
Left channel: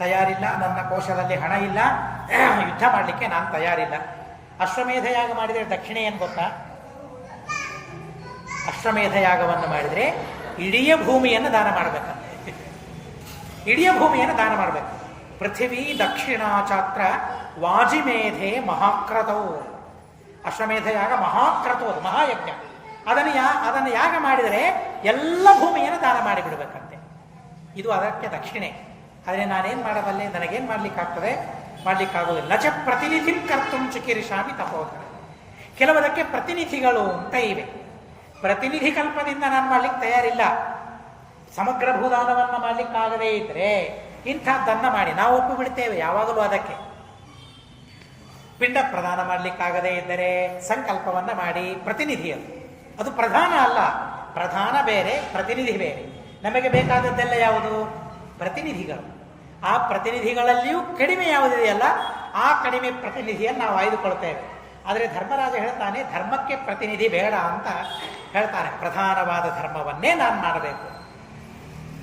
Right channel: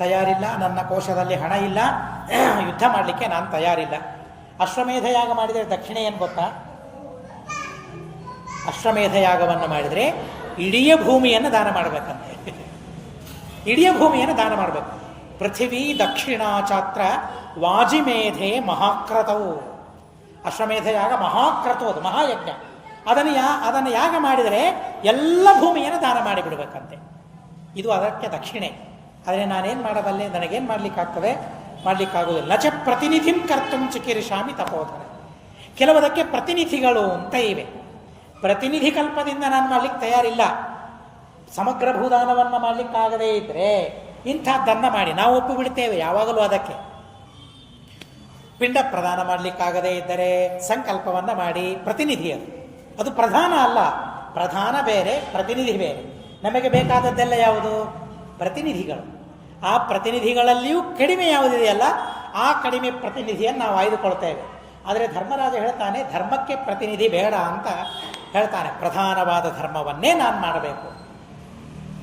ತಯಾರಿಲ್ಲ, ನನ್ನ ಕೋಶದಲ್ಲಿ ಹಣ ಇಲ್ಲ, ಯುದ್ಧ ಮಾಡಲಿಕ್ಕೆ ನಾನು ತಯಾರಿಲ್ಲ. ಅಶ್ವಮೇಧ ಯಾಗ ಮಾಡಿದರೆ ದಕ್ಷಿಣೆ ಏನು ಗೊತ್ತಾ? ಅಶ್ವಮೇಧ ಯಾಗವನ್ನು ಮಾಡಿದರೆ ಇಡೀ ಭೂಮಿಯನ್ನು ದಾನ ಮಾಡಬೇಕಂತೆ. ಇಡೀ ಭೂಮಿಯನ್ನು ದಾನ ಮಾಡಬೇಕು. ಪೃಥಿವೀ ದಕ್ಷಿಣಾಚಾತ್ರ ವಾಜಿಮೇಧೆ ಮಹಾಕ್ರತವು. ಅಶ್ವಮೇಧ ಯಾಗ ಮಹಾಕ್ರತು, ಅದು ಮಹಾಯಜ್ಞ. ಅದನ್ನು ಯಾಗ ಮಾಡಿದರೆ ಎಲ್ಲ ಭೂಮಿಯನ್ನು ದಾನ ಮಾಡಿಬಿಡಬೇಕಂತೆ. ಇದು ಅದಕ್ಕೆ ದಕ್ಷಿಣೆ. ಆದರೆ ನಾನೇನು ಮಾಡಬಲ್ಲೆ, ನನಗೇನು ಮಾಡಲಿಕ್ಕಾಗ್ತದೆ? ಮಾಡಲಿಕ್ಕಾಗೋದಿಲ್ಲ. ನಚ ಪ್ರತಿನಿಧಿಂ ಕರ್ತುಂ ಚಿಕಿರಿಷಾಮಿ ತಪೋಧನ. ಕೆಲವದಕ್ಕೆ ಪ್ರತಿನಿಧಿಗಳು ಅಂತ ಇವೆ. ಪ್ರತಿನಿಧಿ ಕಲ್ಪದಿಂದ ನಾನು ಮಾಡಲಿಕ್ಕೆ ತಯಾರಿಲ್ಲ. ಸಮಗ್ರ ಭೂದಾನವನ್ನು ಮಾಡಲಿಕ್ಕಾಗದೇ ಇದ್ದರೆ ಇಂಥದ್ದನ್ನು ಮಾಡಿ ನಾವು ಒಪ್ಪು ಬಿಡ್ತೇವೆ ಯಾವಾಗಲೂ. ಅದಕ್ಕೆ ಪಿಂಡ ಪ್ರದಾನ ಮಾಡಲಿಕ್ಕಾಗದೇ ಇದ್ದರೆ ಸಂಕಲ್ಪವನ್ನು ಮಾಡಿ, ಪ್ರತಿನಿಧಿ ಅದು ಪ್ರಧಾನ ಅಲ್ಲ. ಪ್ರಧಾನ ಬೇರೆ, ಪ್ರತಿನಿಧಿ ಬೇರೆ. ನಮಗೆ ಬೇಕಾದದ್ದೆಲ್ಲ ಯಾವುದು? ಪ್ರತಿನಿಧಿಗಳು. ಆ ಪ್ರತಿನಿಧಿಗಳಲ್ಲಿಯೂ ಕಡಿಮೆ ಯಾವುದಿದೆಯಲ್ಲ, ಆ ಕಡಿಮೆ ಪ್ರತಿನಿಧಿಯನ್ನು ನಾವು ಆಯ್ದುಕೊಳ್ತೇವೆ. ಆದರೆ ಧರ್ಮರಾಜ ಹೇಳ್ತಾನೆ, ಧರ್ಮಕ್ಕೆ ಪ್ರತಿನಿಧಿ ಬೇಡ ಅಂತ ಹೇಳ್ತಾನೆ. ಪ್ರಧಾನವಾದ ಧರ್ಮವನ್ನೇ ನಾನು ಮಾಡಬೇಕು.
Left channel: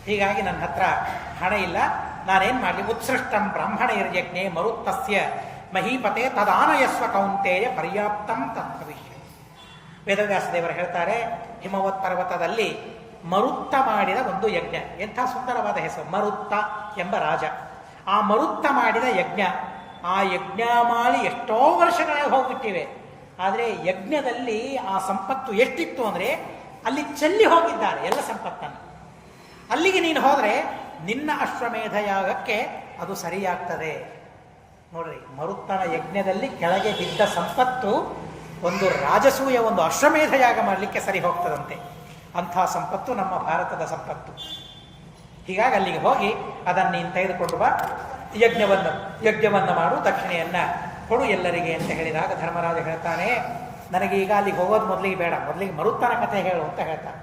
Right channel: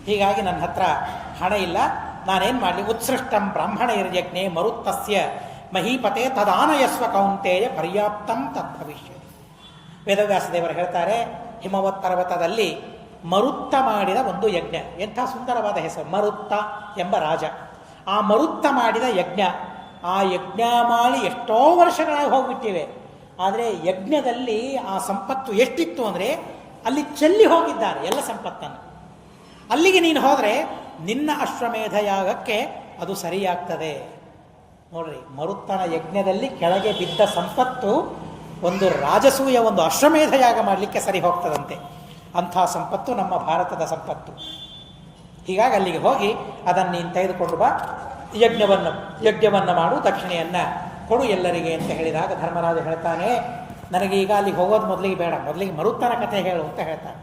ಹೀಗಾಗಿ ನನ್ನ ಹತ್ರ ಹಣ ಇಲ್ಲ, ನಾನೇನು ಮಾಡಲಿ? ಉತ್ಸೃಷ್ಟಂ ಬ್ರಾಹ್ಮಣ ಯಜ್ಞೆ ಮರುತ್ತಸ್ಯ ಮಹೀಪತೆ ತದಾನಯಸ್ವ ಕೌಂತೆಯ ಪರ್ಯಾಪ್ತಂ ತದ್ಭವಿಷ್ಯ. ವೇದವ್ಯಾಸ ದೇವರು ಹೇಳ್ತಾರೆ, ಹಿಮವತ್ ಪರ್ವತದಲ್ಲಿ ಮರುತ್ತ ಮಾಡಿದ ಒಂದು ಯಜ್ಞ. ಎಂಥ ಸುಂದರವಾದ ಹೆಸರು, ಮರುತ್ತ ಎಂಬ ರಾಜ. ಆ ಮರುತ್ತ ಮಾಡಿದ ಯಜ್ಞ, ಆ ಯಜ್ಞ ಮಾಡಿ ಎಷ್ಟೋ ವರ್ಷಗಳಾಗಿ ಹೋಗ್ಬಿಟ್ಟಿವೆ. ಆದರೆ ಯಜ್ಞದಲ್ಲಿ ಆ ಸಂಪತ್ತು ಎಷ್ಟಿತ್ತು ಅಂದರೆ ಅಲ್ಲಿ ಚೆಲ್ಲಿ ಹೋಗಿದ್ದಾರೆ ಎಲ್ಲ ಸಂಪತ್ತನ್ನು. ಅಲ್ಲಿಗೆ ನೀನು ಹೋದರೆ ನಿನ್ನ ಅಶ್ವಮೇಧ ಯಾಗಕ್ಕೆ ಅದು ಸರಿಯಾಗ್ತದೆ. ನೋಡ್ರಿ, ಮರುತ್ತನ ಯಜ್ಞದಲ್ಲಿ ಕೆಳಗೆ ಬಿದ್ದ ಸಂಪತ್ತು ಒಂದು ರಾಜಸೂಯ, ಒಂದು ಅಶ್ವಮೇಧ ಯಾಗ ಮಾಡಲಿಕ್ಕೆ ಸರಿ ಹೋಗ್ತದಂತೆ. ಅಂಥ ಸಂಪತ್ತು ನಮ್ಮ ಭಾರತದ ಸಂಪತ್ತು. ಹೀಗಾಗಿ ಅಲ್ಲಿಗೆ ಹೋಗಿ ಅದನ್ನು ನೀನು ತೆಗೆದುಕೊಂಡು ಬಾ, ಯಜ್ಞವನ್ನು ಮಾಡು, ದಕ್ಷಿಣೆಯನ್ನು ಕೊಡು ಎಲ್ಲರಿಗೆ ಅಂತ ಹೇಳಿದಾಗ ಧರ್ಮರಾಜ ಹೇಳ್ತಾನೆ, ನನಗೆ ಈಗ ಅಲ್ಲಿಗೆ ಹೋಗೋದು ಮೊದಲಿಗೆ ಬೇಡ, ಮೊದಲಿಗೆ ಮರುತ್ತನ ಕಥೆ ಹೇಳು ಅಂತ ಹೇಳ್ತಾನೆ.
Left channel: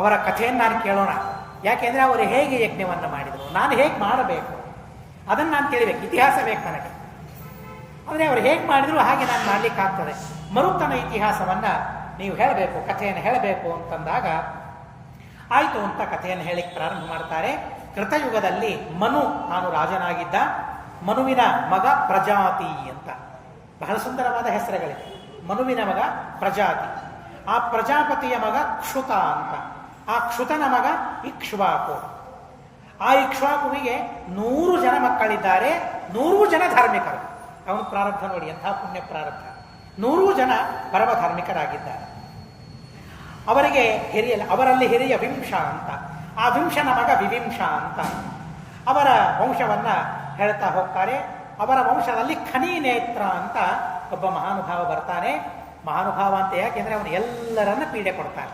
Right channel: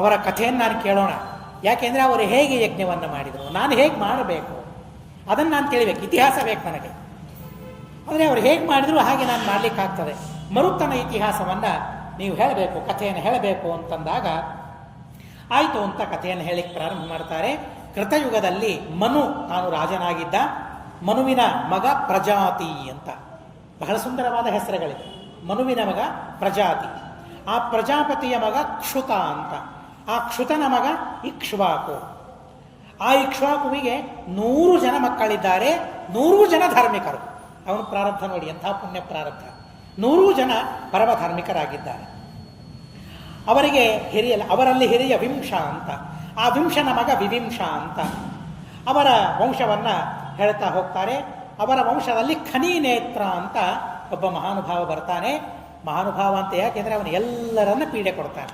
ಅವರ ಕಥೆಯನ್ನು ನಾನು ಕೇಳೋಣ. ಯಾಕೆಂದರೆ ಅವರು ಹೇಗೆ ಯಜ್ಞವನ್ನು ಮಾಡಿದರು, ನಾನು ಹೇಗೆ ಮಾಡಬೇಕು ಅದನ್ನು ನಾನು ಕೇಳಬೇಕು, ಇತಿಹಾಸ ಬೇಕು ನನಗೆ. ಅಂದರೆ ಅವರು ಹೇಗೆ ಮಾಡಿದ್ರು ಹಾಗೆ ನಾನು ಮಾಡಲಿಕ್ಕಾಗ್ತದೆ. ಮರುತ್ತನ ಇತಿಹಾಸವನ್ನು ನೀವು ಹೇಳಬೇಕು, ಕಥೆಯನ್ನು ಹೇಳಬೇಕು ಅಂತಂದಾಗ ಆಯಿತು ಅಂತ ಕಥೆಯನ್ನು ಹೇಳಿಕ್ಕೆ ಪ್ರಾರಂಭ ಮಾಡ್ತಾರೆ. ಕೃತಯುಗದಲ್ಲಿ ಮನು ತಾನು ರಾಜನಾಗಿದ್ದ. ಮನುವಿನ ಮಗ ಪ್ರಜಾತಿ ಅಂತ, ಬಹಳ ಸುಂದರವಾದ ಹೆಸರುಗಳಿದೆ. ಮನುವಿನ ಮಗ ಪ್ರಜಾತಿ, ಆ ಪ್ರಜಾಪತಿಯ ಮಗ ಕ್ಷುತ ಅಂತ, ಆ ಕ್ಷುತನ ಮಗ ಇಕ್ಷ್ವಾಕು. ಆ ಇಕ್ಷ್ವಾಕುವಿಗೆ 100 ಜನ ಮಕ್ಕಳಿದ್ದಾರೆ, 100 ಜನ ಧಾರ್ಮಿಕರು. ಅವನು ಪ್ರಾರಬ್ಧ ನೋಡಿ, ಎಂಥ ಪುಣ್ಯ ಪ್ರಾರಬ್ಧ. 100 ಜನ ಪರಮ ಧಾರ್ಮಿಕರಾಗಿದ್ದಾರೆ. ಅವರಲ್ಲಿ ಹಿರಿಯ ವಿಂಶ ಅಂತ, ಆ ವಿಂಶನ ಮಗ ವಿವಿಂಶ ಅಂತ. ಅವರ ವಂಶವನ್ನು ಹೇಳ್ತಾ ಹೋಗ್ತಾರೆ. ಅವರ ವಂಶದಲ್ಲಿ ಖನೀನೇತ್ರ ಅಂತ ಒಬ್ಬ ಮಹಾನುಭಾವ ಬರ್ತಾನೆ. ಮಹಾನುಭಾವ ಅಂತ ಯಾಕೆಂದರೆ ಅವನು ಎಲ್ಲರನ್ನ ಪೀಡೆ ಕೊಡ್ತಾನೆ,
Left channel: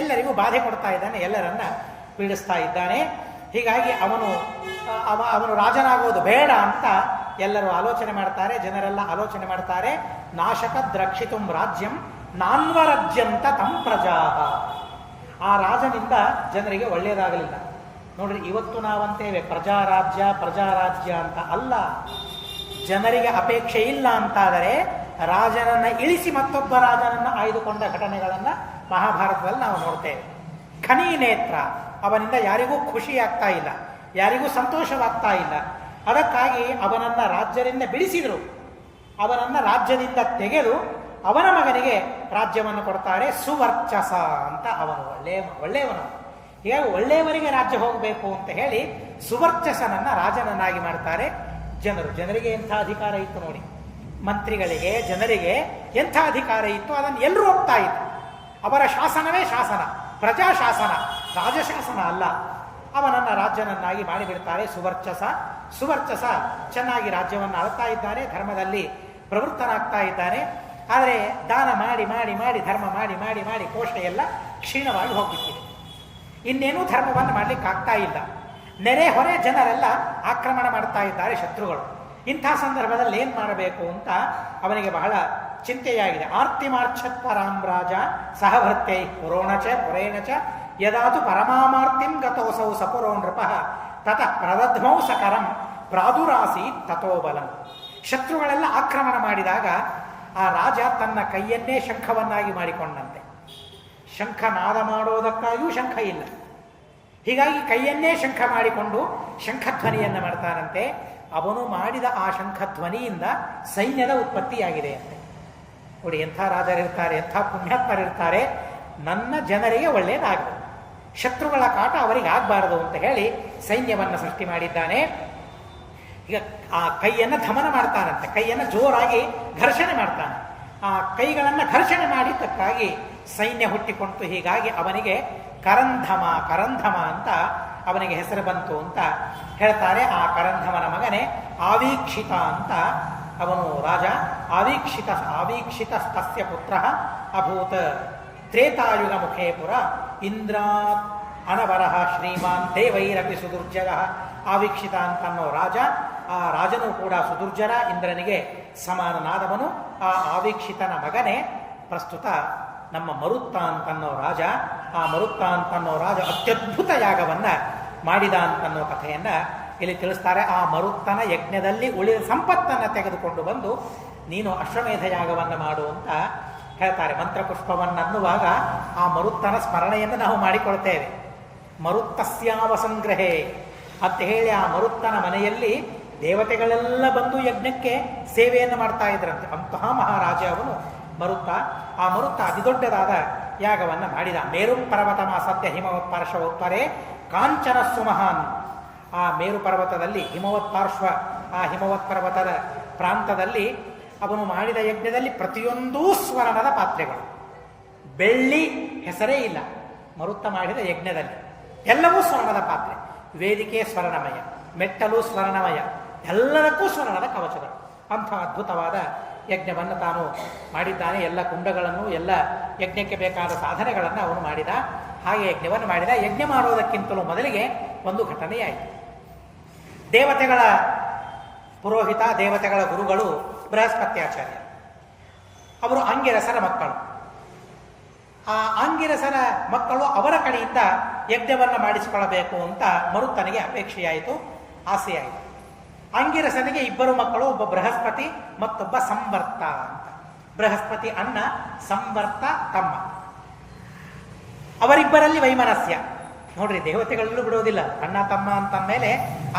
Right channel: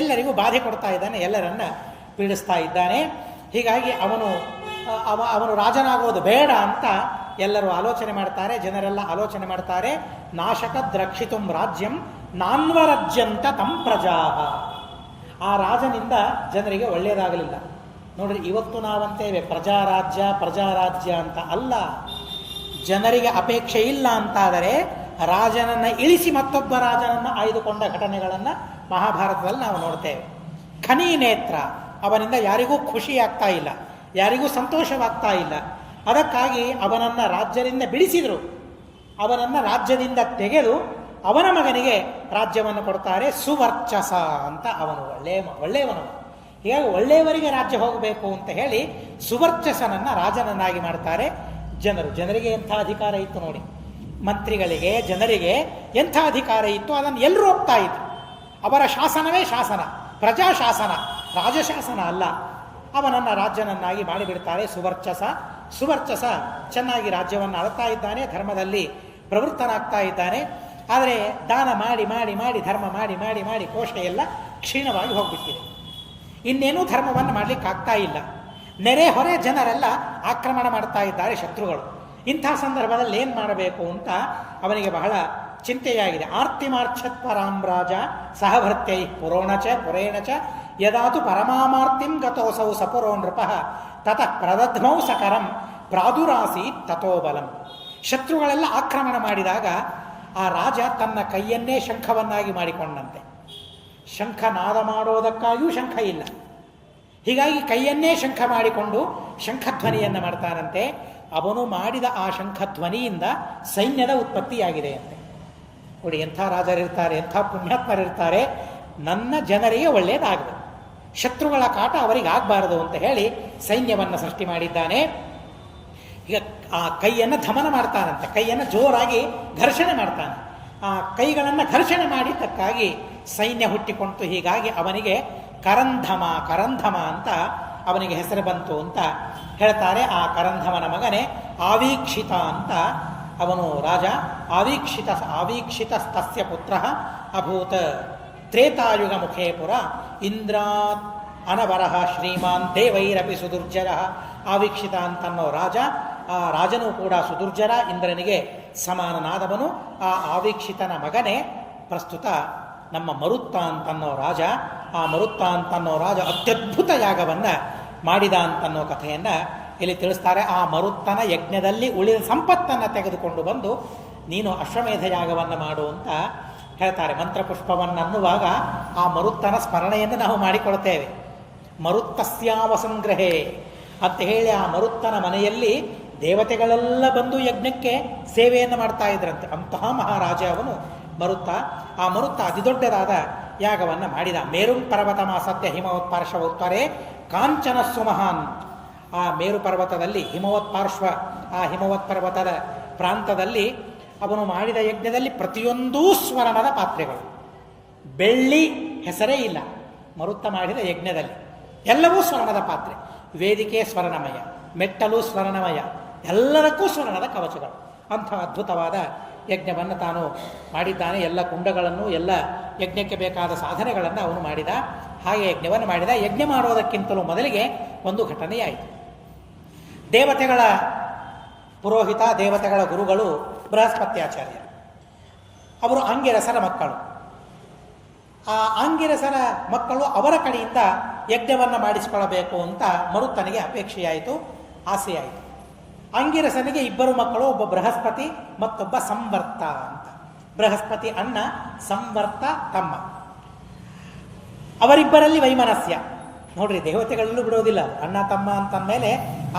ಎಲ್ಲರಿಗೂ ಬಾಧೆ ಕೊಡ್ತಾ ಇದ್ದಾನೆ, ಎಲ್ಲರನ್ನ ಪೀಡಿಸ್ತಾ ಇದ್ದಾನೆ. ಹೀಗಾಗಿ ಅವನು ರಾಜನಾಗೋದು ಬೇಡ ಅಂತ ಎಲ್ಲರೂ ಆಲೋಚನೆ ಮಾಡ್ತಾರೆ, ಜನರೆಲ್ಲ ಆಲೋಚನೆ ಮಾಡ್ತಾರೆ. ನಾಶಕದ್ ರಕ್ಷಿತುಂ ರಾಜ್ಯಂ ನಾನ್ವರಜ್ಯಂತ ತಂ ಪ್ರಜಾ. ಆ ರಾಜನಿಂದ ಜನರಿಗೆ ಒಳ್ಳೆಯದಾಗಲಿಲ್ಲ. ನೋಡ್ರಿ, ಇವತ್ತು ನಾವಂತೇವೆ ಪ್ರಜಾರಾಜ್ಯ ಅಂತ. ಅಲ್ಲ, ಜನರಿಗೆ ಅಪೇಕ್ಷೆ ಇಲ್ಲ ಅಂತಾದರೆ ರಾಜನನ್ನು ಇಳಿಸಿ ಮತ್ತೊಬ್ಬ ರಾಜನನ್ನು ಆಯ್ದುಕೊಂಡ ಘಟನೆಗಳನ್ನು ಮಹಾಭಾರತದಲ್ಲಿ ನಾವು ನೋಡ್ತೇವೆ. ಖನೀನೇತ್ರ, ಅವನಿಂದ ಯಾರಿಗೂ ಖುಷಿ ಆಗ್ತಾ ಇಲ್ಲ, ಯಾರಿಗೂ ಸಂತೋಷವಾಗ್ತಾ ಇಲ್ಲ. ಅದಕ್ಕಾಗಿ ಅವನನ್ನು ರಾಜ್ಯದಿಂದ ಬಿಡಿಸಿದರು. ಅವನನ್ನು ರಾಜ್ಯದಿಂದ ತೆಗೆದು ಅವನ ಮಗನಿಗೆ ರಾಜ್ಯವನ್ನು ಕೊಡ್ತಾರೆ. ಸುವರ್ಚಸ ಅಂತ, ಅವನು ಒಳ್ಳೆಯವನು. ಹೀಗಾಗಿ ಒಳ್ಳೆಯವರಿಗೆ ರಾಜ್ಯ ಹೋಗಬೇಕು ಅಂತ ಹೇಳಿ ಸುವರ್ಚಸನನ್ನು ರಾಜನನ್ನಾಗಿ ಮಾಡ್ತಾರೆ. ಜನರಿಗೆ ಎಂಥ ಅಧಿಕಾರ ಇತ್ತು ನೋಡಿ, ಮಂತ್ರಿಗಳಿಗೆ, ಜನರಿಗೆ ಎಂಥ ಅಧಿಕಾರ ಇತ್ತು, ಅದನ್ನು ಎಲ್ಲರೂ ಒಪ್ತಾ ಇತ್ತು. ಅವರ ಶಾಸನವೇ ಶಾಸನ, ಪ್ರಜಾಶಾಸನ, ರಾಜಶಾಸನ ಅಲ್ಲ. ಅವನನ್ನು ರಾಜ್ಯನನ್ನಾಗಿ ಮಾಡಿಬಿಡ್ತಾರೆ. ಸುವರ್ಚಸ ಚೆನ್ನಾಗಿ ರಾಜ್ಯವನ್ನು ಆಳ್ತಾ ಇದ್ದಾನೆ, ಧರ್ಮದಲ್ಲಿ ಪ್ರವೃತ್ತನಾಗ್ತಾ ಇದ್ದಾನೆ. ಆದರೆ ದಾನ ಮಾಡಿ ಮಾಡಿ ಮಾಡಿ, ಧರ್ಮ ಮಾಡಿ ಮಾಡಿ ಮಾಡಿ ಕೋಶ ಎಲ್ಲ ಕ್ಷೀಣವಾಗಿ ಹೋಗ್ಬಿಟ್ಟಿದೆ. ಇನ್ನೇನೂ ಧರ್ಮವನ್ನು ಮಾಡಲಿಕ್ಕಾಗ್ತಾ ಇಲ್ಲ. ನೆರೆ ಹೊರೆ ಜನರೆಲ್ಲ ಆಕ್ರಮಣ ಮಾಡ್ತಾ ಇದ್ದಾರೆ ಶತ್ರುಗಳು. ಇಂಥ ಸಂದರ್ಭದಲ್ಲಿ ಏನು ಮಾಡಬೇಕು ಅಂತ ಅವನಿಗೆ ಬಹಳ ಚಿಂತೆಯಾಗಿದೆ. ಆರ್ತಿಮಾರ್ಛತ್ವರಾಮ್ ರಾಜ ಸಹಭೃತ್ಯೈ ಪುರೇಣ ಚ ಯದಾತು ಪರಮಾಮಾರ್ತಿಂ ಗತೋಸೌ ಸಪುರೋ ನೃಪಃ ತತಃ ಪ್ರದಧ್ಮೌ ಸಕರಂ ಪ್ರಾದುರಾಸೀತ್ ತಥೋ ಬಲಂ. ಶತ್ರುಗಳೆಲ್ಲ ಆಕ್ರಮಣ ಮಾಡಿದಾಗ ಆ ರಾಜ ತನ್ನ ಕೈಯನ್ನೇ ಶಂಖವನ್ನಾಗಿ ಮಾಡಿಕೊಂಡಂತೆ. ಶಂಖನಾದ ಮಾಡೋದಕ್ಕಾಗಿಯೂ ಶಂಖ ಇಲ್ಲ, ಹೀಗಾಗಿ ಕೈಯನ್ನೇ ಶಂಖ ಮಾಡಿಕೊಂಡು ಶಂಖಧ್ವನಿಯನ್ನು ಮಾಡ್ತಾನಂತೆ. ಅವನು ಮಾಡಿದ ಆ ಶಂಖಧ್ವನಿಯಿಂದ ಸೈನ್ಯದ ಉತ್ಪತ್ತಿಯಾಗಿದೆ ಅಂತೆ. ನೋಡಿ, ಎಂಥ ರಾಜರಿರ್ತಾರೆ, ಎಂಥ ಪುಣ್ಯಾತ್ಮರಿರ್ತಾರೆ. ನನ್ನ ಜನರಿಗೆ ಒಳ್ಳೆಯದಾಗಬೇಕು, ಶತ್ರುಗಳ ಕಾಟ ಅವರಿಗೆ ಆಗಬಾರದು ಅಂತ ಹೇಳಿ ಸೈನ್ಯವನ್ನು ಸೃಷ್ಟಿ ಮಾಡಿದ್ದಾನೆ. ಈಗ ಆ ಕೈಯನ್ನು ಧಮನ ಮಾಡ್ತಾನಂತೆ, ಕೈಯನ್ನು ಜೋರಾಗಿ ಘರ್ಷಣೆ ಮಾಡ್ತಾನೆ. ಆ ಕೈಗಳನ್ನು ಘರ್ಷಣೆ ಮಾಡಿದ್ದಕ್ಕಾಗಿ ಸೈನ್ಯ ಹುಟ್ಟಿಕೊಂತು. ಹೀಗಾಗಿ ಅವನಿಗೆ ಕರಂಧಮ ಅಂತ ಅವನಿಗೆ ಹೆಸರು ಬಂತು ಅಂತ ಹೇಳ್ತಾರೆ. ಆ ಕರಂಧಮನ ಮಗನೇ ಆವೀಕ್ಷಿತ ಅಂತ ಅವನು ರಾಜ. ಆವೀಕ್ಷಿತ ತಸ್ಯ ಪುತ್ರ ಅಭೂತ್ ತ್ರೇತಾಯುಗ ಮುಖೇ ಪುರ ಇಂದ್ರಾತ್ ಅನವರಹ ಶ್ರೀಮಾನ್ ದೇವೈರಪಿ ಸುದುರ್ಜರ. ಆವೀಕ್ಷಿತ ಅಂತನ್ನೋ ರಾಜ, ಆ ರಾಜನೂ ಕೂಡ ಸುದುರ್ಜರ, ಇಂದ್ರನಿಗೆ ಸಮಾನನಾದವನು. ಆ ಆವೀಕ್ಷಿತನ ಮಗನೇ ಪ್ರಸ್ತುತ ನಮ್ಮ ಮರುತ್ತ ಅಂತನ್ನೋ ರಾಜ. ಆ ಮರುತ್ತ ಅಂತನ್ನೋ ರಾಜ ಅತ್ಯದ್ಭುತ ಯಾಗವನ್ನು ಮಾಡಿದ ಅಂತನ್ನೋ ಕಥೆಯನ್ನು ಇಲ್ಲಿ ತಿಳಿಸ್ತಾರೆ. ಆ ಮರುತ್ತನ ಯಜ್ಞದಲ್ಲಿ ಉಳಿದ ಸಂಪತ್ತನ್ನು ತೆಗೆದುಕೊಂಡು ಬಂದು ನೀನು ಅಶ್ವಮೇಧ ಯಾಗವನ್ನು ಮಾಡು ಅಂತ ಹೇಳ್ತಾರೆ. ಮಂತ್ರಪುಷ್ಪವನ್ನು ಅನ್ನುವಾಗ ಆ ಮರುತ್ತನ ಸ್ಮರಣೆಯನ್ನು ನಾವು ಮಾಡಿಕೊಳ್ತೇವೆ. ಮರುತ್ತಸ್ಯಾವ ಸಂಗ್ರಹೇ ಅಂತ ಹೇಳಿ ಆ ಮರುತ್ತನ ಮನೆಯಲ್ಲಿ ದೇವತೆಗಳೆಲ್ಲ ಬಂದು ಯಜ್ಞಕ್ಕೆ ಸೇವೆಯನ್ನು ಮಾಡ್ತಾ ಇದ್ರಂತೆ. ಅಂತಹ ಮಹಾರಾಜ ಅವನು ಮರುತ್ತ. ಆ ಮರುತ್ತ ಅತಿದೊಡ್ಡದಾದ ಯಾಗವನ್ನು ಮಾಡಿದ. ಮೇರು ಪರ್ವತ ಮಾಸತ್ಯ ಹಿಮವತ್ಪಾರ್ಶ್ವೋತ್ತರೇ ಕಾಂಚನ ಸುಮಹಾನ್. ಆ ಮೇರು ಪರ್ವತದಲ್ಲಿ ಆ ಹಿಮವತ್ ಪರ್ವತದ ಪ್ರಾಂತದಲ್ಲಿ ಅವನು ಮಾಡಿದ ಯಜ್ಞದಲ್ಲಿ ಪ್ರತಿಯೊಂದೂ ಸ್ವರ್ಣದ ಪಾತ್ರೆಗಳು, ಬೆಳ್ಳಿ ಹೆಸರೇ ಇಲ್ಲ. ಮರುತ್ತ ಮಾಡಿದ ಯಜ್ಞದಲ್ಲಿ ಎಲ್ಲವೂ ಸ್ವರ್ಣದ ಪಾತ್ರೆ. ವೇದಿಕೆ ಸ್ವರ್ಣಮಯ, ಮೆಟ್ಟಲು ಸ್ವರ್ಣಮಯ, ಎಲ್ಲದಕ್ಕೂ ಸ್ವರ್ಣದ ಕವಚಗಳು. ಅಂಥ ಅದ್ಭುತವಾದ ಯಜ್ಞವನ್ನು ತಾನು ಮಾಡಿದ್ದಾನೆ. ಎಲ್ಲ ಕುಂಡಗಳನ್ನು, ಎಲ್ಲ ಯಜ್ಞಕ್ಕೆ ಬೇಕಾದ ಸಾಧನೆಗಳನ್ನು ಅವನು ಮಾಡಿದ. ಹಾಗೆ ಯಜ್ಞವನ್ನು ಮಾಡಿದ. ಯಜ್ಞ ಮಾಡೋದಕ್ಕಿಂತಲೂ ಮೊದಲಿಗೆ ಒಂದು ಘಟನೆಯಾಯಿತು. ದೇವತೆಗಳ ಪುರೋಹಿತ, ದೇವತೆಗಳ ಗುರುಗಳು ಬೃಹಸ್ಪತ್ಯಾಚಾರ್ಯ. ಅವರು ಆಂಗಿರಸರ ಮಕ್ಕಳು. ಆ ಆಂಗಿರಸನ ಮಕ್ಕಳು ಅವರ ಕಡೆಯಿಂದ ಯಜ್ಞವನ್ನು ಮಾಡಿಸಿಕೊಳ್ಳಬೇಕು ಅಂತ ಮರುತ್ತನಿಗೆ ಅಪೇಕ್ಷೆಯಾಯಿತು, ಆಸೆಯಾಯಿತು. ಆಂಗಿರಸನಿಗೆ ಇಬ್ಬರು ಮಕ್ಕಳು, ಒಬ್ಬ ಬೃಹಸ್ಪತಿ ಮತ್ತೊಬ್ಬ ಸಂವರ್ತ ಅಂತ. ಬೃಹಸ್ಪತಿ ಅಣ್ಣ, ಸಂವರ್ತ ತಮ್ಮ. ಅವರಿಬ್ಬರಲ್ಲಿ ವೈಮನಸ್ಯ. ನೋಡ್ರಿ, ದೇವತೆಗಳಲ್ಲೂ ಬಿಡೋದಿಲ್ಲ. ಅಣ್ಣ ತಮ್ಮ ಅಂತಂದಮೇಲೆ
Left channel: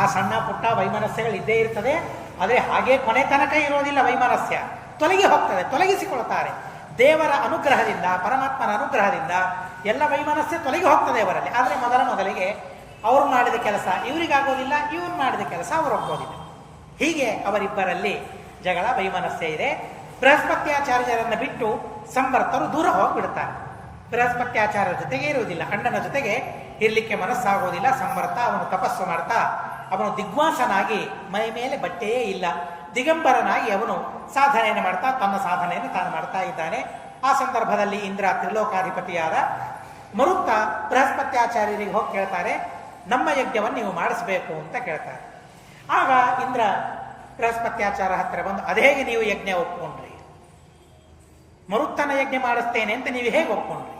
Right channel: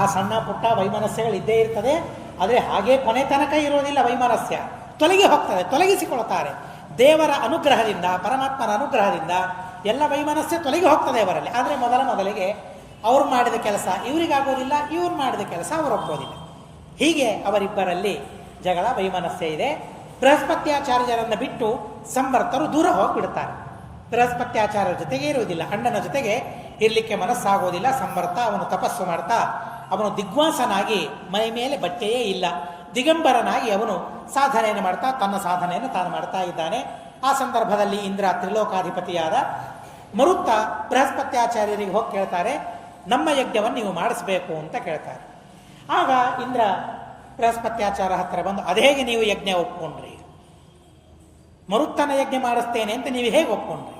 ಆ ಸಣ್ಣ ಪುಟ್ಟ ವೈಮನಸ್ಯಗಳು ಇದ್ದೇ ಇರ್ತದೆ. ಆದರೆ ಹಾಗೆ ಕೊನೆ ತನಕ ಇರೋದಿಲ್ಲ. ವೈಮನಸ್ಯ ತೊಲಗಿ ಹೋಗ್ತದೆ, ತೊಲಗಿಸಿಕೊಳ್ತಾರೆ. ದೇವರ ಅನುಗ್ರಹದಿಂದ, ಪರಮಾತ್ಮನ ಅನುಗ್ರಹದಿಂದ ಎಲ್ಲ ವೈಮನಸ್ಯ ತೊಲಗಿ ಹೋಗ್ತದೆ ಅವರಲ್ಲಿ. ಆದರೆ ಮೊದಲಿಗೆ ಅವ್ರು ಮಾಡಿದ ಕೆಲಸ ಇವರಿಗಾಗೋದಿಲ್ಲ, ಇವ್ರು ಮಾಡಿದ ಕೆಲಸ ಅವರು ಒಪ್ಪೋದಿಲ್ಲ. ಹೀಗೆ ಅವರಿಬ್ಬರಲ್ಲಿ ಜಗಳ, ವೈಮನಸ್ಯ ಇದೆ. ಬೃಹಸ್ಪತ್ಯಾಚಾರ್ಯರನ್ನು ಬಿಟ್ಟು ಸಂವರ್ತರು ದೂರ ಹೋಗಿಬಿಡ್ತಾರೆ. ಬೃಹಸ್ಪತ್ಯಾಚಾರ್ಯರ ಜೊತೆಗೆ ಇರುವುದಿಲ್ಲ, ಅಣ್ಣನ ಜೊತೆಗೆ ಇರಲಿಕ್ಕೆ ಮನಸ್ಸಾಗೋದಿಲ್ಲ. ಸಂವರ್ತ ಅವನು ತಪಸ್ಸು ಮಾಡ್ತಾ, ಅವನು ದಿಗ್ವಾಸನಾಗಿ, ಮೈ ಮೇಲೆ ಬಟ್ಟೆಯೇ ಇಲ್ಲ, ದಿಗಂಬರನಾಗಿ ಅವನು ಸಾಧನೆಯನ್ನು ಮಾಡ್ತಾ ತನ್ನ ಸಾಧನೆಯನ್ನು ತಾನು ಮಾಡ್ತಾ ಇದ್ದಾನೆ. ಆ ಸಂದರ್ಭದಲ್ಲಿ ಇಂದ್ರ, ತ್ರಿಲೋಕಾಧಿಪತಿಯಾದ ಮರುತ್ತ ಬೃಹಸ್ಪತ್ಯಾಚಾರ್ಯರಿಗೆ ಹೋಗಿ ಕೇಳ್ತಾರೆ, ನಮ್ಮ ಯಜ್ಞವನ್ನು ನೀವು ಮಾಡಿಸ್ಬೇಕು ಅಂತ ಕೇಳ್ತಾರೆ. ಆಗ ಇಂದ್ರ ಬೃಹಸ್ಪತ್ಯಾಚಾರ ಹತ್ತಿರ ಬಂದು, ಅದೇಗೆ ನೀವು ಯಜ್ಞ ಒಪ್ಕೊಂಡ್ರಿ? ಮರುತ್ತನ ಯಜ್ಞ ಮಾಡಿಸ್ತೇನೆ ಅಂತ ನೀವು ಹೇಗೆ ಒಪ್ಕೊಂಡ್ರಿ?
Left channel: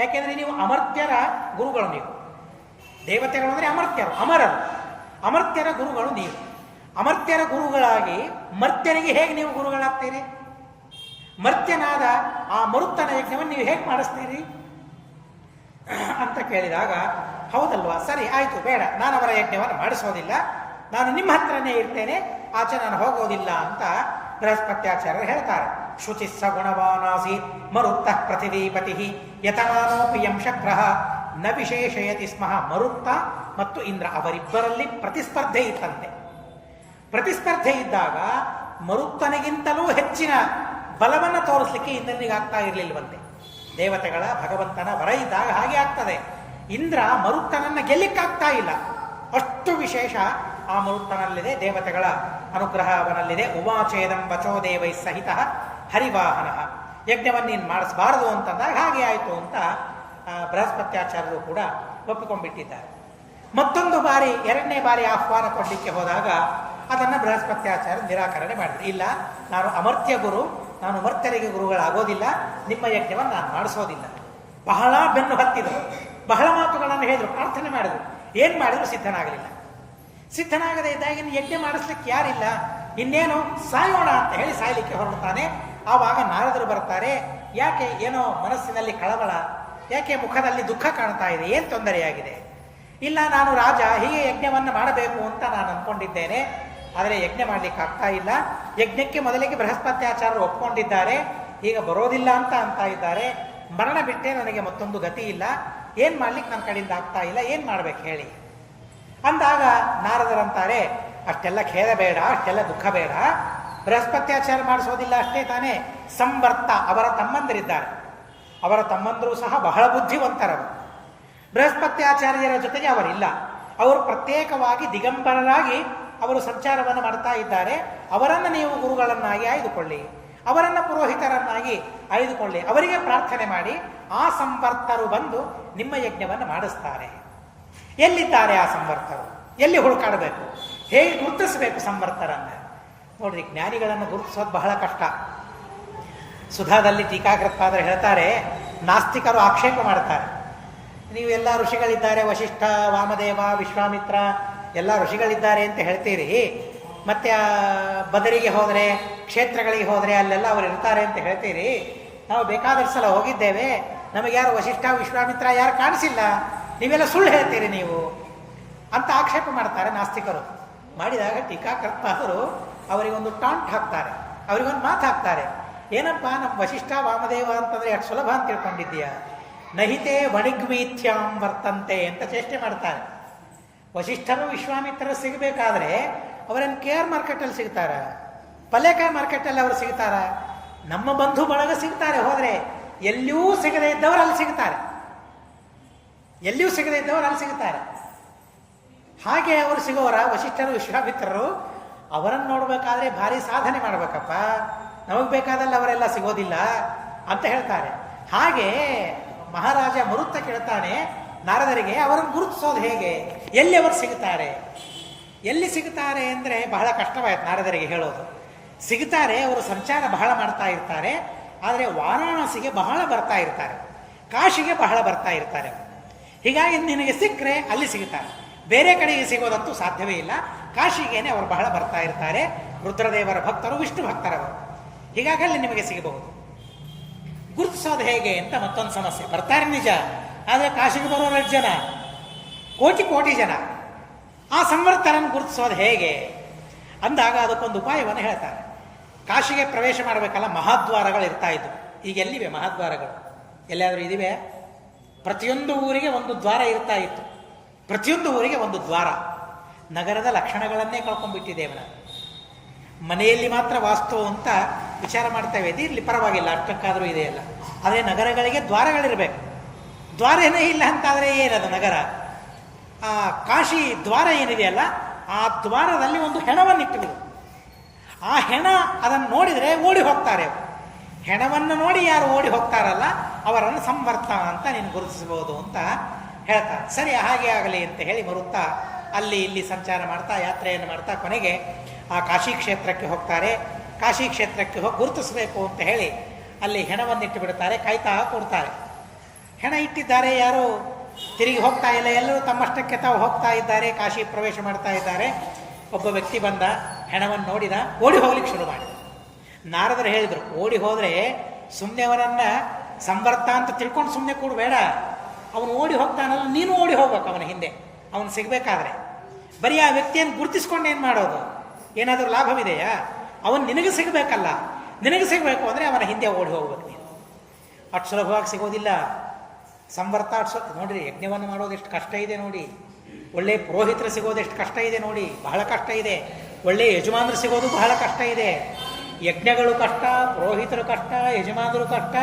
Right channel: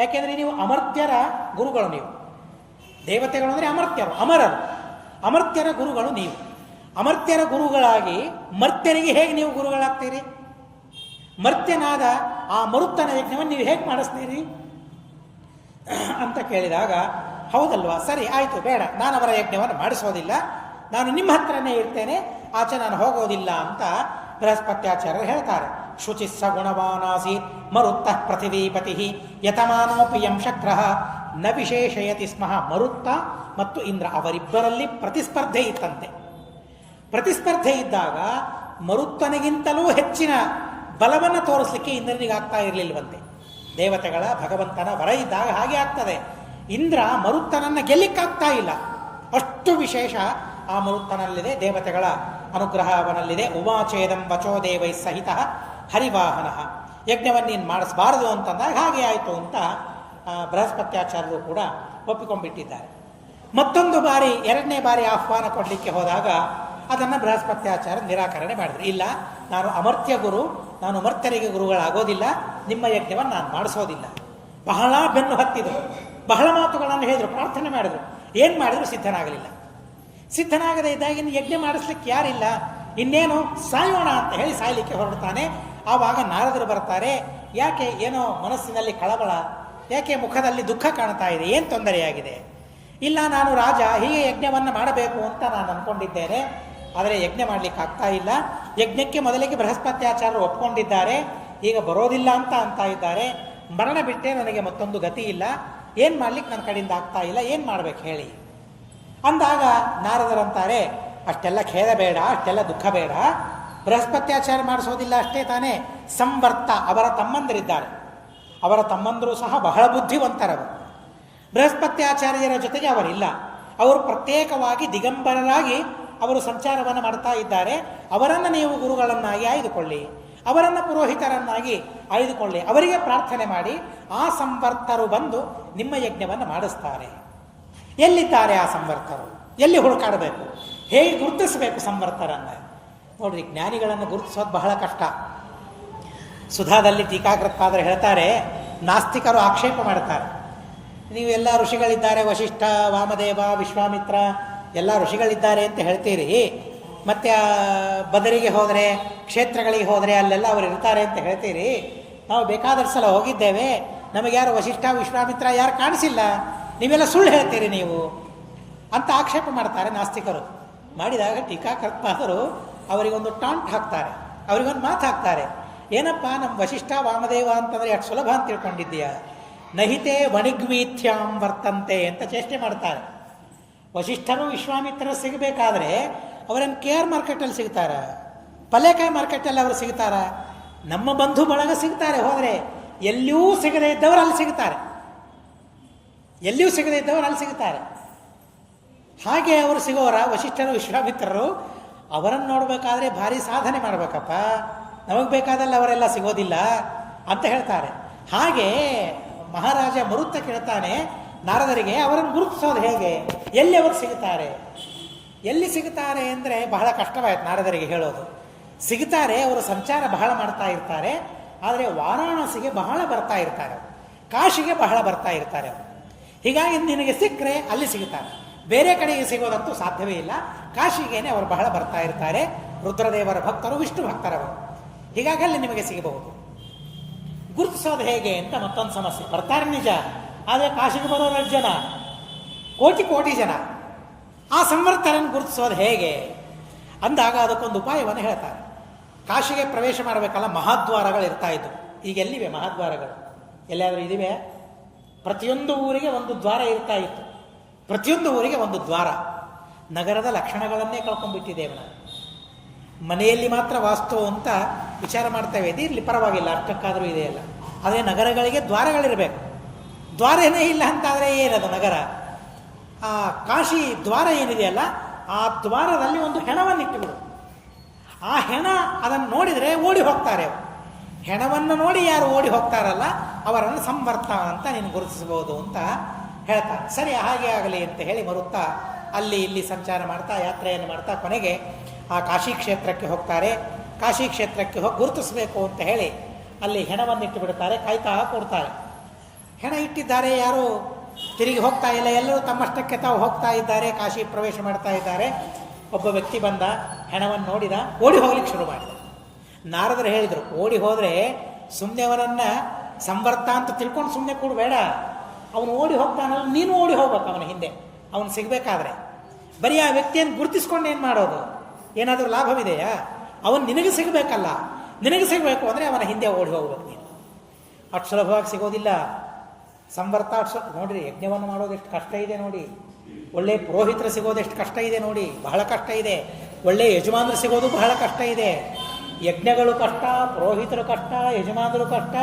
ಯಾಕೆಂದ್ರೆ ನೀವು ಅಮರ್ತ್ಯರ ಗುರುಗಳು. ನೀವು ದೇವತೆಗಳು ಅಂದರೆ ಅಮರ್ತ್ಯರು, ಅಮರರು. ಅಮರ್ತ್ಯರ ಗುರುಗಳು ನೀವು. ಅಮರ್ತ್ಯರ ಗುರುಗಳಾಗಿ ಮರ್ತ್ಯರಿಗೆ ಹೇಗೆ ನೀವು ಗುರುಗಳಾಗ್ತೀರಿ? ಮರ್ತ್ಯನಾದ ಆ ಮರುತ್ತನ ಯಜ್ಞವನ್ನು ನೀವು ಹೇಗೆ ಮಾಡಿಸ್ತೀರಿ ಅಂತ ಕೇಳಿದಾಗ, ಹೌದಲ್ವಾ, ಸರಿ ಆಯಿತು, ಬೇಡ, ನಾನು ಅವರ ಯಜ್ಞವನ್ನು ಮಾಡಿಸೋದಿಲ್ಲ, ನಾನು ನಿಮ್ಮ ಹತ್ರನೇ ಇರ್ತೇನೆ, ಆಚೆ ನಾನು ಹೋಗೋದಿಲ್ಲ ಅಂತ ಬೃಹಸ್ಪತ್ಯಾಚಾರ್ಯರು ಹೇಳ್ತಾರೆ. ಶುಚಿಸ್ಸ ಗುಣವಾನಾಸಿ ಮರುತ್ತ ಪೃಥಿವೀಪತಿ ಯತಮಾನೋಪಿ ಯಂ ಶಕ್ರಃ ನ ವಿಶೇಷಯತಿ ಸ್ಮಃ. ಮರುತ್ತ ಮತ್ತು ಇಂದ್ರ ಅವರಿಬ್ಬರಲ್ಲಿ ಪ್ರತಿಸ್ಪರ್ಧೆ ಇತ್ತಂತೆ. ಪ್ರತಿಸ್ಪರ್ಧೆ ಇದ್ದಾಗ ಮರುತ್ತನಿಗಿಂತಲೂ ಹೆಚ್ಚಿನ ಬಲವನ್ನು ತೋರಿಸಲಿಕ್ಕೆ ಇಂದ್ರನಿಗಾಗ್ತಾ ಇರಲಿಲ್ಲವಂತೆ. ದೇವತೆಗಳ, ಭಗವಂತನ ವರ ಇದ್ದಾಗ ಹಾಗೆ ಆಗ್ತದೆ. ಇಂದ್ರ ಮರುತ್ತನನ್ನು ಗೆಲ್ಲಿಕ್ಕಾಗ್ತಾ ಇಲ್ಲ. ಅಷ್ಟು ವಿಶೇಷ ಆ ಮರುತ್ತನಲ್ಲಿದೆ, ದೇವತೆಗಳ ಅನುಗ್ರಹ ಅವನಲ್ಲಿದೆ. ಉವಾಚೇದಂ ವಚೋ ದೇವೈ ಸಹಿತ ಹರಿವಾಹನ. ಯಜ್ಞವನ್ನು ನೀನು ಮಾಡಿಸಬಾರದು ಅಂತಂದಾಗ ಹಾಗೆ ಆಯಿತು ಅಂತ ಬೃಹಸ್ಪತ್ಯಾಚಾರ್ಯರು ಕೂಡ ಒಪ್ಪಿಕೊಂಡ್ಬಿಟ್ಟಿದ್ದಾರೆ. ಮತ್ತೊಂದು ಬಾರಿ, ಎರಡನೇ ಬಾರಿ ಆಹ್ವಾನ ಕೊಡಲಿಕ್ಕೆ ಹೋದಾಗ ಅದನ್ನು ಬೃಹಸ್ಪತ್ಯಾಚಾರ್ಯ ನಿರಾಕರಣೆ ಮಾಡಿದ್ರು. ಇಲ್ಲ, ನಾನು ಅಮರ್ತ್ಯ ಗುರು, ನಾನು ಮರ್ತರಿಗೆ ಗುರುಗಳಾಗೋದಿಲ್ಲ, ನಿಮ್ಮ ಯಜ್ಞವನ್ನು ನಾನು ಮಾಡಿಸೋದಿಲ್ಲ. ಬಹಳ ಬೆನ್ನು ಹತ್ತಿದರು, ಬಹಳ ಮಾತುಗಳನ್ನು ಹೇಳಿದರು, ಪ್ರಾರ್ಥನೆ ಮಾಡಿದರು. ಏನು ಮಾಡಿದ್ರು ಸಿದ್ಧನಾಗಲಿಲ್ಲ. ಸಿದ್ಧನಾಗದೇ ಇದ್ದಾಗ ಇನ್ನು ಯಜ್ಞ ಮಾಡಿಸ್ಲಿಕ್ಕೆ ಯಾರಿಲ್ಲ, ಇನ್ನೇನು ಸಾಯೋಣ ಅಂತ ಹೇಳಿ ಸಾಯಲಿಕ್ಕೆ ಹೊರಡ್ತಾನೆ. ಆವಾಗ ನಾರದರು ಬರ್ತಾರೆ. ಯಾಕೆ, ಏನೋ ಮನಸ್ಸಿನಲ್ಲಿ ಕಳವಳ, ಯಾಕೆ ಮುಖದಲ್ಲಿ ದುಃಖ ಕಾಣ್ತಾ ಇದೆ, ಏನು ತೊಂದರೆಯಾಗಿದೆ? ಇಲ್ಲ, ನಾನು ರಾಜ, ಹೀಗೆ ಯಜ್ಞವನ್ನು ಮಾಡಬೇಕು ಅಂತ ನಾನು ಅಂದ್ಕೊಂಡಿದ್ದೇನೆ, ಆದರೆ ಯಜ್ಞ ಮಾಡಲಿಕ್ಕೆ ಆಗ್ತಾ ಇಲ್ಲ. ಯಜ್ಞಕ್ಕೆ ಮೊದಲಿಗೆ ಬೃಹಸ್ಪತ್ಯಾಚಾರ್ಯರು ಒಪ್ಕೊಂಡಿದ್ದಾರೆ, ಈಗ ಬರೋದಿಲ್ಲ ಅಂತ ಇದ್ದಾರೆ. ಮರಣ ಬಿಟ್ಟೆ ನನಗೆ ಮತ್ತೊಂದು ಗತಿ ಇಲ್ಲ, ಏನು ಮಾಡ್ಲಿಕ್ಕೆ ನನ್ನ ಕಡೆಯಿಂದ ಆಗ್ತಾ ಇಲ್ಲ, ಏನು ಮಾಡ್ಬೇಕು ಹೇಳಿ ಅಂದಾಗ ನಾರದರಂತಾರೆ, ಅಷ್ಟೆಲ್ಲ ಖೇದ ಬೇಡ, ಅಷ್ಟೆಲ್ಲ ದುಃಖ ಬೇಡ, ಬೃಹಸ್ಪತ್ಯಾಚಾರ ಮಾಡಿಸೋದಿಲ್ಲ ಅಷ್ಟೇ ತಾನೇ, ಸಂವರ್ತ ಅವರ ತಮ್ಮಂದಿರಿದ್ದಾರೆ, ಅವರ ತಮ್ಮಂದರು ಸಹ ಬಹಳ ಬುದ್ಧಿವಂತರರು. ಬೃಹಸ್ಪತ್ಯಾಚಾರ್ಯರ ಜೊತೆಗೆ ಅವರಿಲ್ಲ, ಅವರು ಪ್ರತ್ಯೇಕವಾಗಿ ದಿಗಂಬರರಾಗಿ ಅವರು ಸಂಚಾರವನ್ನು ಮಾಡ್ತಾ ಇದ್ದಾರೆ. ಅವರನ್ನು ನೀವು ಗುರುಗಳನ್ನಾಗಿ ಆಯ್ದುಕೊಳ್ಳಿ, ಅವರನ್ನು ಪುರೋಹಿತರನ್ನಾಗಿ ಆಯ್ದುಕೊಳ್ಳಿ, ಅವರಿಗೆ ಪ್ರಾರ್ಥನೆ ಮಾಡಿ ಆ ಸಂವರ್ತರು ಬಂದು ನಿಮ್ಮ ಯಜ್ಞವನ್ನು ಮಾಡಿಸ್ತಾರೆ. ಎಲ್ಲಿದ್ದಾರೆ ಆ ಸಂವರ್ತರು? ಎಲ್ಲಿ ಹುಡುಕಾಡಬೇಕು? ಹೇಗೆ ಗುರುತಿಸಬೇಕು ಸಂವರ್ತರನ್ನು? ನೋಡ್ರಿ, ಜ್ಞಾನಿಗಳನ್ನು ಗುರುತಿಸೋದು ಬಹಳ ಕಷ್ಟ. ಸುಧಾದಲ್ಲಿ ಟೀಕಾಕೃತ್ಪಾದರು ಹೇಳ್ತಾರೆ, ನಾಸ್ತಿಕರು ಆಕ್ಷೇಪ ಮಾಡ್ತಾರೆ, ನೀವು ಎಲ್ಲ ಋಷಿಗಳಿದ್ದಾರೆ, ವಶಿಷ್ಠ, ವಾಮದೇವ, ವಿಶ್ವಾಮಿತ್ರ ಎಲ್ಲ ಋಷಿಗಳಿದ್ದಾರೆ ಅಂತ ಹೇಳ್ತೀರಿ. ಮತ್ತು ಬದರಿಗೆ ಹೋದರೆ, ಕ್ಷೇತ್ರಗಳಿಗೆ ಹೋದರೆ ಅಲ್ಲೆಲ್ಲ ಅವರು ಇರ್ತಾರೆ ಅಂತ ಹೇಳ್ತೀರಿ. ನಾವು ಬೇಕಾದಷ್ಟು ಸಲ ಹೋಗಿದ್ದೇವೆ, ನಮಗೆ ಯಾರು ವಶಿಷ್ಠ, ವಿಶ್ವಾಮಿತ್ರ ಯಾರು ಕಾಣಿಸಿಲ್ಲ, ನೀವೆಲ್ಲ ಸುಳ್ಳು ಹೇಳ್ತೀರಿ ನೀವು ಅಂತ ಆಕ್ಷೇಪ ಮಾಡ್ತಾರೆ ನಾಸ್ತಿಕರು. ಮಾಡಿದಾಗ ಟೀಕಾಕರ್ತಾದರು ಅವರಿಗೊಂದು ಟಾಂಟ್ ಹಾಕ್ತಾರೆ, ಅವರಿಗೊಂದು ಮಾತು ಹಾಕ್ತಾರೆ. ಏನಪ್ಪ, ನಮ್ಮ ವಶಿಷ್ಠ ವಾಮದೇವ ಅಂತಂದರೆ ಎಷ್ಟು ಸುಲಭ ಅಂತ ತಿಳ್ಕೊಂಡಿದ್ದೀಯ, ನಹಿತೆ ವಣಿಗ್ವೀಥ್ಯಾಂ ವರ್ತಂತೆ ಅಂತ ಚೇಷ್ಟೆ ಮಾಡ್ತಾರೆ. ವಶಿಷ್ಠರು ವಿಶ್ವಾಮಿತ್ರರು ಸಿಗಬೇಕಾದ್ರೆ ಅವರನ್ನು KR ಮಾರ್ಕೆಟಲ್ಲಿ ಸಿಗ್ತಾರ, ಪಲ್ಲೇಕಾಯಿ ಮಾರ್ಕೆಟಲ್ಲಿ ಅವರು ಸಿಗ್ತಾರ, ನಮ್ಮ ಬಂಧು ಬಳಗ ಸಿಗ್ತಾರೆ. ಹೋದರೆ ಎಲ್ಲಿಯೂ ಸಿಗದೇ ಇದ್ದವರು ಅಲ್ಲಿ ಸಿಗ್ತಾರೆ, ಎಲ್ಲಿಯೂ ಸಿಗದೇ ಇದ್ದವರು ಅಲ್ಲಿ ಸಿಗ್ತಾರೆ. ಹಾಗೆ ಅವರು ಸಿಗೋರ ವಶಿಷ್ಠರು ವಿಶ್ವಾಮಿತ್ರರು. ಅವರನ್ನು ನೋಡಬೇಕಾದ್ರೆ ಭಾರಿ ಸಾಧನೆ ಮಾಡಬೇಕಪ್ಪ, ನಮಗೆ ಬೇಕಾದಲ್ಲಿ ಅವರೆಲ್ಲ ಸಿಗೋದಿಲ್ಲ ಅಂತ ಹೇಳ್ತಾರೆ. ಹಾಗೆ ಮಹಾರಾಜ ಮರುತ್ತ ಕೇಳ್ತಾನೆ ನಾರದರಿಗೆ, ಅವರನ್ನು ಗುರುತಿಸೋದು ಹೇಗೆ, ಎಲ್ಲಿ ಅವರು ಸಿಗುತ್ತಾರೆ, ಎಲ್ಲಿ ಸಿಗುತ್ತಾರೆ ಅಂದರೆ ಬಹಳ ಕಷ್ಟವಾಯ್ತು ನಾರದರಿಗೆ ಹೇಳೋದು. ಸಿಗುತ್ತಾರೆ, ಅವರು ಸಂಚಾರ ಬಹಳ ಮಾಡ್ತಾ ಇರ್ತಾರೆ. ಆದರೆ ವಾರಾಣಸಿಗೆ ಬಹಳ ಬರ್ತಾ ಇರ್ತಾರೆ, ಕಾಶಿಗೆ ಬಹಳ ಬರ್ತಾ ಇರ್ತಾರೆ. ಹೀಗಾಗಿ ನಿನಗೆ ಸಿಕ್ಕರೆ ಅಲ್ಲಿ ಸಿಗುತ್ತಾರೆ, ಬೇರೆ ಕಡೆಗೆ ಸಿಗೋದಂತೂ ಸಾಧ್ಯವೇ ಇಲ್ಲ. ಕಾಶಿಗೇನೆ ಅವರು ಬಹಳ ಬರ್ತಾ ಇರ್ತಾರೆ. ರುದ್ರದೇವರ ಭಕ್ತರು, ವಿಷ್ಣು ಭಕ್ತರವರು. ಹೀಗಾಗಿ ಅಲ್ಲಿ ನಿಮಗೆ ಸಿಗಬಹುದು. ಗುರುತಿಸೋದು ಹೇಗೆ ಅಂತ ಮತ್ತೊಂದು ಸಮಸ್ಯೆ. ಬರ್ತಾರೆ ನಿಜ, ಆದರೆ ಕಾಶಿಗೆ ಬರೋರು ಎಷ್ಟು ಜನ, ಕೋಟಿ ಕೋಟಿ ಜನ. ಆ ಸಂವರ್ತರನ್ನು ಗುರುತಿಸೋದು ಹೇಗೆ ಅಂದಾಗ ಅದಕ್ಕೊಂದು ಉಪಾಯವನ್ನು ಹೇಳ್ತಾರೆ. ಕಾಶಿಗೆ ಪ್ರವೇಶ ಮಾಡಬೇಕಲ್ಲ, ಮಹಾದ್ವಾರಗಳು ಇರ್ತಾ ಇದ್ವು. ಈಗ ಎಲ್ಲಿವೆ ಮಹಾದ್ವಾರಗಳು? ಎಲ್ಲಾದರೂ ಇದಿವೆ? ಪ್ರತಿಯೊಂದು ಊರಿಗೆ ಒಂದು ದ್ವಾರ ಇರ್ತಾ ಇತ್ತು, ಪ್ರತಿಯೊಂದು ಊರಿಗೆ ಒಂದು ದ್ವಾರ. ನಗರದ ಲಕ್ಷಣಗಳನ್ನೇ ಕಳ್ಕೊಂಡ್ಬಿಟ್ಟಿದ್ದೇವೆ ನಾವು. ಮನೆಯಲ್ಲಿ ಮಾತ್ರ ವಾಸ್ತು ಅಂತ ವಿಚಾರ ಮಾಡ್ತೇವೆ, ಇಲ್ಲಿ ಪರವಾಗಿಲ್ಲ, ಅಷ್ಟಕ್ಕಾದರೂ ಇದೆಯಲ್ಲ. ಆದರೆ ನಗರಗಳಿಗೆ ದ್ವಾರಗಳಿರಬೇಕು. ದ್ವಾರನೇ ಇಲ್ಲ ಅಂತಾದರೆ ಏನದು ನಗರ? ಆ ಕಾಶಿ ದ್ವಾರ ಏನಿದೆಯಲ್ಲ, ಆ ದ್ವಾರದಲ್ಲಿ ಒಂದು ಹೆಣವನ್ನು ಇಟ್ಟುಬಿಡು. ಆ ಹೆಣ ಅದನ್ನು ನೋಡಿದರೆ ಓಡಿ ಹೋಗ್ತಾರೆ. ಹೆಣವನ್ನು ನೋಡಿ ಯಾರು ಓಡಿ ಹೋಗ್ತಾರಲ್ಲ ಅವರನ್ನು ಸಂವರ್ತ ಅಂತ ನೀನು ಗುರುತಿಸಬಹುದು ಅಂತ ಹೇಳ್ತಾರೆ. ಸರಿ, ಹಾಗೆ ಆಗಲಿ ಅಂತ ಹೇಳಿ ಬರುತ್ತಾ ಅಲ್ಲಿ ಇಲ್ಲಿ ಸಂಚಾರ ಮಾಡ್ತಾ ಯಾತ್ರೆಯನ್ನು ಮಾಡ್ತಾ ಕೊನೆಗೆ ಆ ಕಾಶಿ ಕ್ಷೇತ್ರಕ್ಕೆ ಹೋಗ್ತಾರೆ. ಕಾಶಿ ಕ್ಷೇತ್ರಕ್ಕೆ ಹೋಗಿ ಗುರುತಿಸಬೇಕು ಅಂತ ಹೇಳಿ ಅಲ್ಲಿ ಹೆಣವನ್ನು ಇಟ್ಟು ಬಿಡ್ತಾರೆ, ಕಾಯ್ತಾ ಕೊಡ್ತಾರೆ. ಹೆಣ ಇಟ್ಟಿದ್ದಾರೆ, ಯಾರು ತಿರುಗಿ ಹೋಗ್ತಾ ಇಲ್ಲ, ಎಲ್ಲರೂ ತಮ್ಮಷ್ಟಕ್ಕೆ ತಾವು ಹೋಗ್ತಾ ಇದ್ದಾರೆ, ಕಾಶಿ ಪ್ರವೇಶ ಮಾಡ್ತಾ ಇದ್ದಾರೆ. ಒಬ್ಬ ವ್ಯಕ್ತಿ ಬಂದ, ಹೆಣವನ್ನು ನೋಡಿದ, ಓಡಿ ಹೋಗ್ಲಿಕ್ಕೆ ಶುರು ಮಾಡಿದ. ನಾರದರು ಹೇಳಿದರು, ಓಡಿ ಹೋದರೆ ಸುಮ್ಮನೆ ಅವನನ್ನು ಸಂವರ್ತ ಅಂತ ತಿಳ್ಕೊಂಡು ಸುಮ್ಮನೆ ಕೂಡಬೇಡ, ಅವನು ಓಡಿ ಹೋಗ್ತಾನಲ್ಲ, ನೀನು ಓಡಿ ಹೋಗ್ಬೇಕು ಅವನ ಹಿಂದೆ, ಅವನು ಸಿಗಬೇಕಾದ್ರೆ. ಬರೀ ಆ ವ್ಯಕ್ತಿಯನ್ನು ಗುರುತಿಸ್ಕೊಂಡು ಏನು ಮಾಡೋದು? ಏನಾದರೂ ಲಾಭವಿದೆಯಾ? ಅವನು ನಿನಗೆ ಸಿಗಬೇಕಲ್ಲ, ನಿನಗೆ ಸಿಗಬೇಕು ಅಂದರೆ ಅವನ ಹಿಂದೆ ಓಡಿ ಹೋಗ್ಬೇಕು ನೀನು. ಅಷ್ಟು ಸುಲಭವಾಗಿ ಸಿಗೋದಿಲ್ಲ ಸಂವರ್ತ. ನೋಡಿರಿ, ಯಜ್ಞವನ್ನು ಮಾಡೋದು ಎಷ್ಟು ಕಷ್ಟ ಇದೆ ನೋಡಿ. ಒಳ್ಳೆ ಪುರೋಹಿತರು ಸಿಗೋದು ಎಷ್ಟು ಕಷ್ಟ ಇದೆ ನೋಡಿ, ಬಹಳ ಕಷ್ಟ ಇದೆ. ಒಳ್ಳೆ ಯಜಮಾನರು ಸಿಗೋದು ಬಹಳ ಕಷ್ಟ ಇದೆ. ಯಜ್ಞಗಳು ಕಷ್ಟ, ಪುರೋಹಿತರು ಕಷ್ಟ, ಯಜಮಾನರು ಕಷ್ಟ,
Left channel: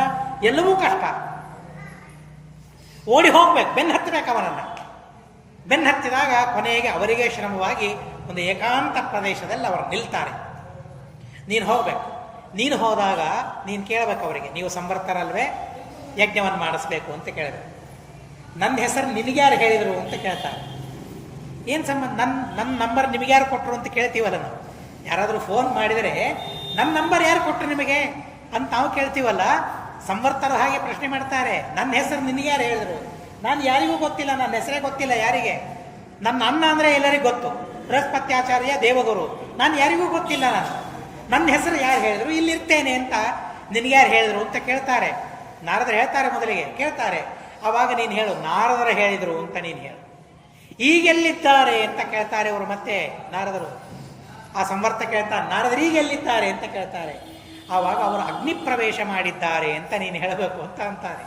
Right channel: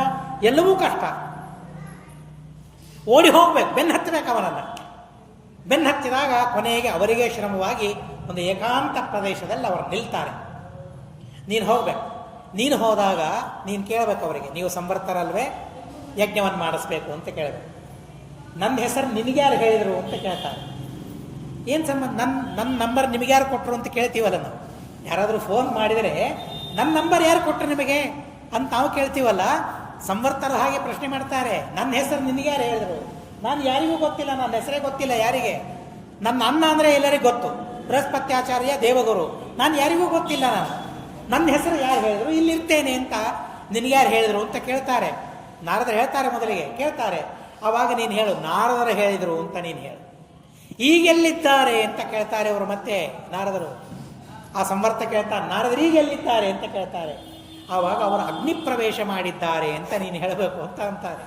ಎಲ್ಲವೂ ಕಷ್ಟ. ಓಡಿ ಹೋಗ್ಬೇಕು, ಬೆನ್ನು ಹತ್ತಬೇಕು ಅವನನ್ನು. ಬೆನ್ನು ಹತ್ತಿದಾಗ ಕೊನೆಗೆ ಅವರಿಗೆ ಶ್ರಮವಾಗಿ ಒಂದು ಏಕಾಂತ ಪ್ರದೇಶದಲ್ಲಿ ಅವರು ನಿಲ್ತಾರೆ. ನೀನು ಹೋಗ್ಬೇಕು. ನೀನು ಹೋದಾಗ ನೀನು ಕೇಳಬೇಕು ಅವರಿಗೆ, ನೀವು ಸಂವರ್ತರಲ್ವೇ, ಯಜ್ಞವನ್ನು ಮಾಡಿಸ್ಬೇಕು ಅಂತ ಕೇಳಬೇಕು. ನನ್ನ ಹೆಸರು ನಿನಗ್ಯಾರು ಹೇಳಿದರು ಅಂತ ಕೇಳ್ತಾರೆ. ಏನು ಸಂಬಂಧ? ನನ್ನ ನಂಬರ್ ನಿಮಗ್ಯಾರು ಕೊಟ್ಟರು ಅಂತ ಕೇಳ್ತೀವಲ್ಲ ನಾವು. ಯಾರಾದರೂ ಫೋನ್ ಮಾಡಿದರೆ ನನ್ನ ನಂಬರ್ ಯಾರು ಕೊಟ್ಟರು ನಿಮಗೆ ಅಂತ ನಾವು ಕೇಳ್ತೀವಲ್ಲ. ಸಂವರ್ತರ ಹಾಗೆ ಪ್ರಶ್ನೆ ಮಾಡ್ತಾರೆ, ನನ್ನ ಹೆಸರು ನಿನಗ್ಯಾರು ಹೇಳಿದರು? ನಾನು ಯಾರಿಗೂ ಗೊತ್ತಿಲ್ಲ, ನನ್ನ ಹೆಸರೇ ಗೊತ್ತಿಲ್ಲ ಯಾರಿಗೆ. ನನ್ನ ಅಣ್ಣ ಅಂದರೆ ಎಲ್ಲರಿಗೂ ಗೊತ್ತು, ಬೃಹಸ್ಪತ್ಯಾಚಾರ್ಯ ದೇವಗುರು. ನಾನು ಯಾರಿಗೂ ಗೊತ್ತಿಲ್ಲ, ನನ್ನ ಹೆಸರು ಯಾರು ಹೇಳಿದ್ರು, ಇಲ್ಲಿರ್ತೇನೆ ಅಂತ ನಿನಗ್ಯಾರು ಹೇಳಿದ್ರು ಅಂತ ಕೇಳ್ತಾರೆ. ನಾರದರು ಹೇಳ್ತಾರೆ, ಮೊದಲಿಗೆ ಕೇಳ್ತಾರೆ. ಆವಾಗ ನೀನು ಹೇಳು, ನಾರದರು ಹೇಳಿದರು ಅಂತ ನೀನು ಹೇಳು. ಈಗೆಲ್ಲಿದ್ದಾರೆ ಅಂತ ಕೇಳ್ತಾರೆ ಅವರು. ಮತ್ತೆ ನಾರದರು, ಆ ಸಂವರ್ತ ಕೇಳ್ತಾರೆ, ನಾರದರು ಈಗೆಲ್ಲಿದ್ದಾರೆ ಅಂತ ಕೇಳ್ತಾರೆ. ಆವಾಗ ಅವರು ಅಗ್ನಿ ಪ್ರವೇಶ ಮಾಡಿದ್ದಾರೆ ಅಂತ ನೀನು ಹೇಳಬೇಕು ಅಂತ ಅಂತಾರೆ.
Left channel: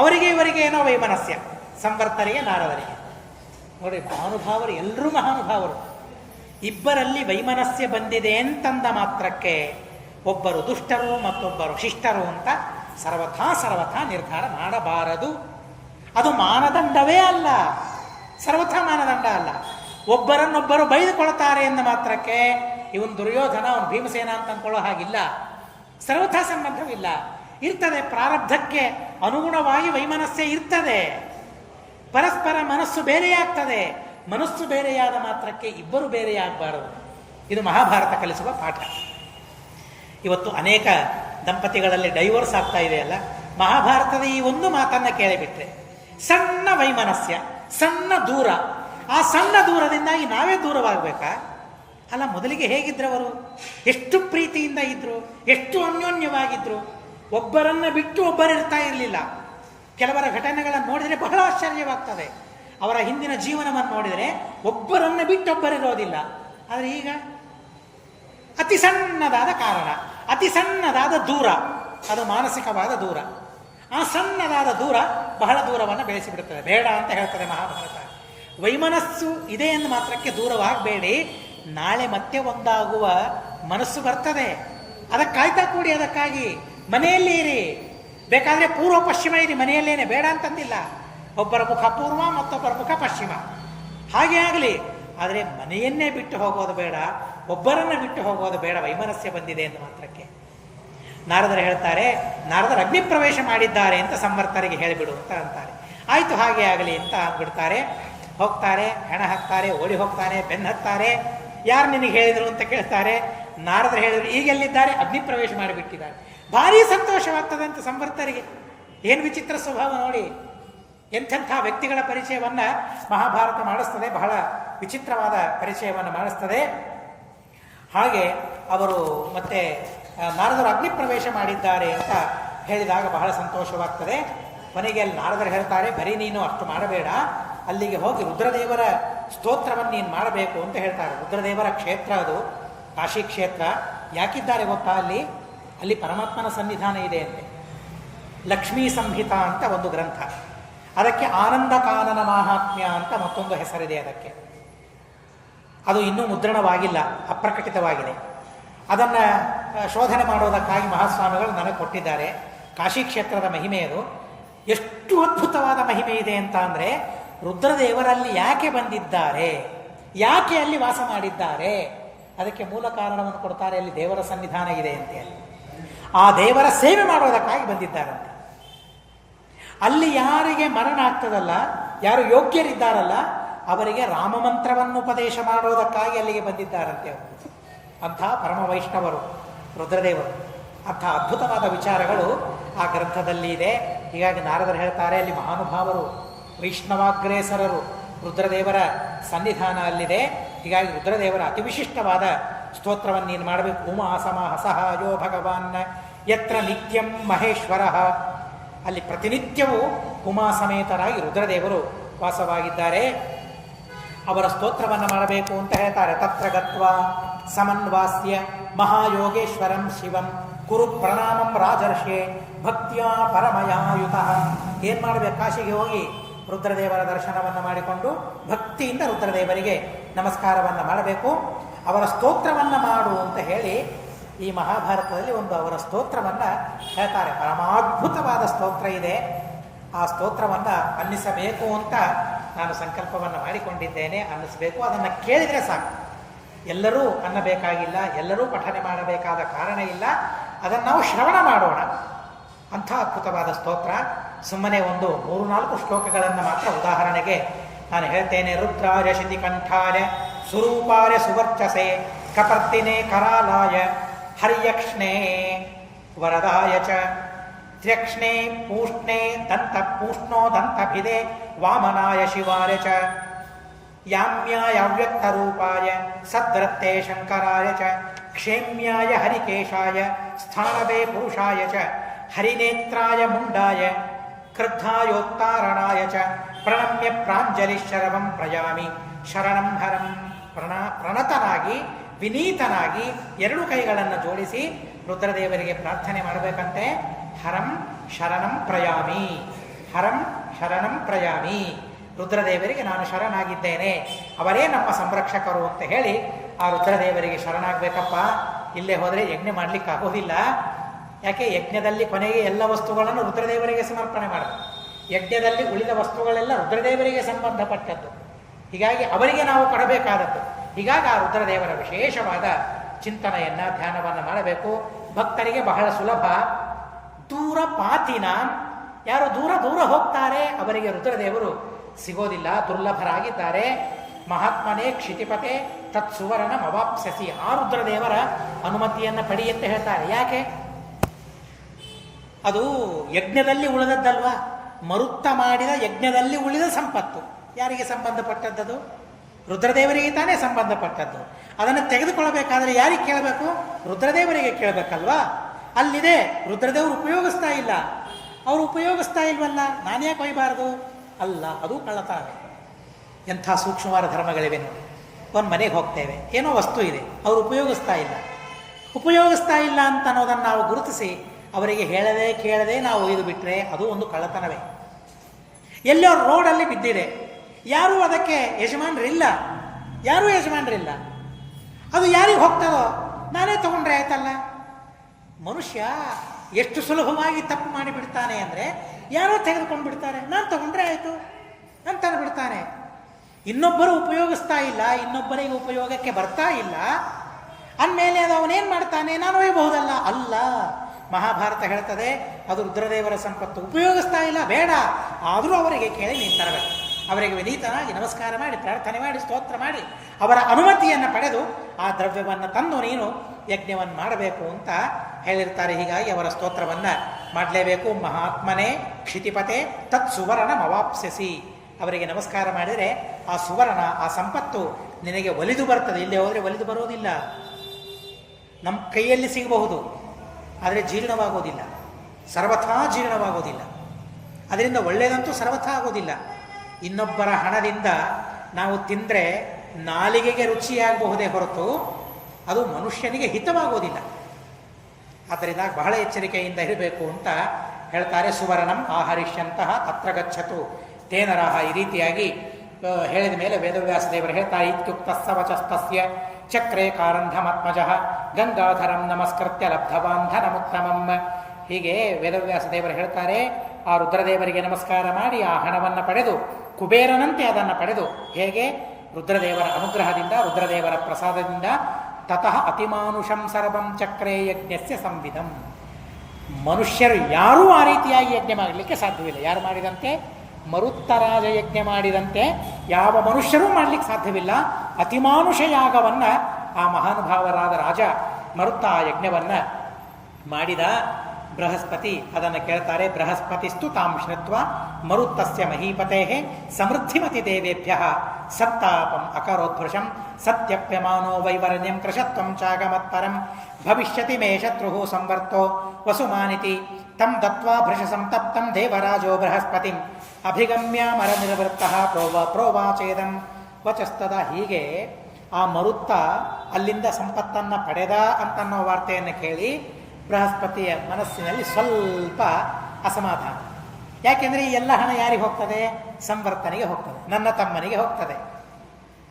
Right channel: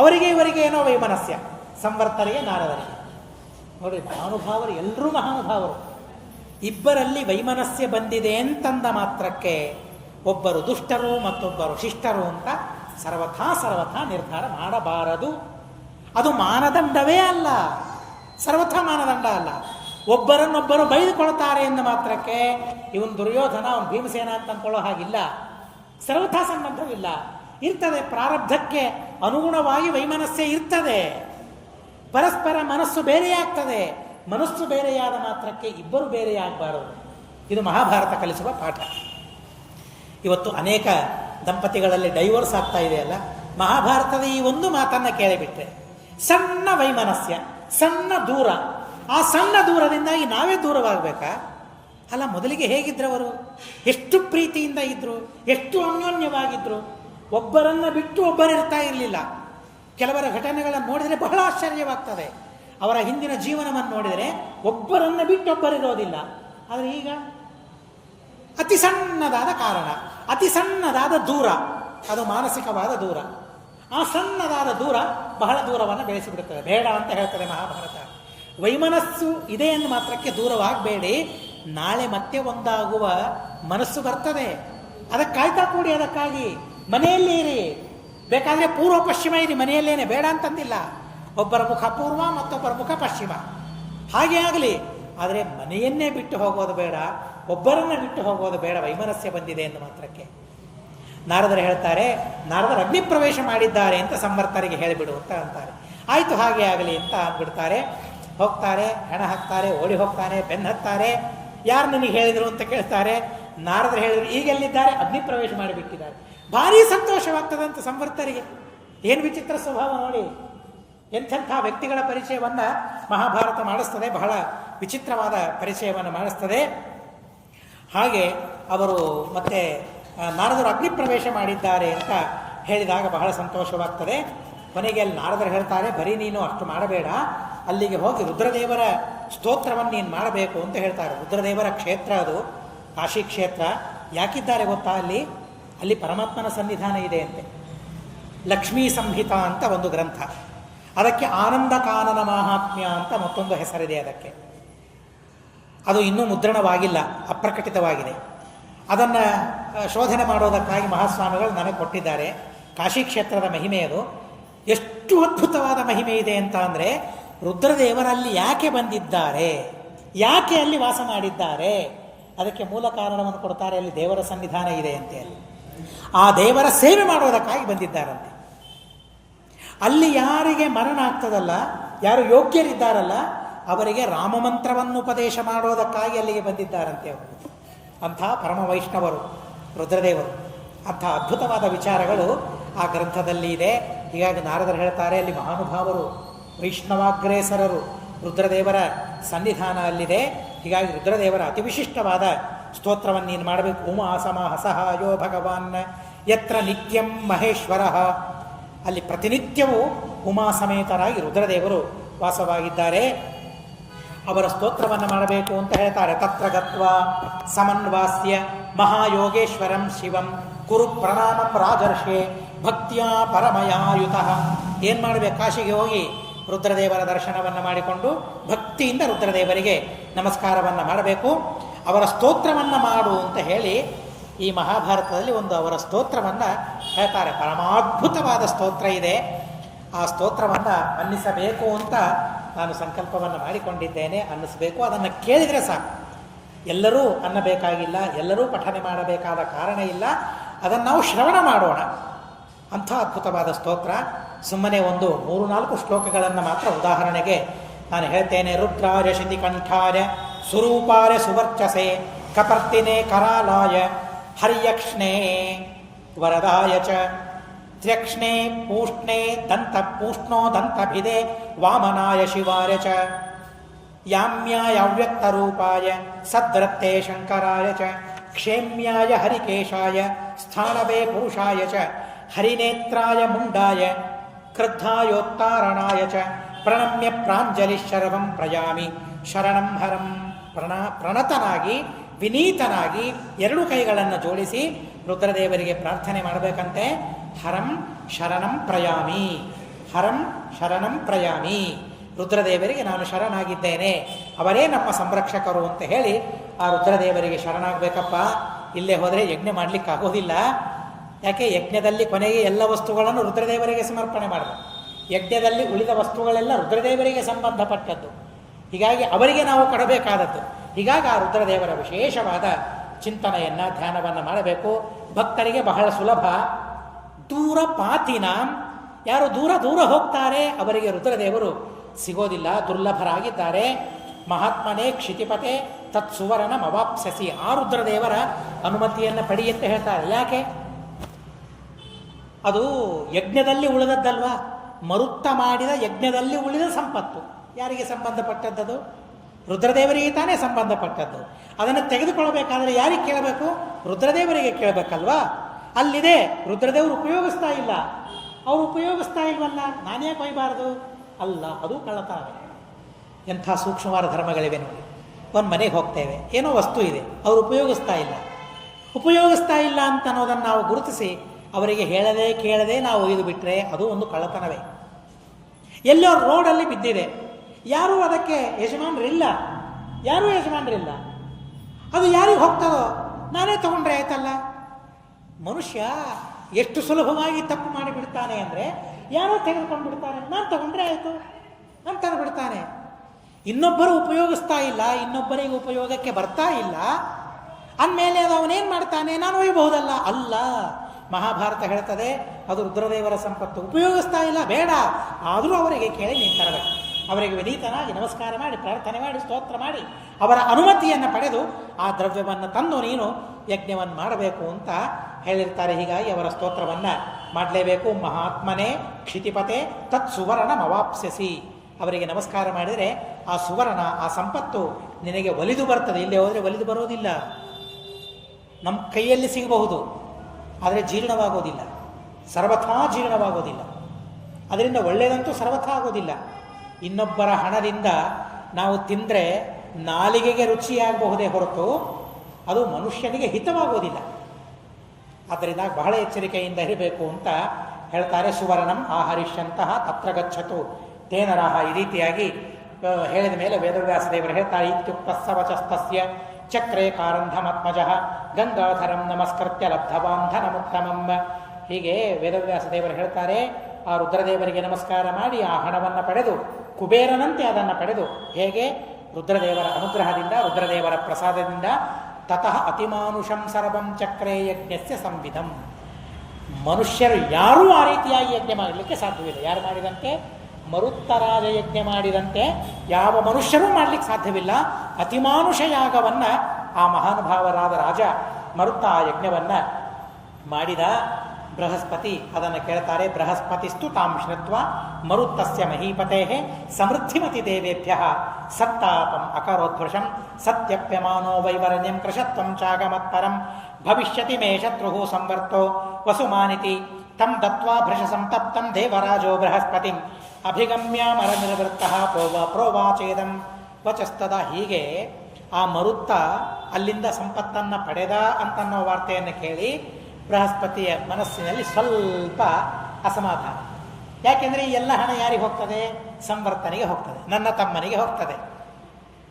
ಅವರಿಗೆ ಇವರಿಗೆ ಏನೋ ವೈಮನಸ್ಯ, ಸಂವರ್ತರಿಗೆ ನಾರದರಿಗೆ. ನೋಡಿ, ಮಹಾನುಭಾವರು, ಎಲ್ಲರೂ ಮಹಾನುಭಾವರು. ಇಬ್ಬರಲ್ಲಿ ವೈಮನಸ್ಯ ಬಂದಿದೆ ಅಂತಂದ ಮಾತ್ರಕ್ಕೆ ಒಬ್ಬರು ದುಷ್ಟರು ಮತ್ತೊಬ್ಬರು ಶಿಷ್ಟರು ಅಂತ ಸರ್ವಥಾ ನಿರ್ಧಾರ ಮಾಡಬಾರದು. ಅದು ಮಾನದಂಡವೇ ಅಲ್ಲ, ಸರ್ವಥಾ ಮಾನದಂಡ ಅಲ್ಲ. ಒಬ್ಬರನ್ನೊಬ್ಬರು ಬೈದುಕೊಳ್ತಾರೆ ಎಂದ ಮಾತ್ರಕ್ಕೆ ಇವನು ದುರ್ಯೋಧನ, ಅವನು ಭೀಮಸೇನ ಅಂತ ಅಂದ್ಕೊಳ್ಳೋ ಹಾಗಿಲ್ಲ. ಸರ್ವಥಾ ಸಂಬಂಧವಿಲ್ಲ. ಇರ್ತದೆ, ಪ್ರಾರಬ್ಧಕ್ಕೆ ಅನುಗುಣವಾಗಿ ವೈಮನಸ್ಯ ಇರ್ತದೆ. ಪರಸ್ಪರ ಮನಸ್ಸು ಬೇರೆಯಾಗ್ತದೆ. ಮನಸ್ಸು ಬೇರೆಯಾದ ಮಾತ್ರಕ್ಕೆ ಇಬ್ಬರು ಬೇರೆಯಾಗಬಾರದು. ಇದು ಮಹಾಭಾರತ ಕಲಿಸುವ ಪಾಠ. ಇವತ್ತು ಅನೇಕ ದಂಪತಿಗಳಲ್ಲಿ ಡೈವೋರ್ಸ್ ಆಗ್ತಾ ಇದೆಯಲ್ಲ, ಮಹಾಭಾರತದ ಈ ಒಂದು ಮಾತನ್ನು ಕೇಳಿಬಿಟ್ರೆ ಸಣ್ಣ ವೈಮನಸ್ಯ, ಸಣ್ಣ ದೂರ. ಆ ಸಣ್ಣ ದೂರದಿಂದಾಗಿ ನಾವೇ ದೂರವಾಗಬೇಕಾ? ಅಲ್ಲ, ಮೊದಲಿಗೆ ಹೇಗಿದ್ರವರು? ಎಷ್ಟು ಪ್ರೀತಿಯಿಂದ ಇದ್ರು, ಎಷ್ಟು ಅನ್ಯೋನ್ಯವಾಗಿದ್ರು. ಒಬ್ಬರನ್ನ ಬಿಟ್ಟು ಒಬ್ಬರಿರ್ತಾ ಇರಲಿಲ್ಲ. ಕೆಲವರ ಘಟನೆಗಳನ್ನು ನೋಡಿದರೆ ಬಹಳ ಆಶ್ಚರ್ಯವಾಗ್ತದೆ. ಅವರ ಹಿಂದಿನ ಜೀವನವನ್ನು ನೋಡಿದರೆ ಒಬ್ಬರನ್ನ ಬಿಟ್ಟು ಒಬ್ಬರಿರೋದಿಲ್ಲ. ಆದರೆ ಈಗ ಅತಿ ಸಣ್ಣದಾದ ಕಾರಣ, ಅತಿ ಸಣ್ಣದಾದ ದೂರ, ಅದು ಮಾನಸಿಕವಾದ ದೂರ. ಆ ಸಣ್ಣದಾದ ದೂರ ಬಹಳ ದೂರವನ್ನು ಬೆಳೆಸಿಬಿಡುತ್ತದೆ. ಬೇಡ ಅಂತ ಹೇಳ್ತದೆ ಮಹಾಭಾರತ. ವೈಮನಸ್ಸು ಇದೆ ಎಂದು ಮಾತ್ರಕ್ಕೆ ದೂರವಾಗಬೇಡಿ, ನಾಳೆ ಮತ್ತೆ ಒಂದಾಗುವ ಮನಸ್ಸು ಬರ್ತದೆ. ಅದಕ್ಕೆ ಕಾಯ್ತಾ ಕೂಡಿ. ಅದಕ್ಕಾಗಿ ಮನೆಯಲ್ಲಿ ಇರಿ, ಬೇಕಾದರೆ ಪೂರ್ವ ಪಶ್ಚಿಮ ಇರಿ, ಮನೆಯಲ್ಲೇನೆ, ಬೇಡ ಅಂತಂದಿಲ್ಲ. ಒಬ್ಬರ ಮುಖ ಪೂರ್ವ, ಮತ್ತೊಬ್ಬರ ಮುಖ ಪಶ್ಚಿಮ, ಹಾಗೆ ಆಗಲಿ. ಆದರೆ ಮನೆಯನ್ನೇ ಬಿಟ್ಟು ಹೋಗೋದು ಬೇಡ, ಒಬ್ಬರನ್ನ ಬಿಟ್ಟು ಹೋಗೋದು ಬೇಡ. ವೈಮನಸ್ಯ ಬಂದಿದೆ ಎಂದು ಮಾತ್ರಕ್ಕೆ. ನಾರದರು ಹೇಳ್ತಾರೆ, ನಾರದರು ಅಗ್ನಿ ಪ್ರವೇಶ ಮಾಡಿದ್ದಾರೆ ಅಂತ ಸಂವರ್ತರಿಗೆ ಹೇಳಿಬಿಡು ಅಂತ ಅಂತಾರೆ. ಆಯಿತು, ಹಾಗೆ ಆಗಲಿ ಅಂತ ಅಂದ್ಬಿಡ್ತಾರೆ. ಹೋಗ್ತಾರೆ, ಹೆಣ ಹಾಕ್ತಾರೆ, ಓಡಿ ಹೋಗ್ತಾನೆ, ಬೆನ್ನು ಹತ್ತಾರೆ. ಯಾರು ನಿನಗೆ ಹೇಳಿದರು ಅಂತ ಕೇಳ್ತಾರೆ. ನಾರದರು ಹೇಳಿದ್ರು, ಈಗೆಲ್ಲಿದ್ದಾರೆ? ಅಗ್ನಿ ಪ್ರವೇಶ ಮಾಡಿಬಿಟ್ಟಿದ್ದಾರೆ. ಭಾರೀ ಸಂತೋಷವಾಗ್ತದೆ ಅಂತ ಸಂವರ್ತರಿಗೆ. ಏನು ವಿಚಿತ್ರ ಸ್ವಭಾವ ನೋಡಿ. ಎಂಥೆಂಥ ವ್ಯಕ್ತಿಗಳ ಪರಿಚಯವನ್ನು ಮಹಾಭಾರತ ಮಾಡಿಸ್ತದೆ. ಬಹಳ ವಿಚಿತ್ರವಾದ ಪರಿಚಯವನ್ನು ಮಾಡಿಸ್ತದೆ. ಹಾಗೆ ಅವರು ಮತ್ತೆ ನಾರದರು ಅಗ್ನಿ ಪ್ರವೇಶ ಮಾಡಿದ್ದಾರೆ ಅಂತ ಹೇಳಿದಾಗ ಬಹಳ ಸಂತೋಷವಾಗ್ತದೆ. ಕೊನೆಗೆ ಅಲ್ಲಿ ನಾರದರು ಹೇಳ್ತಾರೆ, ಬರೀ ನೀನು ಅಷ್ಟು ಮಾಡಬೇಡ, ಅಲ್ಲಿಗೆ ಹೋಗಿ ರುದ್ರದೇವರ ಸ್ತೋತ್ರವನ್ನು ನೀನು ಮಾಡಬೇಕು ಅಂತ ಹೇಳ್ತಾರೆ. ರುದ್ರದೇವರ ಕ್ಷೇತ್ರ ಅದು, ಕಾಶಿ ಕ್ಷೇತ್ರ. ಯಾಕಿದ್ದಾರೆ ಗೊತ್ತಾ? ಅಲ್ಲಿ ಪರಮಾತ್ಮನ ಸನ್ನಿಧಾನ ಇದೆ ಅಂತೆ. ಲಕ್ಷ್ಮೀ ಸಂಹಿತ ಅಂತ ಒಂದು ಗ್ರಂಥ, ಅದಕ್ಕೆ ಆನಂದ ಕಾನನ ಮಾಹಾತ್ಮ್ಯ ಅಂತ ಮತ್ತೊಂದು ಹೆಸರಿದೆ. ಅದಕ್ಕೆ ಅದು ಇನ್ನೂ ಮುದ್ರಣವಾಗಿಲ್ಲ, ಅಪ್ರಕಟಿತವಾಗಿದೆ. ಅದನ್ನು ಶೋಧನೆ ಮಾಡೋದಕ್ಕಾಗಿ ಮಹಾಸ್ವಾಮಿಗಳು ನನಗೆ ಕೊಟ್ಟಿದ್ದಾರೆ. ಕಾಶಿ ಕ್ಷೇತ್ರದ ಮಹಿಮೆ ಅದು. ಎಷ್ಟು ಅದ್ಭುತವಾದ ಮಹಿಮೆ ಇದೆ ಅಂತ ಅಂದರೆ, ರುದ್ರದೇವರಲ್ಲಿ ಯಾಕೆ ಬಂದಿದ್ದಾರೆ, ಯಾಕೆ ಅಲ್ಲಿ ವಾಸ ಮಾಡಿದ್ದಾರೆ, ಅದಕ್ಕೆ ಮೂಲ ಕಾರಣವನ್ನು ಕೊಡ್ತಾರೆ. ಅಲ್ಲಿ ದೇವರ ಸನ್ನಿಧಾನ ಇದೆ ಅಂತ. ಆ ದೇವರ ಸೇವೆ ಮಾಡೋದಕ್ಕಾಗಿ ಬಂದಿದ್ದಾರಂತೆ. ಅಲ್ಲಿ ಯಾರಿಗೆ ಮರಣ ಆಗ್ತದಲ್ಲ, ಯಾರು ಯೋಗ್ಯರಿದ್ದಾರಲ್ಲ, ಅವರಿಗೆ ರಾಮಮಂತ್ರವನ್ನು ಉಪದೇಶ ಮಾಡೋದಕ್ಕಾಗಿ ಅಲ್ಲಿಗೆ ಬಂದಿದ್ದಾರಂತೆ ಅವರು. ಅಂಥ ಪರಮ ವೈಷ್ಣವರು ರುದ್ರದೇವರು. ಅಂಥ ಅದ್ಭುತವಾದ ವಿಚಾರಗಳು ಆ ಗ್ರಂಥದಲ್ಲಿ ಇದೆ. ಹೀಗಾಗಿ ನಾರದರು ಹೇಳ್ತಾರೆ, ಅಲ್ಲಿ ಮಹಾನುಭಾವರು, ವೈಷ್ಣವಾಗ್ರೇಸರರು, ರುದ್ರದೇವರ ಸನ್ನಿಧಾನ ಅಲ್ಲಿದೆ. ಹೀಗಾಗಿ ರುದ್ರದೇವರ ಅತಿ ವಿಶಿಷ್ಟವಾದ ಸ್ತೋತ್ರವನ್ನು ನೀನು ಮಾಡಬೇಕು. ಉಮಾ ಸಮಾಹ ಸಹಾಯೋ ಭಗವಾನ್ ಯತ್ರ ನಿತ್ಯಂ ಮಹೇಶ್ವರ. ಅಲ್ಲಿ ಪ್ರತಿನಿತ್ಯವೂ ಉಮಾ ಸಮೇತರಾಗಿ ರುದ್ರದೇವರು ವಾಸವಾಗಿದ್ದಾರೆ. ಅವರ ಸ್ತೋತ್ರವನ್ನು ಮಾಡಬೇಕು ಅಂತ ಹೇಳ್ತಾರೆ. ತತ್ರ ಗತ್ವಾ ಸಮನ್ವಾಸ್ಯ ಮಹಾಯೋಗೇಶ್ವರಂ ಶಿವಂ ಕುರು ಪ್ರಣಾಮಂ ರಾಜರ್ಷೆ ಭಕ್ತಿಯ ಪರಮಯಾಯುತಃ. ಏನು ಮಾಡಬೇಕು? ಕಾಶಿಗೆ ಹೋಗಿ ರುದ್ರದೇವರ ದರ್ಶನವನ್ನು ಮಾಡಿಕೊಂಡು ಭಕ್ತಿಯಿಂದ ರುದ್ರದೇವರಿಗೆ ನಮಸ್ಕಾರವನ್ನು ಮಾಡಬೇಕು. ಅವರ ಸ್ತೋತ್ರವನ್ನು ಮಾಡು ಅಂತ ಹೇಳಿ ಈ ಮಹಾಭಾರತದಲ್ಲಿ ಒಂದು ಅವರ ಸ್ತೋತ್ರವನ್ನು ಹೇಳ್ತಾರೆ. ಪರಮಾದ್ಭುತವಾದ ಸ್ತೋತ್ರ ಇದೆ. ಆ ಸ್ತೋತ್ರವನ್ನು ಅನ್ನಿಸಬೇಕು ಅಂತ ನಾನು ಸಂಕಲ್ಪವನ್ನು ಮಾಡಿಕೊಂಡಿದ್ದೇನೆ. ಅನ್ನಿಸಬೇಕು, ಅದನ್ನು ಕೇಳಿದರೆ ಸಾಕು. ಎಲ್ಲರೂ ಅನ್ನಬೇಕಾಗಿಲ್ಲ, ಎಲ್ಲರೂ ಪಠನೆ ಮಾಡಬೇಕಾದ ಕಾರಣ ಇಲ್ಲ. ಅದನ್ನು ನಾವು ಶ್ರವಣ ಮಾಡೋಣ. ಅಂಥ ಅದ್ಭುತವಾದ ಸ್ತೋತ್ರ. ಸುಮ್ಮನೆ ಒಂದು 3-4 ಶ್ಲೋಕಗಳನ್ನು ಮಾತ್ರ ಉದಾಹರಣೆಗೆ ನಾನು ಹೇಳ್ತೇನೆ. ರುದ್ರಾಯ ಶಿತಿಕಂಠಾಯ ಸ್ವರೂಪಾಯ ಸುವರ್ಚಸೆ ಕಪರ್ತಿನೇ ಕರಾಲಾಯ ಹರ್ಯಕ್ಷ್ಣೇ ವರದಾಯ ಚ ತ್ರ್ಯಕ್ಷ್ಣೇ ಪೂಷ್ಣೇ ದಂತ ಪೂಷ್ಣೋ ದಂತಭಿದೆ ವಾಮನಾಯ ಶಿವಾಯ ಚ ಯಾಮ್ಯಾಯ ಅವ್ಯಕ್ತರೂಪಾಯ ಸದ್ರತ್ತೆ ಶಂಕರಾಯ ಚ ಕ್ಷೇಮ್ಯಾಯ ಹರಿಕೇಶಾಯ ಸ್ಥಾನವೇ ಪುರುಷಾಯ ಚ ಹರಿನೇತ್ರಾಯ ಮುಂಡಾಯ ಕ್ರುದ್ಧಾಯೋತ್ತಾರಣಾಯ ಚ ಪ್ರಣಮ್ಯ ಪ್ರಾಂಜಲಿಶರವಂ ಪ್ರಯಾಮಿ ಶರಣಂ ಹರಂ. ಪ್ರಣತನಾಗಿ ವಿನೀತನಾಗಿ 2 ಕೈಗಳನ್ನು ಜೋಡಿಸಿ ರುದ್ರದೇವರಿಗೆ ಪ್ರಾರ್ಥನೆ ಮಾಡಬೇಕಂತೆ. ಹರಂ ಶರಣಂ ಪ್ರಯಾಮಿ, ಹರಂ ಶರಣಂ ಪ್ರಯಾಮಿ. ರುದ್ರದೇವರಿಗೆ ನಾನು ಶರಣಾಗಿದ್ದೇನೆ, ಅವರೇ ನಮ್ಮ ಸಂರಕ್ಷಕರು ಅಂತ ಹೇಳಿ ಆ ರುದ್ರದೇವರಿಗೆ ಶರಣಾಗಬೇಕಪ್ಪ. ಇಲ್ಲೇ ಹೋದರೆ ಯಜ್ಞ ಮಾಡಲಿಕ್ಕೆ ಆಗೋದಿಲ್ಲ. ಯಾಕೆ? ಯಜ್ಞದಲ್ಲಿ ಕೊನೆಗೆ ಎಲ್ಲ ವಸ್ತುಗಳನ್ನು ರುದ್ರದೇವರಿಗೆ ಸಮರ್ಪಣೆ ಮಾಡಬೇಕು. ಯಜ್ಞದಲ್ಲಿ ಉಳಿದ ವಸ್ತುಗಳೆಲ್ಲ ರುದ್ರದೇವರಿಗೆ ಸಂಬಂಧಪಟ್ಟದ್ದು. ಹೀಗಾಗಿ ಅವರಿಗೆ ನಾವು ಕೊಡಬೇಕಾದದ್ದು. ಹೀಗಾಗಿ ಆ ರುದ್ರದೇವರ ವಿಶೇಷವಾದ ಚಿಂತನೆಯನ್ನು, ಧ್ಯಾನವನ್ನು ಮಾಡಬೇಕು. ಭಕ್ತರಿಗೆ ಬಹಳ ಸುಲಭ. ದೂರ ಪಾತಿನ, ಯಾರು ದೂರ ದೂರ ಹೋಗ್ತಾರೆ ಅವರಿಗೆ ರುದ್ರದೇವರು ಸಿಗೋದಿಲ್ಲ, ದುರ್ಲಭರಾಗಿದ್ದಾರೆ. ಮಹಾತ್ಮನೇ ಕ್ಷಿತಿಪತೆ ತತ್ ಸುವರ್ಣ ಅವಾಪ್ಸ್ಯಸಿ. ಆ ರುದ್ರದೇವರ ಅನುಮತಿಯನ್ನು ಪಡಿ ಅಂತ ಹೇಳ್ತಾರೆ. ಯಾಕೆ? ಅದು ಯಜ್ಞದಲ್ಲಿ ಉಳಿದದ್ದಲ್ವಾ? ಮರುತ್ತ ಮಾಡಿದ ಯಜ್ಞದಲ್ಲಿ ಉಳಿದ ಸಂಪತ್ತು ಯಾರಿಗೆ ಸಂಬಂಧಪಟ್ಟದ್ದು? ರುದ್ರದೇವರಿಗೆ ತಾನೇ ಸಂಬಂಧಪಟ್ಟದ್ದು. ಅದನ್ನು ತೆಗೆದುಕೊಳ್ಳಬೇಕಾದ್ರೆ ಯಾರಿಗೆ ಕೇಳಬೇಕು? ರುದ್ರದೇವರಿಗೆ ಕೇಳಬೇಕಲ್ವಾ? ಅಲ್ಲಿದೆ, ರುದ್ರದೇವರು ಉಪಯೋಗಿಸ್ತಾ ಇಲ್ಲ. ಅವರು ಉಪಯೋಗಿಸ್ತಾ ಇಲ್ವಲ್ಲ, ನಾನ್ಯಾಕೆ ಒಯ್ಯಬಾರ್ದು? ಅಲ್ಲ, ಅದು ಕಳ್ಳತನವೇ. ಎಂಥ ಸೂಕ್ಷ್ಮವಾದ ಧರ್ಮಗಳಿವೆ ನೋಡಿ. ಒಂದು ಮನೆಗೆ ಹೋಗ್ತೇವೆ, ಏನೋ ವಸ್ತು ಇದೆ, ಅವರು ಉಪಯೋಗಿಸ್ತಾ ಇಲ್ಲ ಅಂತ ಅನ್ನೋದನ್ನು ನಾವು ಗುರುತಿಸಿ ಅವರಿಗೆ ಹೇಳದೆ ಕೇಳದೆ ನಾವು ಒಯ್ದು ಬಿಟ್ಟರೆ ಅದು ಒಂದು ಕಳ್ಳತನವೇ. ಎಲ್ಲೋ ರೋಡಲ್ಲಿ ಬಿದ್ದಿದೆ, ಯಾರೂ ಅದಕ್ಕೆ ಯಜಮಾನರಿಲ್ಲ, ಅದು ಯಾರಿಗೆ ಹೋಗ್ತದೋ ನಾನೇ ತಗೊಂಡ್ರೆ ಆಯ್ತಲ್ಲ. ಮನುಷ್ಯ ಎಷ್ಟು ಸುಲಭವಾಗಿ ತಪ್ಪು ಮಾಡಿಬಿಡ್ತಾನೆ ಅಂದರೆ, ಯಾರೋ ತೆಗೆದುಕೊಂಡು ಬಿಡ್ತಾರೆ, ನಾನು ತಗೊಂಡ್ರೆ ಆಯಿತು ಅಂತ ಬಿಡ್ತಾನೆ. ಇನ್ನೊಬ್ಬರು ಉಪಯೋಗಿಸ್ತಾ ಇಲ್ಲ, ಇನ್ನೊಬ್ಬರಿಗೆ ಉಪಯೋಗಕ್ಕೆ ಬರ್ತಾ ಇಲ್ಲ ಅಂದಮೇಲೆ ಅದು ಅವನೇನು ಮಾಡ್ತಾನೆ? ನಾನು ಒಯ್ಯಬಹುದಲ್ಲ. ಅಲ್ಲ, ಮಹಾಭಾರತ ಹೇಳ್ತದೆ ಅದು ರುದ್ರದೇವರ ಸಂಪತ್ತು. ಉಪಯೋಗಿಸ್ತಾ ಇಲ್ಲ, ಬೇಡ, ಆದರೂ ಅವರಿಗೆ ಕೇಳಿ ನೀನು ತರಬೇಕು. ಅವರಿಗೆ ವಿನೀತನಾಗಿ ನಮಸ್ಕಾರ ಮಾಡಿ, ಪ್ರಾರ್ಥನೆ ಮಾಡಿ, ಸ್ತೋತ್ರ ಮಾಡಿ, ಅವರ ಅನುಮತಿಯನ್ನು ಪಡೆದು ಆ ದ್ರವ್ಯವನ್ನು ತಂದು ನೀನು ಯಜ್ಞವನ್ನು ಮಾಡಬೇಕು ಅಂತ ಹೇಳಿರ್ತಾರೆ. ಹೀಗಾಗಿ ಅವರ ಸ್ತೋತ್ರವನ್ನು ಮಾಡಲೇಬೇಕು. ಮಹಾತ್ಮನೇ ಕ್ಷಿತಿಪತೆ ತತ್ ಸುವರ್ಣ ಮವಾಪ್ಸ್ಯಸಿ. ಅವರಿಗೆ ನಮಸ್ಕಾರ ಮಾಡಿದರೆ ಆ ಸುವರ್ಣ, ಆ ಸಂಪತ್ತು ನಿನಗೆ ಒಲಿದು ಬರ್ತದೆ. ಇಲ್ಲಿ ಹೋದರೆ ಒಲಿದು ಬರೋದಿಲ್ಲ. ನಮ್ಮ ಕೈಯಲ್ಲಿ ಸಿಗಬಹುದು, ಆದರೆ ಜೀರ್ಣವಾಗೋದಿಲ್ಲ, ಸರ್ವಥಾ ಜೀರ್ಣವಾಗೋದಿಲ್ಲ. ಅದರಿಂದ ಒಳ್ಳೆಯದಂತೂ ಸರ್ವಥಾ ಆಗೋದಿಲ್ಲ. ಇನ್ನೊಬ್ಬರ ಹಣದಿಂದ ನಾವು ತಿಂದರೆ ನಾಲಿಗೆಗೆ ರುಚಿಯಾಗಬಹುದೇ ಹೊರತು ಅದು ಮನುಷ್ಯನಿಗೆ ಹಿತವಾಗೋದಿಲ್ಲ. ಆದ್ದರಿಂದ ಬಹಳ ಎಚ್ಚರಿಕೆಯಿಂದ ಇರಬೇಕು ಅಂತ ಹೇಳ್ತಾರೆ. ಸುವರ್ಣಂ ಆಹರಿಷ್ಯಂತಹ ತತ್ರ ಗಚ್ಚತು ತೇನರಾಹ. ಈ ರೀತಿಯಾಗಿ ಹೇಳಿದ ಮೇಲೆ ವೇದವ್ಯಾಸ ದೇವರು ಹೇಳ್ತಾರೆ, ಇತ್ಯುಕ್ತಸ್ಸ ವಚಸ್ತಸ್ಯ ಚಕ್ರೇ ಕಾರಂಧಮತ್ಮಜಃ ಗಂಗಾಧರಂ ನಮಸ್ಕೃತ್ಯ ಲಬ್ಧವಾನ್ ಧನಮುತ್ತಮಂ. ಹೀಗೆ ವೇದವ್ಯಾಸ ದೇವರು ಹೇಳ್ತಾರೆ, ಆ ರುದ್ರದೇವರಿಗೆ ನಮಸ್ಕಾರ ಮಾಡಿ ಆ ಹಣವನ್ನು ಪಡೆದು ಕುಬೇರನಂತೆ ಅದನ್ನು ಪಡೆದು, ಹೇಗೆ ರುದ್ರದೇವರ ಅನುಗ್ರಹದಿಂದ, ರುದ್ರದೇವರ ಪ್ರಸಾದದಿಂದ, ತತಃ ಅತಿಮಾನುಷಂ ಸರ್ವಂ ಚಕ್ರೇ ಯಜ್ಞಸ್ಯ ಸಂವಿಧಂ. ಮನುಷ್ಯರು ಯಾರೂ ಆ ರೀತಿಯಾಗಿ ಯಜ್ಞ ಮಾಡಲಿಕ್ಕೆ ಸಾಧ್ಯವಿಲ್ಲ. ಯಾರು ಮಾಡಿದಂತೆ? ಮರುತ್ತರಾಜ ಯಜ್ಞ ಮಾಡಿದಂತೆ ಯಾವ ಮನುಷ್ಯರೂ ಮಾಡಲಿಕ್ಕೆ ಸಾಧ್ಯವಿಲ್ಲ. ಅತಿಮಾನುಷ ಯಾಗವನ್ನು ಆ ಮಹಾನುಭಾವರಾದ ರಾಜ ಮರುತ್ತ ಆ ಯಜ್ಞವನ್ನು ಮಾಡಿದ. ಬೃಹಸ್ಪತಿ ಅದನ್ನು ಕೇಳ್ತಾರೆ. ಬೃಹಸ್ಪತಿಸ್ತು ತಾಂ ಶ್ರುತ್ವ ಮರುತ್ತಸ್ಯ ಮಹೀಪತೆ ಸಮೃದ್ಧಿಮತಿ ದೇವೇಭ್ಯ ಸತ್ತಾಪಂ ಅಕರೋದ್ಭೃಶಂ ಸತ್ಯಪ್ಯಮಾನೋ ವೈವರ್ಣ್ಯಂ ಕೃಶತ್ವಂ ಚಾಗಮತ್ಪರಂ ಭವಿಷ್ಯತಿ ಮೇ ಶತ್ರು ಸಂವರ್ತೋ ವಸುಮಾನಿತಿ ತಂ ದತ್ವಾ ಭೃಶ ಸಂತಪ್ತಂ ದೇವರಾಜೋ ಬೃಹಸ್ಪತಿಂ ಅಭಿಗಮ್ಯ ಮರ ನಿರ್ವೃತ್ತ ಪ್ರೋವಾಚೇದಂ ವಚಸ್ತದ. ಹೀಗೆ ಆ ಮರುತ್ತ ಅಲ್ಲಿಂದ ಸಂಪತ್ತನ್ನು ಪಡೆದ ಅಂತನ್ನೋ ವಾರ್ತೆಯನ್ನು ಕೇಳಿ ಬೃಹಸ್ಪತಿಯ ಮನಸ್ಸಿನಲ್ಲಿ ಸ್ವಲ್ಪ ಅಸಮಾಧಾನ. ಯಾಕೆಂದರೆ ಈ ಎಲ್ಲ ಹಣ ಯಾರಿಗೆ ಹೋಗ್ತದೆ? ಸಂವರ್ತನಿಗೆ ಹೋಗ್ತದೆ, ನನ್ನ ತಮ್ಮನಿಗೆ ಹೋಗ್ತದೆ.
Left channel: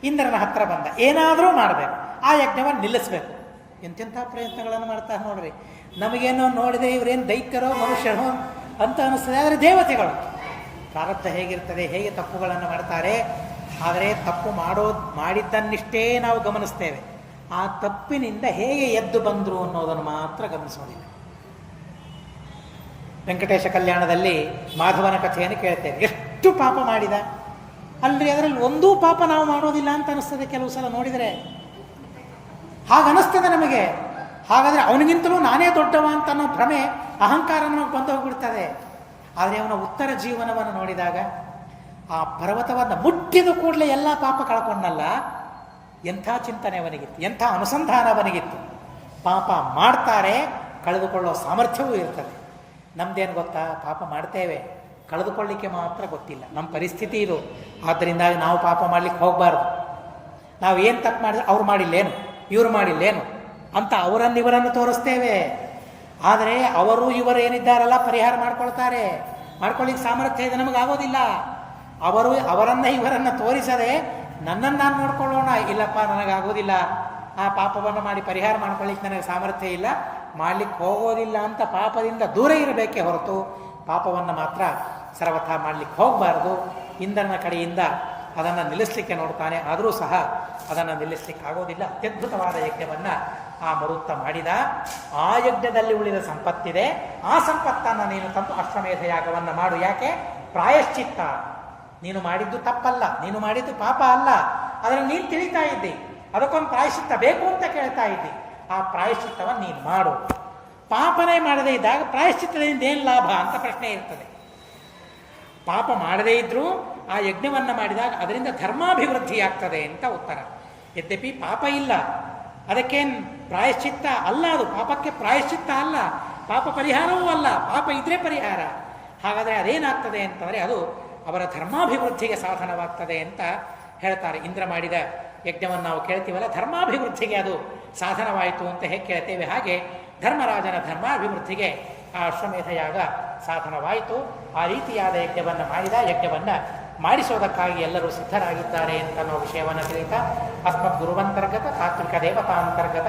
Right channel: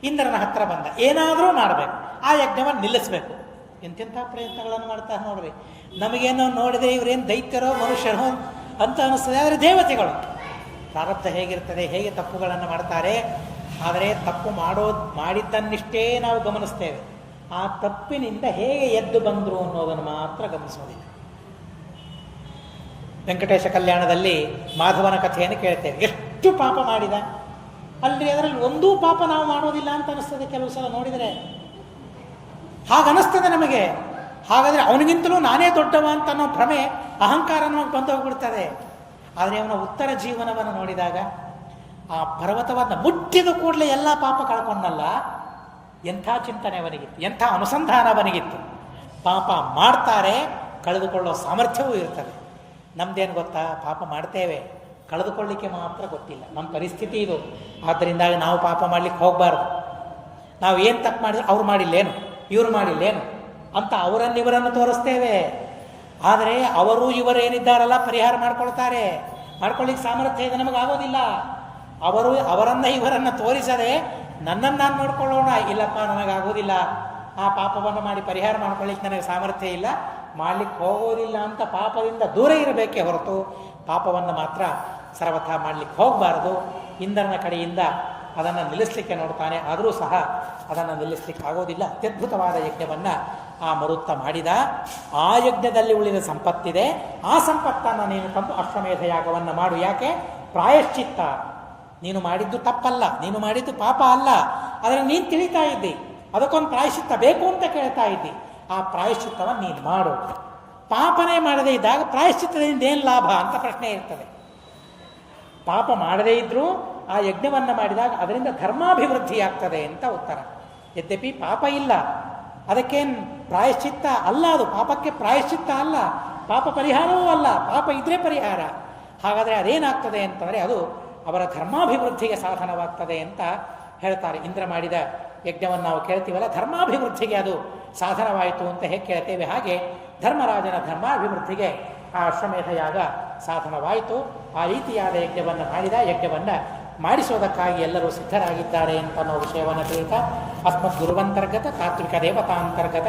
ಇಂದ್ರನ ಹತ್ರ ಬಂದ, ಏನಾದರೂ ಮಾಡಬೇಕು, ಆ ಯಜ್ಞವನ್ನು ನಿಲ್ಲಿಸಬೇಕು. ಎಂತೆಂಥ ಪ್ರಯತ್ನಗಳನ್ನು ಮಾಡ್ತಾರೆ ನೋಡ್ರಿ. ನಮಗೇನೋ ನೋಡಿದರೆ ಇವರೇನು ದೈತ್ಯರೋ ಮನುಷ್ಯರೋ ಅಂತ ಅನ್ನಿಸ್ತದೆ. ಆದರೆ ದೇವತೆಗಳು ಪ್ರಾರಬ್ಧ ಹೇಗಿರ್ತದೆ, ಹೇಗೆ ತಪ್ಪುಗಳನ್ನು ಮಾಡ್ತಾರೆ. ಆದರೆ ತಪ್ಪು ಮಾಡಿದ್ದನ್ನಿಷ್ಟೇ ನಾವು ಗಮನಿಸ್ತೇವೆ. ಆ ತಪ್ಪಿನಿಂದ ಹೇಗೆ ಎದ್ದು ಬಂದರು ಅನ್ನೋದನ್ನು ಮಾತ್ರ ಗಮನಿಸೋದಿಲ್ಲ. ವೆಂಕಟೇಶ ಕಲ್ಯಾಣದಲ್ಲಿ ಮಾಧವನ ಕಥೆಯನ್ನು ಕೇಳ್ತೇವೆ. ಎಷ್ಟು ಪಾಪ ಮಾಡಿದ ಅಲ್ರಿ, ಅದರಲ್ಲಿ ಒಂದೂ ಪಾಪ ನಾವು ಮಾಡೋದಿಲ್ಲ ಅಂತ ಅನಿಸ್ತದೆ ಕೆಲವು ಸಲ ನೋಡಿದರೆ. ಹಾಗನ್ನಿಸ್ತದೆ ನಮಗೆ. ಹಾಗಾದರೆ ಅವನಿಗಿಂತಲೂ ನಾನೇ ದೊಡ್ಡವ ಅಂತ ಅನ್ನೋ ಭ್ರಮೆ, ಅಹಂಕಾರ ನಮಗೆ ಬಂದು ಹೋಗ್ಬಿಡ್ತದೆ. ಆದರೆ ಅವನ ಉತ್ತರ ಜೀವನವನ್ನು ನೋಡಿದಾಗ, ಆ ಪರ್ವತವನ್ನು ಮುಟ್ಟಿದ ಕೂಡಲೇ ಎಲ್ಲ ಪಾಪ ಕಳ್ಕೊಂಡಲ್ಲ, ಎಂಥ ಚಿಂತನೆ ಅವನಿಗಿತ್ತು, ಎಂಥ ಅನುಸಂಧಾನ ಅವನಿಗಿತ್ತು. ಪಾಪ ಮಾಡ್ತಾರೆ, ಕಳೆದುಕೊಳ್ಳೋ ಸಾಮರ್ಥ್ಯವೂ ಇರ್ತದೆ. ನಮ್ದೇನು ಗೊತ್ತಾ? ಪಾಪ ಮಾಡ್ತೇವೆ, ಕಳೆದುಕೊಳ್ಳಿಕ್ಕೆ ಮಾತ್ರ ಗೊತ್ತಿಲ್ಲ. ನಮ್ಮ ಪರಿಸ್ಥಿತಿ ಇದು. ಆದ್ದರಿಂದ ನಾವು ಪಾಪ ಮಾಡಲಿಕ್ಕೆ ಹೋಗಬಾರ್ದು. ನಾವು ಏನು ತಪ್ಪು ಮಾಡಿದ್ರೆ ಅವ್ರು ಮಾಡಿಲ್ಲೇನು, ಇವರು ಮಾಡಿಲ್ಲೇನು ಅಂತ ಇವರನ್ನು ತೋರಿಸ್ತೇವೆ. ಆದರೆ ಅವರು ಇವರು ಏನಿದ್ದಾರಲ್ಲ ಪರಿಹಾರ ಮಾಡ್ಕೊಳ್ತಾರೆ. ಮಾಡ್ಕೊಳ್ಳಿಕ್ಕೆ ಸಾಮರ್ಥ್ಯ ಇದೆ, ನಮಗಾಗೋದಿಲ್ಲ. ಇವರನ್ನು ತೋರಿಸದೆ ನನ್ನನ್ನು ನಾನು ನೋಡ್ಕೊಳ್ಳೋಣ, ಇಲ್ಲಪ್ಪ ನನಗಾಗೋದಿಲ್ಲ, ಆ ಪಾಪವನ್ನು ಮಾಡಿ ಪರಿಹಾರ ಮಾಡ್ಕೊಳ್ಳಿಕ್ಕೆ ನನಗೆ ಸಾಮರ್ಥ್ಯ ಇಲ್ಲ, ಮಾಡಲಿಕ್ಕೆ ಹೋಗೋದಿಲ್ಲ ಅಂತ ಪಾಪದಿಂದ ದೂರ ಇರಬೇಕೇ ಹೊರತು ಪಾಪವನ್ನು ಮಾತ್ರ ಸರ್ವಥಾ ಮಾಡಲಿಕ್ಕೆ ಹೋಗಬಾರ್ದು. ಇಂದ್ರನ ಕಡೆಯಿಂದ ಅದನ್ನು ನಿಲ್ಲಿಸಲಿಕ್ಕೆ ನೋಡ್ತಾನೆ, ಆದರೂ ಸಹ ಅದನ್ನು ನಿಲ್ಲಿಸಲಿಕ್ಕೆ ಆಗೋದಿಲ್ಲ. ಅತ್ಯದ್ಭುತವಾದ ಯಜ್ಞವನ್ನು ಆ ಮರುತ್ತ ಮಾಡಿದ. ಆ ಯಜ್ಞದಲ್ಲಿ ಉಳಿದ ಸಂಪತ್ತಿದೆ, ಆ ಸಂಪತ್ತನ್ನು ನೀನು ತಂದು ಅಶ್ವಮೇಧ ಯಾಗವನ್ನು ಮಾಡು. ಯಾಕೆ? ಪ್ರಾಯಶ್ಚಿತ್ತ. ನೀನು ಮಾಡಿದ್ದು ತಪ್ಪಲ್ಲ, ನೀನು ಮಾಡಿದ್ದು ಪಾಪ ಅಲ್ಲ, ಆದರೆ ನೀನು ತಿಳಿತಾ ಇದ್ದಿ, ಅದಕ್ಕೊಂದು ಪ್ರಾಯಶ್ಚಿತ್ತ ಬೇಕು ಅಂತ ಕೇಳ್ತಾ ಇದ್ದಿ. ಆ ಪ್ರಾಯಶ್ಚಿತ್ತವನ್ನು ನೀನು ಮಾಡು. ಪಾಪನೇ ಮಾಡದೇ ಇದ್ದಾಗ ಪ್ರಾಯಶ್ಚಿತ್ತದಿಂದ ಏನು ಲಾಭ ಅಂತ ಪ್ರಶ್ನೆ ಇರ್ತದೆ. ಪಾಪ ಮಾಡದೇ ಇದ್ದರೂ ಆ ಯಜ್ಞವನ್ನು ಮಾಡಿದಾಗ ಅದರಿಂದ ಧರ್ಮಾಭಿವೃದ್ಧಿಯಾಗ್ತದೆ ಅಂತ ಉತ್ತರ. ಯದ್ಯಪಿ ಪಾಪ ಇಲ್ಲ, ಅದಕ್ಕೇನು ಪ್ರಾಯಶ್ಚಿತ್ತ ಅಲ್ಲ, ಅದು ಪಾಪಕ್ಕೆ ಪ್ರಾಯಶ್ಚಿತ್ತ ಅಲ್ಲ, ಪಾಪ ಪರಿಹಾರವೂ ಅಲ್ಲ, ಪಾಪ ಇದ್ರೆ ಪರಿಹಾರ. ಹಾಗಾದರೆ ಅದೇನಾಗ್ತದೆ ಅಂತಂದರೆ ಅದು ಅವರ ಧರ್ಮಾಭಿವೃದ್ಧಿಗೆ ಸಾಧನವಾಗ್ತದೆ ಅಂತ ಹೇಳ್ತಾರೆ. ಇಂದ್ರ ಮಾಡಿದ ಯಜ್ಞವನ್ನು ನಾವು ಕೇಳ್ತೀವಲ್ಲ, ಧರ್ಮಾಭಿವೃದ್ಧಿಗೆ ಅದು ಸಾಧನವಾಯಿತು ಅಂತ ಹೇಗೆ ಕೇಳ್ತೇವೆ, ಹಾಗೆ ಧರ್ಮರಾಜನ ಧರ್ಮಾಭಿವೃದ್ಧಿಗೆ ಆ ಅಶ್ವಮೇಧ ಯಾಗ ಸಾಧನವಾಯಿತು. ಆ ರೀತಿಯಾದ ಯಜ್ಞವನ್ನು ಮಾಡಿದ, ಯಜ್ಞವನ್ನು ಮಾಡಿಸೋದಕ್ಕಾಗಿ ಎಲ್ಲರೂ ಸಿದ್ಧರಾಗಿದ್ದಾರೆ ಅಂತ ನಾವು ವಿಷಯವನ್ನು ತಿಳಿಯುತ್ತಾ, ಅಸ್ಮದ್ ಗುರುವಂತರ್ಗತ ತಾತ್ವಿಕ ದೇವತಾಂತರ್ಗತ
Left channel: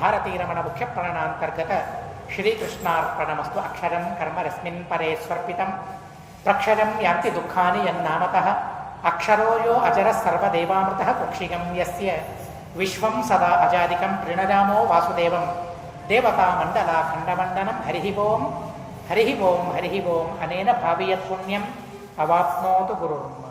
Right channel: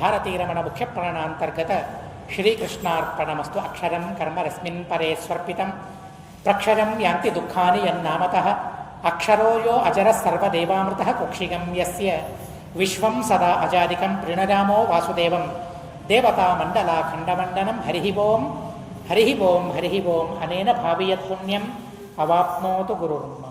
ಭಾರತೀರಮಣ ಮುಖ್ಯ ಪ್ರಾಣಾಂತರ್ಗತ ಶ್ರೀಕೃಷ್ಣಾರ್ಪಣಮಸ್ತು. ಅಕ್ಷರಂ ಕರ್ಮ ರಸ್ಮಿನ್ ಪರೇ ಸ್ವರ್ಪಿತಂ ಪ್ರಕ್ಷರಂ ಯಾಂತಿ ದುಃಖಾನಿ ಯನ್ನಾಮತಃ ಅಕ್ಷರೋ ಯೋ ಅಜರ ಸರ್ವದೇವಾಮೃತ ಕುಕ್ಷಿಗಂ ಯಸ್ಯ ವಿಶ್ವಂ ಸದಾ ಅಜಾದಿಕಂ ಪ್ರಣರಾಮೋ ವಾಸುದೇವಂ ದೇವತಾ ಮಂಡಲ ಖಂಡಮಂಡನಂ. ಹರಿ ಓಂ ಹರಿ ಓಂ ಹರಿ ಓಂ. ಅನೇನ ಭಾವಿಯತ್ ಪುಣ್ಯಂ ಅವಾಪ್ನೋತು ಗುರುರ್ಮ.